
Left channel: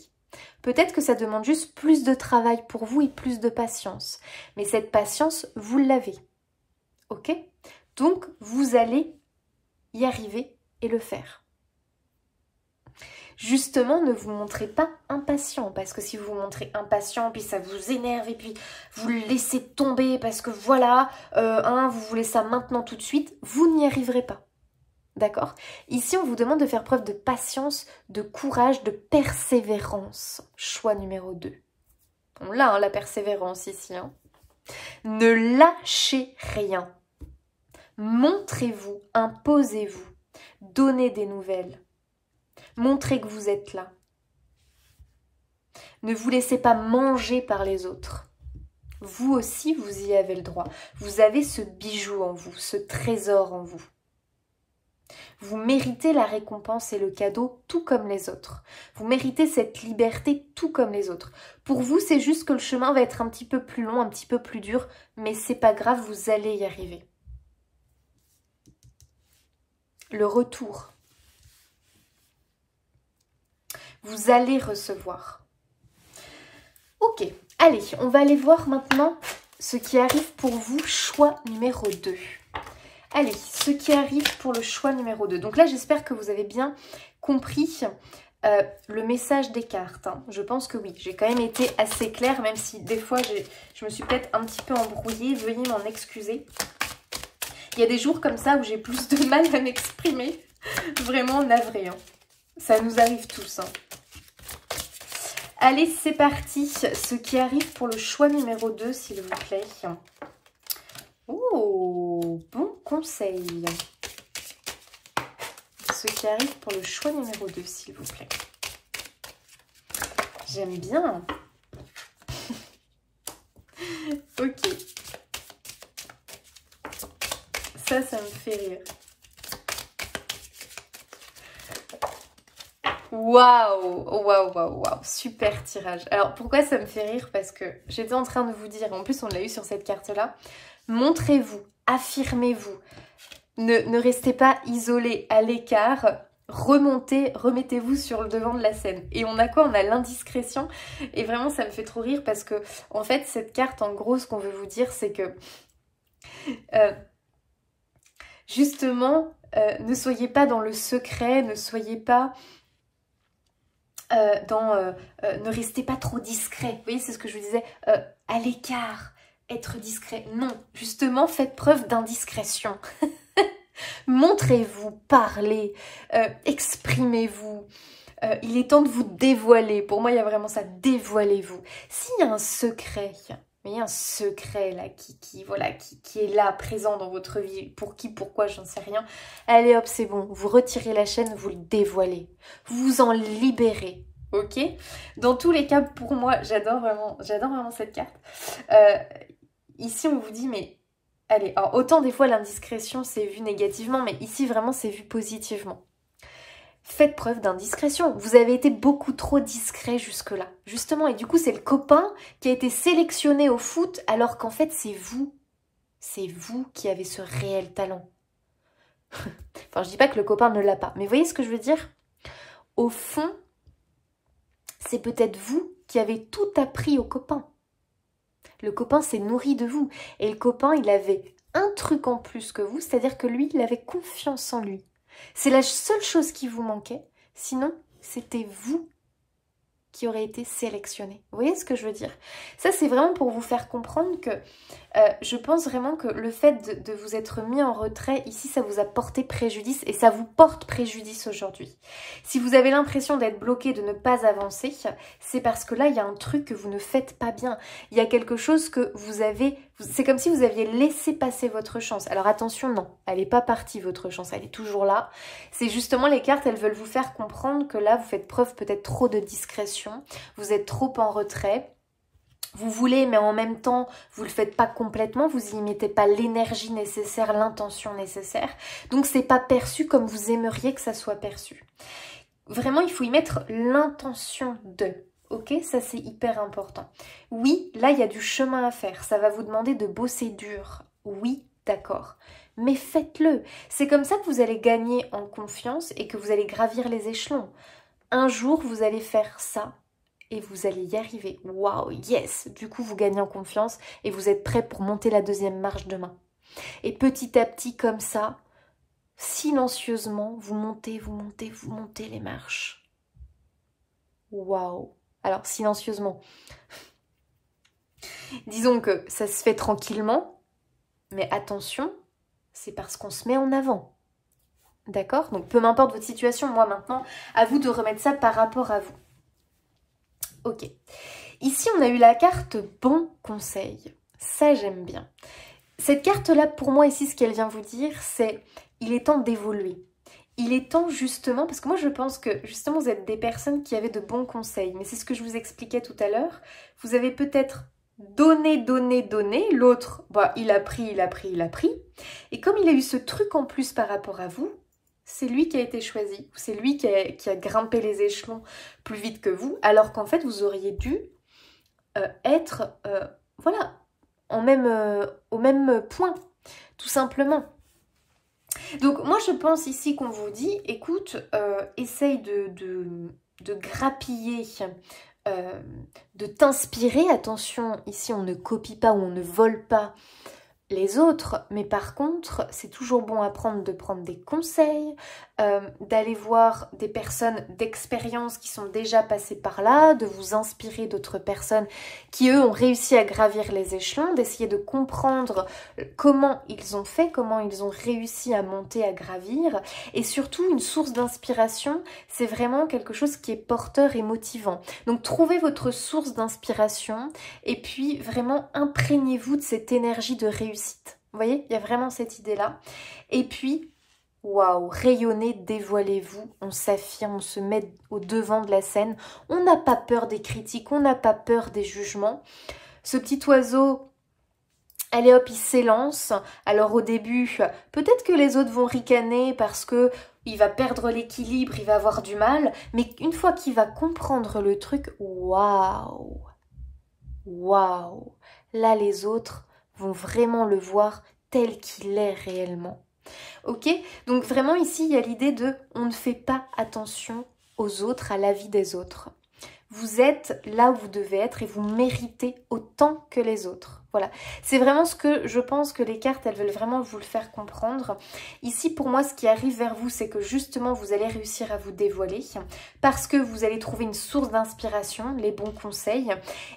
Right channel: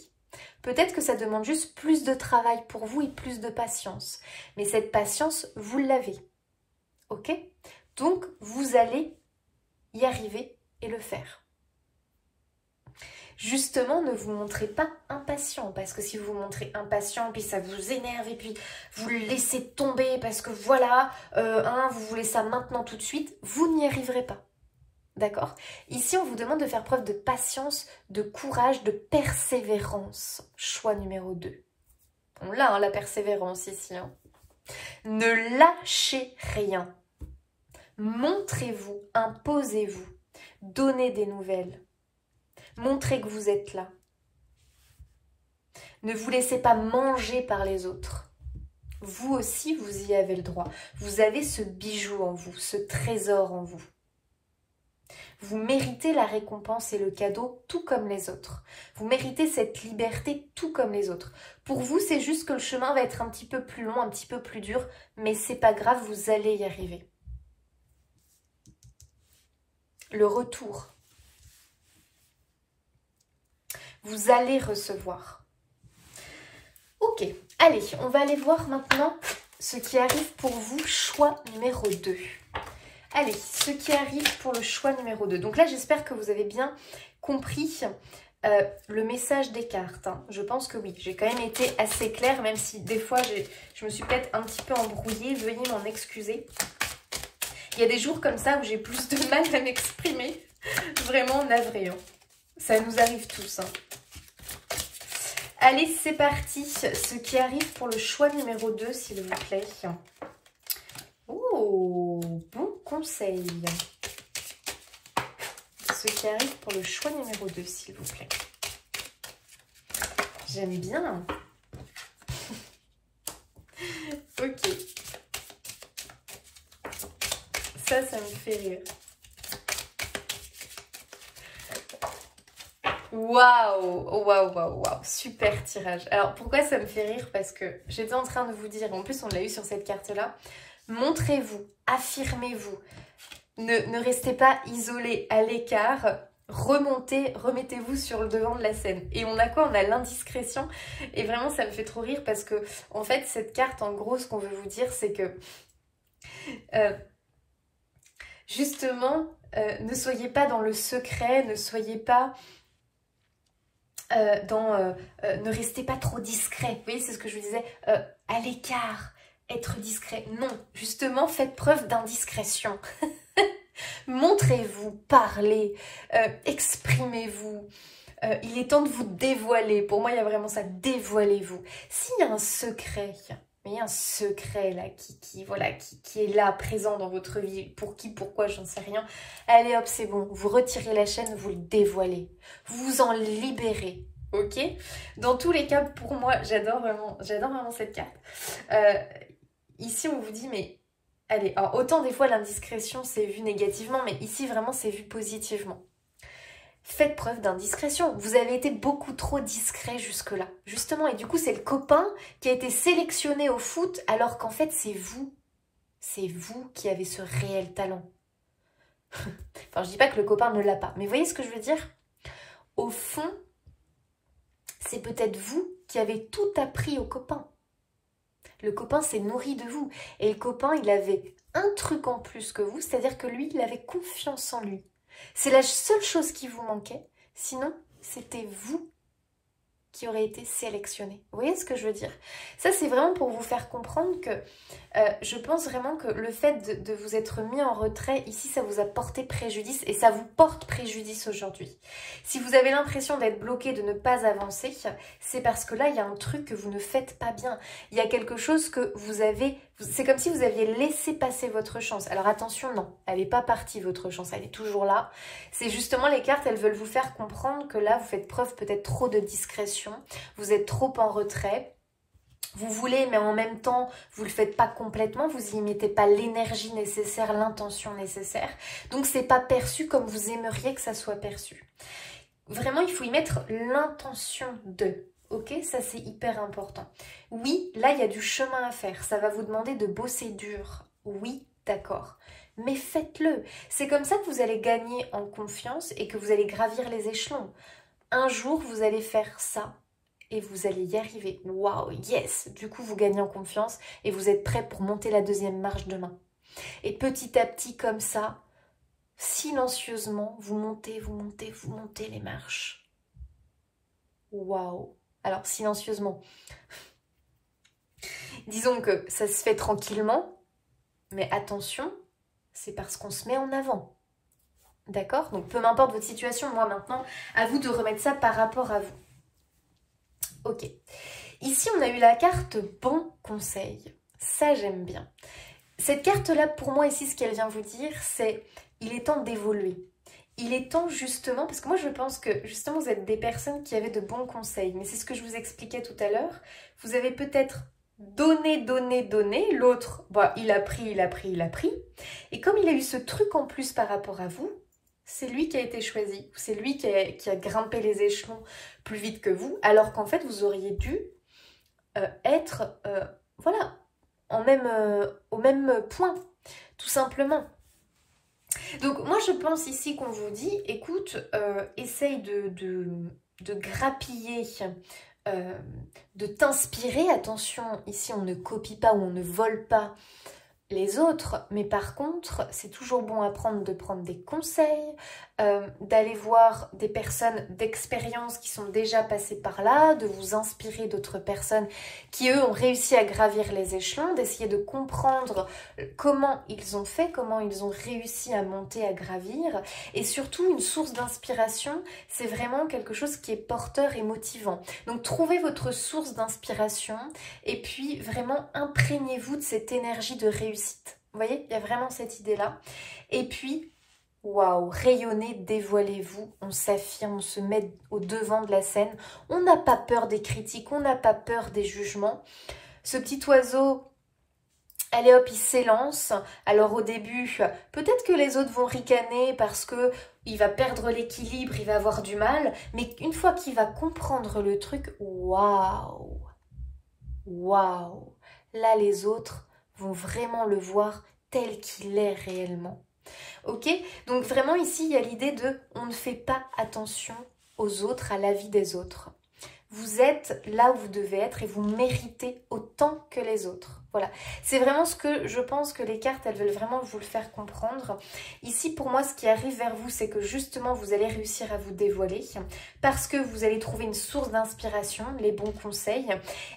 Peut-être que ça demande juste plus de travail pour vous et plus de patience. Mais cette patience, vous l'avez. Ok? Donc, vous allez y arriver et le faire. Justement, ne vous montrez pas impatient, parce que si vous vous montrez impatient, puis ça vous énerve, et puis vous le laissez tomber, parce que voilà, vous voulez ça maintenant tout de suite, vous n'y arriverez pas. D'accord? Ici, on vous demande de faire preuve de patience, de courage, de persévérance. Choix numéro 2. On l'a, hein, la persévérance ici. Hein. Ne lâchez rien. Montrez-vous, imposez-vous, donnez des nouvelles, montrez que vous êtes là. Ne vous laissez pas manger par les autres. Vous aussi, vous y avez le droit. Vous avez ce bijou en vous, ce trésor en vous. Vous méritez la récompense et le cadeau tout comme les autres. Vous méritez cette liberté tout comme les autres. Pour vous, c'est juste que le chemin va être un petit peu plus long, un petit peu plus dur, mais c'est pas grave, vous allez y arriver. Le retour. Vous allez recevoir. Ok, allez, on va aller voir maintenant ce qui arrive pour vous, choix numéro 2. Allez, ce qui arrive pour le choix numéro 2. Donc là, j'espère que vous avez bien compris le message des cartes. Hein. Je pense que oui, j'ai quand même été assez claire, même si des fois, je me suis peut-être un petit peu embrouillée. Veuillez m'en excuser. Il y a des jours comme ça où j'ai plus de mal à m'exprimer. Vraiment navré. Hein. Ça nous arrive tous. Hein. Allez, c'est parti. Ce qui arrive pour le choix numéro 2, s'il vous plaît. Oh, bon conseil. Ce qui arrive pour le choix numéro 2, s'il vous plaît. J'aime bien. Ok. Ça me fait rire. Waouh, waouh, waouh, waouh, super tirage. Alors, pourquoi ça me fait rire? Parce que j'étais en train de vous dire, en plus on l'a eu sur cette carte-là, montrez-vous, affirmez-vous, ne restez pas isolé à l'écart, remettez-vous sur le devant de la scène. Et on a quoi? On a l'indiscrétion. Et vraiment, ça me fait trop rire parce que, en fait, cette carte, en gros, ce qu'on veut vous dire, c'est que, justement, ne soyez pas dans le secret, ne soyez pas... ne restez pas trop discret. Vous voyez, c'est ce que je vous disais, à l'écart, être discret. Non, justement, faites preuve d'indiscrétion. Montrez-vous, parlez, exprimez-vous. Il est temps de vous dévoiler. Pour moi, il y a vraiment ça, dévoilez-vous. S'il y a un secret, mais il y a un secret là qui est là, présent dans votre vie, pour qui, pourquoi, j'en sais rien. Allez hop, c'est bon, vous retirez la chaîne, vous le dévoilez. Vous vous en libérez, ok? Dans tous les cas, pour moi, j'adore vraiment cette carte. Ici, on vous dit, mais allez, alors autant des fois l'indiscrétion c'est vu négativement, mais ici vraiment c'est vu positivement. Faites preuve d'indiscrétion. Vous avez été beaucoup trop discret jusque-là, justement. Et du coup, c'est le copain qui a été sélectionné au foot, alors qu'en fait, c'est vous. C'est vous qui avez ce réel talent. Enfin, je dis pas que le copain ne l'a pas. Mais vous voyez ce que je veux dire? Au fond, c'est peut-être vous qui avez tout appris au copain. Le copain s'est nourri de vous. Et le copain, il avait un truc en plus que vous, c'est-à-dire que lui, il avait confiance en lui. C'est la seule chose qui vous manquait. Sinon, c'était vous qui aurez été sélectionné. Vous voyez ce que je veux dire? Ça, c'est vraiment pour vous faire comprendre que je pense vraiment que le fait de vous être mis en retrait, ici, ça vous a porté préjudice et ça vous porte préjudice aujourd'hui. Si vous avez l'impression d'être bloqué, de ne pas avancer, c'est parce que là, il y a un truc que vous ne faites pas bien. Il y a quelque chose que vous avez... C'est comme si vous aviez laissé passer votre chance. Alors attention, non, elle n'est pas partie votre chance, elle est toujours là. C'est justement les cartes, elles veulent vous faire comprendre que là, vous faites preuve peut-être trop de discrétion, vous êtes trop en retrait. Vous voulez, mais en même temps, vous ne le faites pas complètement, vous n'y mettez pas l'énergie nécessaire, l'intention nécessaire. Donc, c'est pas perçu comme vous aimeriez que ça soit perçu. Vraiment, il faut y mettre l'intention de. Ok, ça c'est hyper important. Oui, là, il y a du chemin à faire. Ça va vous demander de bosser dur. Oui, d'accord. Mais faites-le. C'est comme ça que vous allez gagner en confiance et que vous allez gravir les échelons. Un jour, vous allez faire ça. Et vous allez y arriver. Waouh, yes! Du coup, vous gagnez en confiance et vous êtes prêt pour monter la deuxième marche demain. Et petit à petit, comme ça, silencieusement, vous montez, vous montez, vous montez les marches. Waouh! Alors, silencieusement. Disons que ça se fait tranquillement, mais attention, c'est parce qu'on se met en avant. D'accord? Donc, peu m'importe votre situation, moi maintenant, à vous de remettre ça par rapport à vous. Ok, ici on a eu la carte bon conseil, ça j'aime bien. Cette carte-là pour moi ici ce qu'elle vient vous dire c'est il est temps d'évoluer. Il est temps justement, parce que moi je pense que justement vous êtes des personnes qui avaient de bons conseils, mais c'est ce que je vous expliquais tout à l'heure, vous avez peut-être donné, l'autre bah, il a pris, et comme il a eu ce truc en plus par rapport à vous, c'est lui qui a été choisi, c'est lui qui a grimpé les échelons plus vite que vous, alors qu'en fait, vous auriez dû être, voilà, au même point, tout simplement. Donc, moi, je pense ici qu'on vous dit, écoute, essaye de grappiller, de t'inspirer. Attention, ici, on ne copie pas ou on ne vole pas les autres, mais par contre, c'est toujours bon à prendre de prendre des conseils, d'aller voir des personnes d'expérience qui sont déjà passées par là, de vous inspirer d'autres personnes qui, eux, ont réussi à gravir les échelons, d'essayer de comprendre comment ils ont fait, comment ils ont réussi à monter, à gravir, et surtout, une source d'inspiration, c'est vraiment quelque chose qui est porteur et motivant. Donc, trouvez votre source d'inspiration, et puis, vraiment, imprégnez-vous de cette énergie de réussite. Vous voyez, il y a vraiment cette idée-là. Et puis, waouh, rayonnez, dévoilez-vous, on s'affirme, on se met au devant de la scène. On n'a pas peur des critiques, on n'a pas peur des jugements. Ce petit oiseau, allez hop, il s'élance. Alors au début, peut-être que les autres vont ricaner parce que il va perdre l'équilibre, il va avoir du mal. Mais une fois qu'il va comprendre le truc, waouh, waouh, là les autres vont vraiment le voir tel qu'il est réellement. Ok? Donc vraiment ici, il y a l'idée de on ne fait pas attention aux autres, à la vie des autres. Vous êtes là où vous devez être et vous méritez autant que les autres. Voilà, c'est vraiment ce que je pense que les cartes, elles veulent vraiment vous le faire comprendre. Ici, pour moi, ce qui arrive vers vous, c'est que justement, vous allez réussir à vous dévoiler parce que vous allez trouver une source d'inspiration, les bons conseils.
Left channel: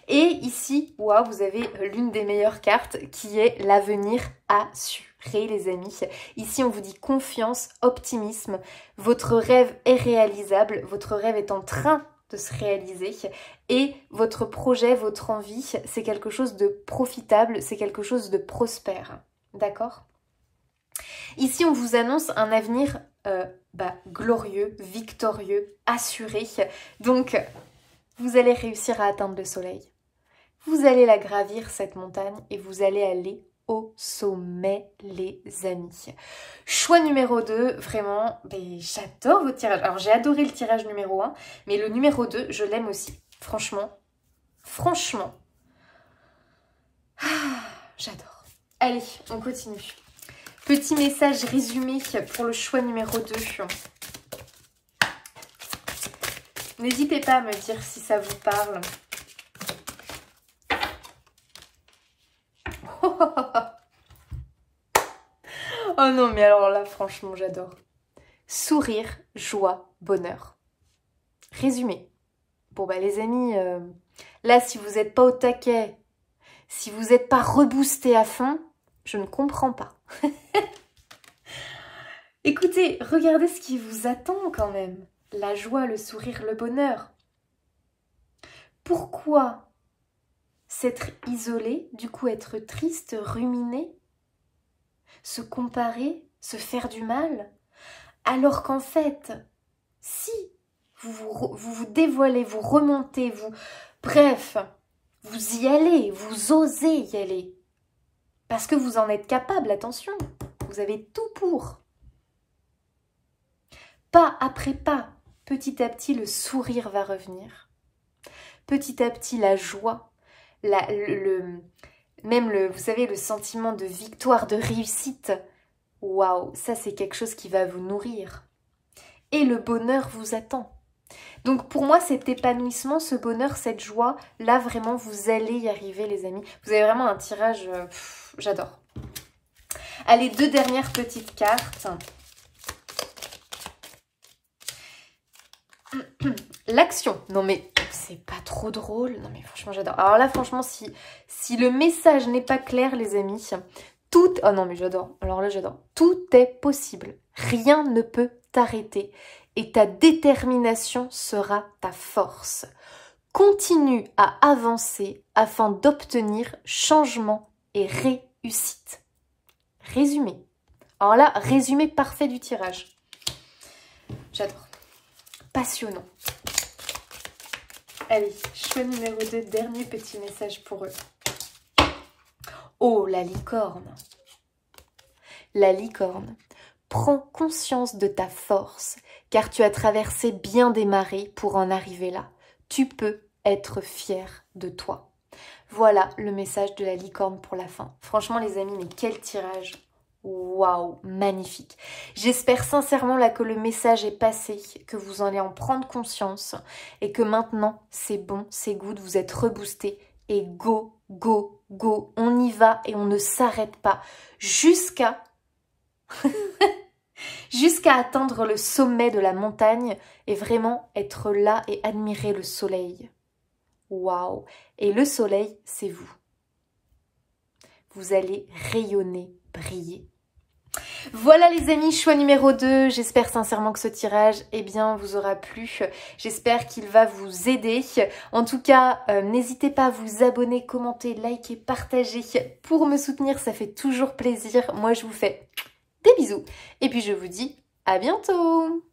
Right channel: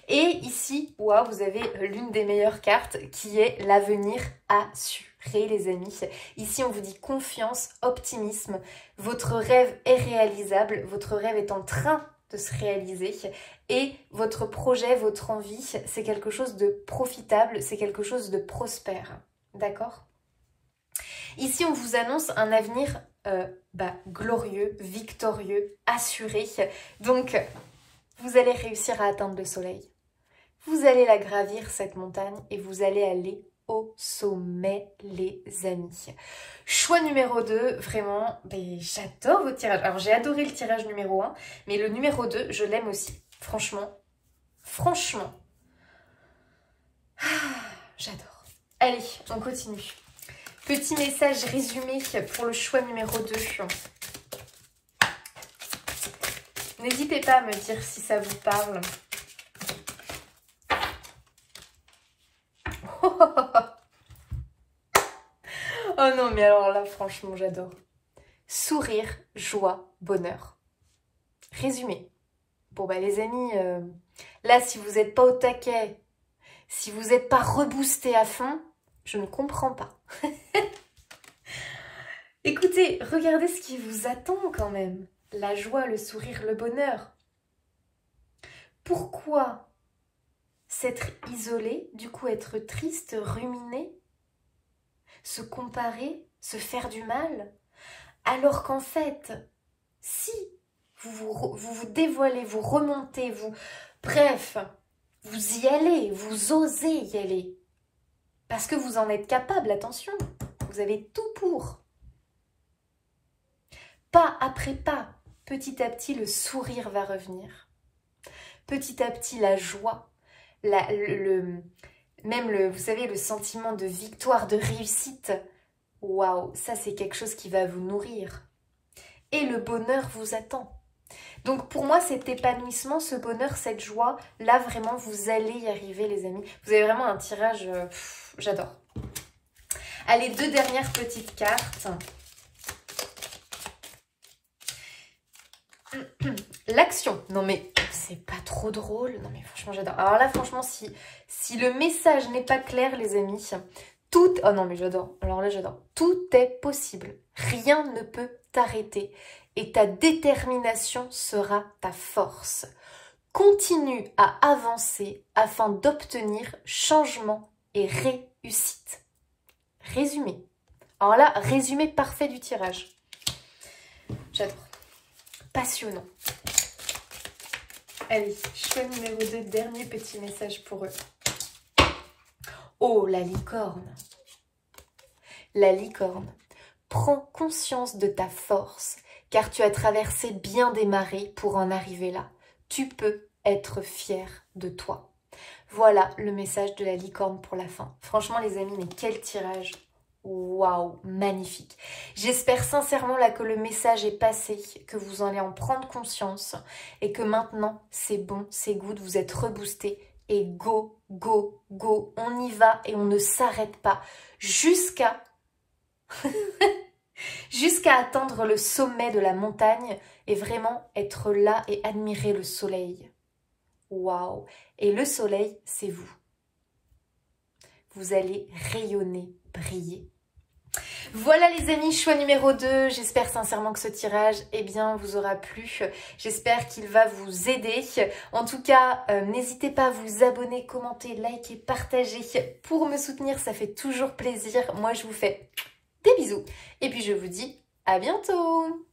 Et ici, wow, vous avez l'une des meilleures cartes qui est l'avenir assuré, les amis. Ici, on vous dit confiance, optimisme. Votre rêve est réalisable, votre rêve est en train de se réaliser et votre projet, votre envie, c'est quelque chose de profitable, c'est quelque chose de prospère, d'accord? Ici, on vous annonce un avenir glorieux, victorieux, assuré. Donc, vous allez réussir à atteindre le soleil. Vous allez la gravir, cette montagne, et vous allez aller au sommet, les amis. Choix numéro 2, vraiment, j'adore vos tirages. Alors, j'ai adoré le tirage numéro 1, mais le numéro 2, je l'aime aussi. Franchement, j'adore. Allez, on continue. Petit message résumé pour le choix numéro 2. N'hésitez pas à me dire si ça vous parle. Oh non, mais alors là, franchement, j'adore. Sourire, joie, bonheur. Résumé. Bon bah les amis, là si vous n'êtes pas au taquet, si vous n'êtes pas reboosté à fond, je ne comprends pas. Écoutez, regardez ce qui vous attend quand même. La joie, le sourire, le bonheur. Pourquoi s'être isolé, du coup être triste, ruminer, se comparer, se faire du mal, alors qu'en fait, si vous dévoilez, vous remontez, bref, vous y allez, vous osez y aller. Parce que vous en êtes capable, attention, vous avez tout pour. Pas après pas, petit à petit, le sourire va revenir. Petit à petit, la joie, vous savez, le sentiment de victoire, de réussite. Waouh, ça c'est quelque chose qui va vous nourrir. Et le bonheur vous attend. Donc pour moi, cet épanouissement, ce bonheur, cette joie, là vraiment, vous allez y arriver les amis. Vous avez vraiment un tirage, j'adore. Allez, 2 dernières petites cartes. L'action. Non mais c'est pas trop drôle. Non mais franchement, j'adore. Alors là, franchement, si le message n'est pas clair, les amis, tout... Oh non mais j'adore. Alors là, j'adore. Tout est possible. Rien ne peut t'arrêter. Et ta détermination sera ta force. Continue à avancer afin d'obtenir changement et réussite. Résumé. Alors là, résumé parfait du tirage. J'adore. Passionnant. Allez, choix numéro 2, dernier petit message pour eux. Oh, la licorne. La licorne. Prends conscience de ta force, car tu as traversé bien des marées pour en arriver là. Tu peux être fier de toi. Voilà le message de la licorne pour la fin. Franchement les amis, mais quel tirage! Waouh, magnifique. J'espère sincèrement là que le message est passé, que vous allez en prendre conscience et que maintenant c'est bon, c'est good, vous êtes reboosté et go, go, go. On y va et on ne s'arrête pas jusqu'à jusqu'à atteindre le sommet de la montagne et vraiment être là et admirer le soleil. Waouh! Et le soleil, c'est vous. Vous allez rayonner, briller. Voilà les amis, choix numéro 2. J'espère sincèrement que ce tirage, eh bien, vous aura plu. J'espère qu'il va vous aider. En tout cas, n'hésitez pas à vous abonner, commenter, liker, partager pour me soutenir. Ça fait toujours plaisir. Moi, je vous fais des bisous. Et puis, je vous dis à bientôt.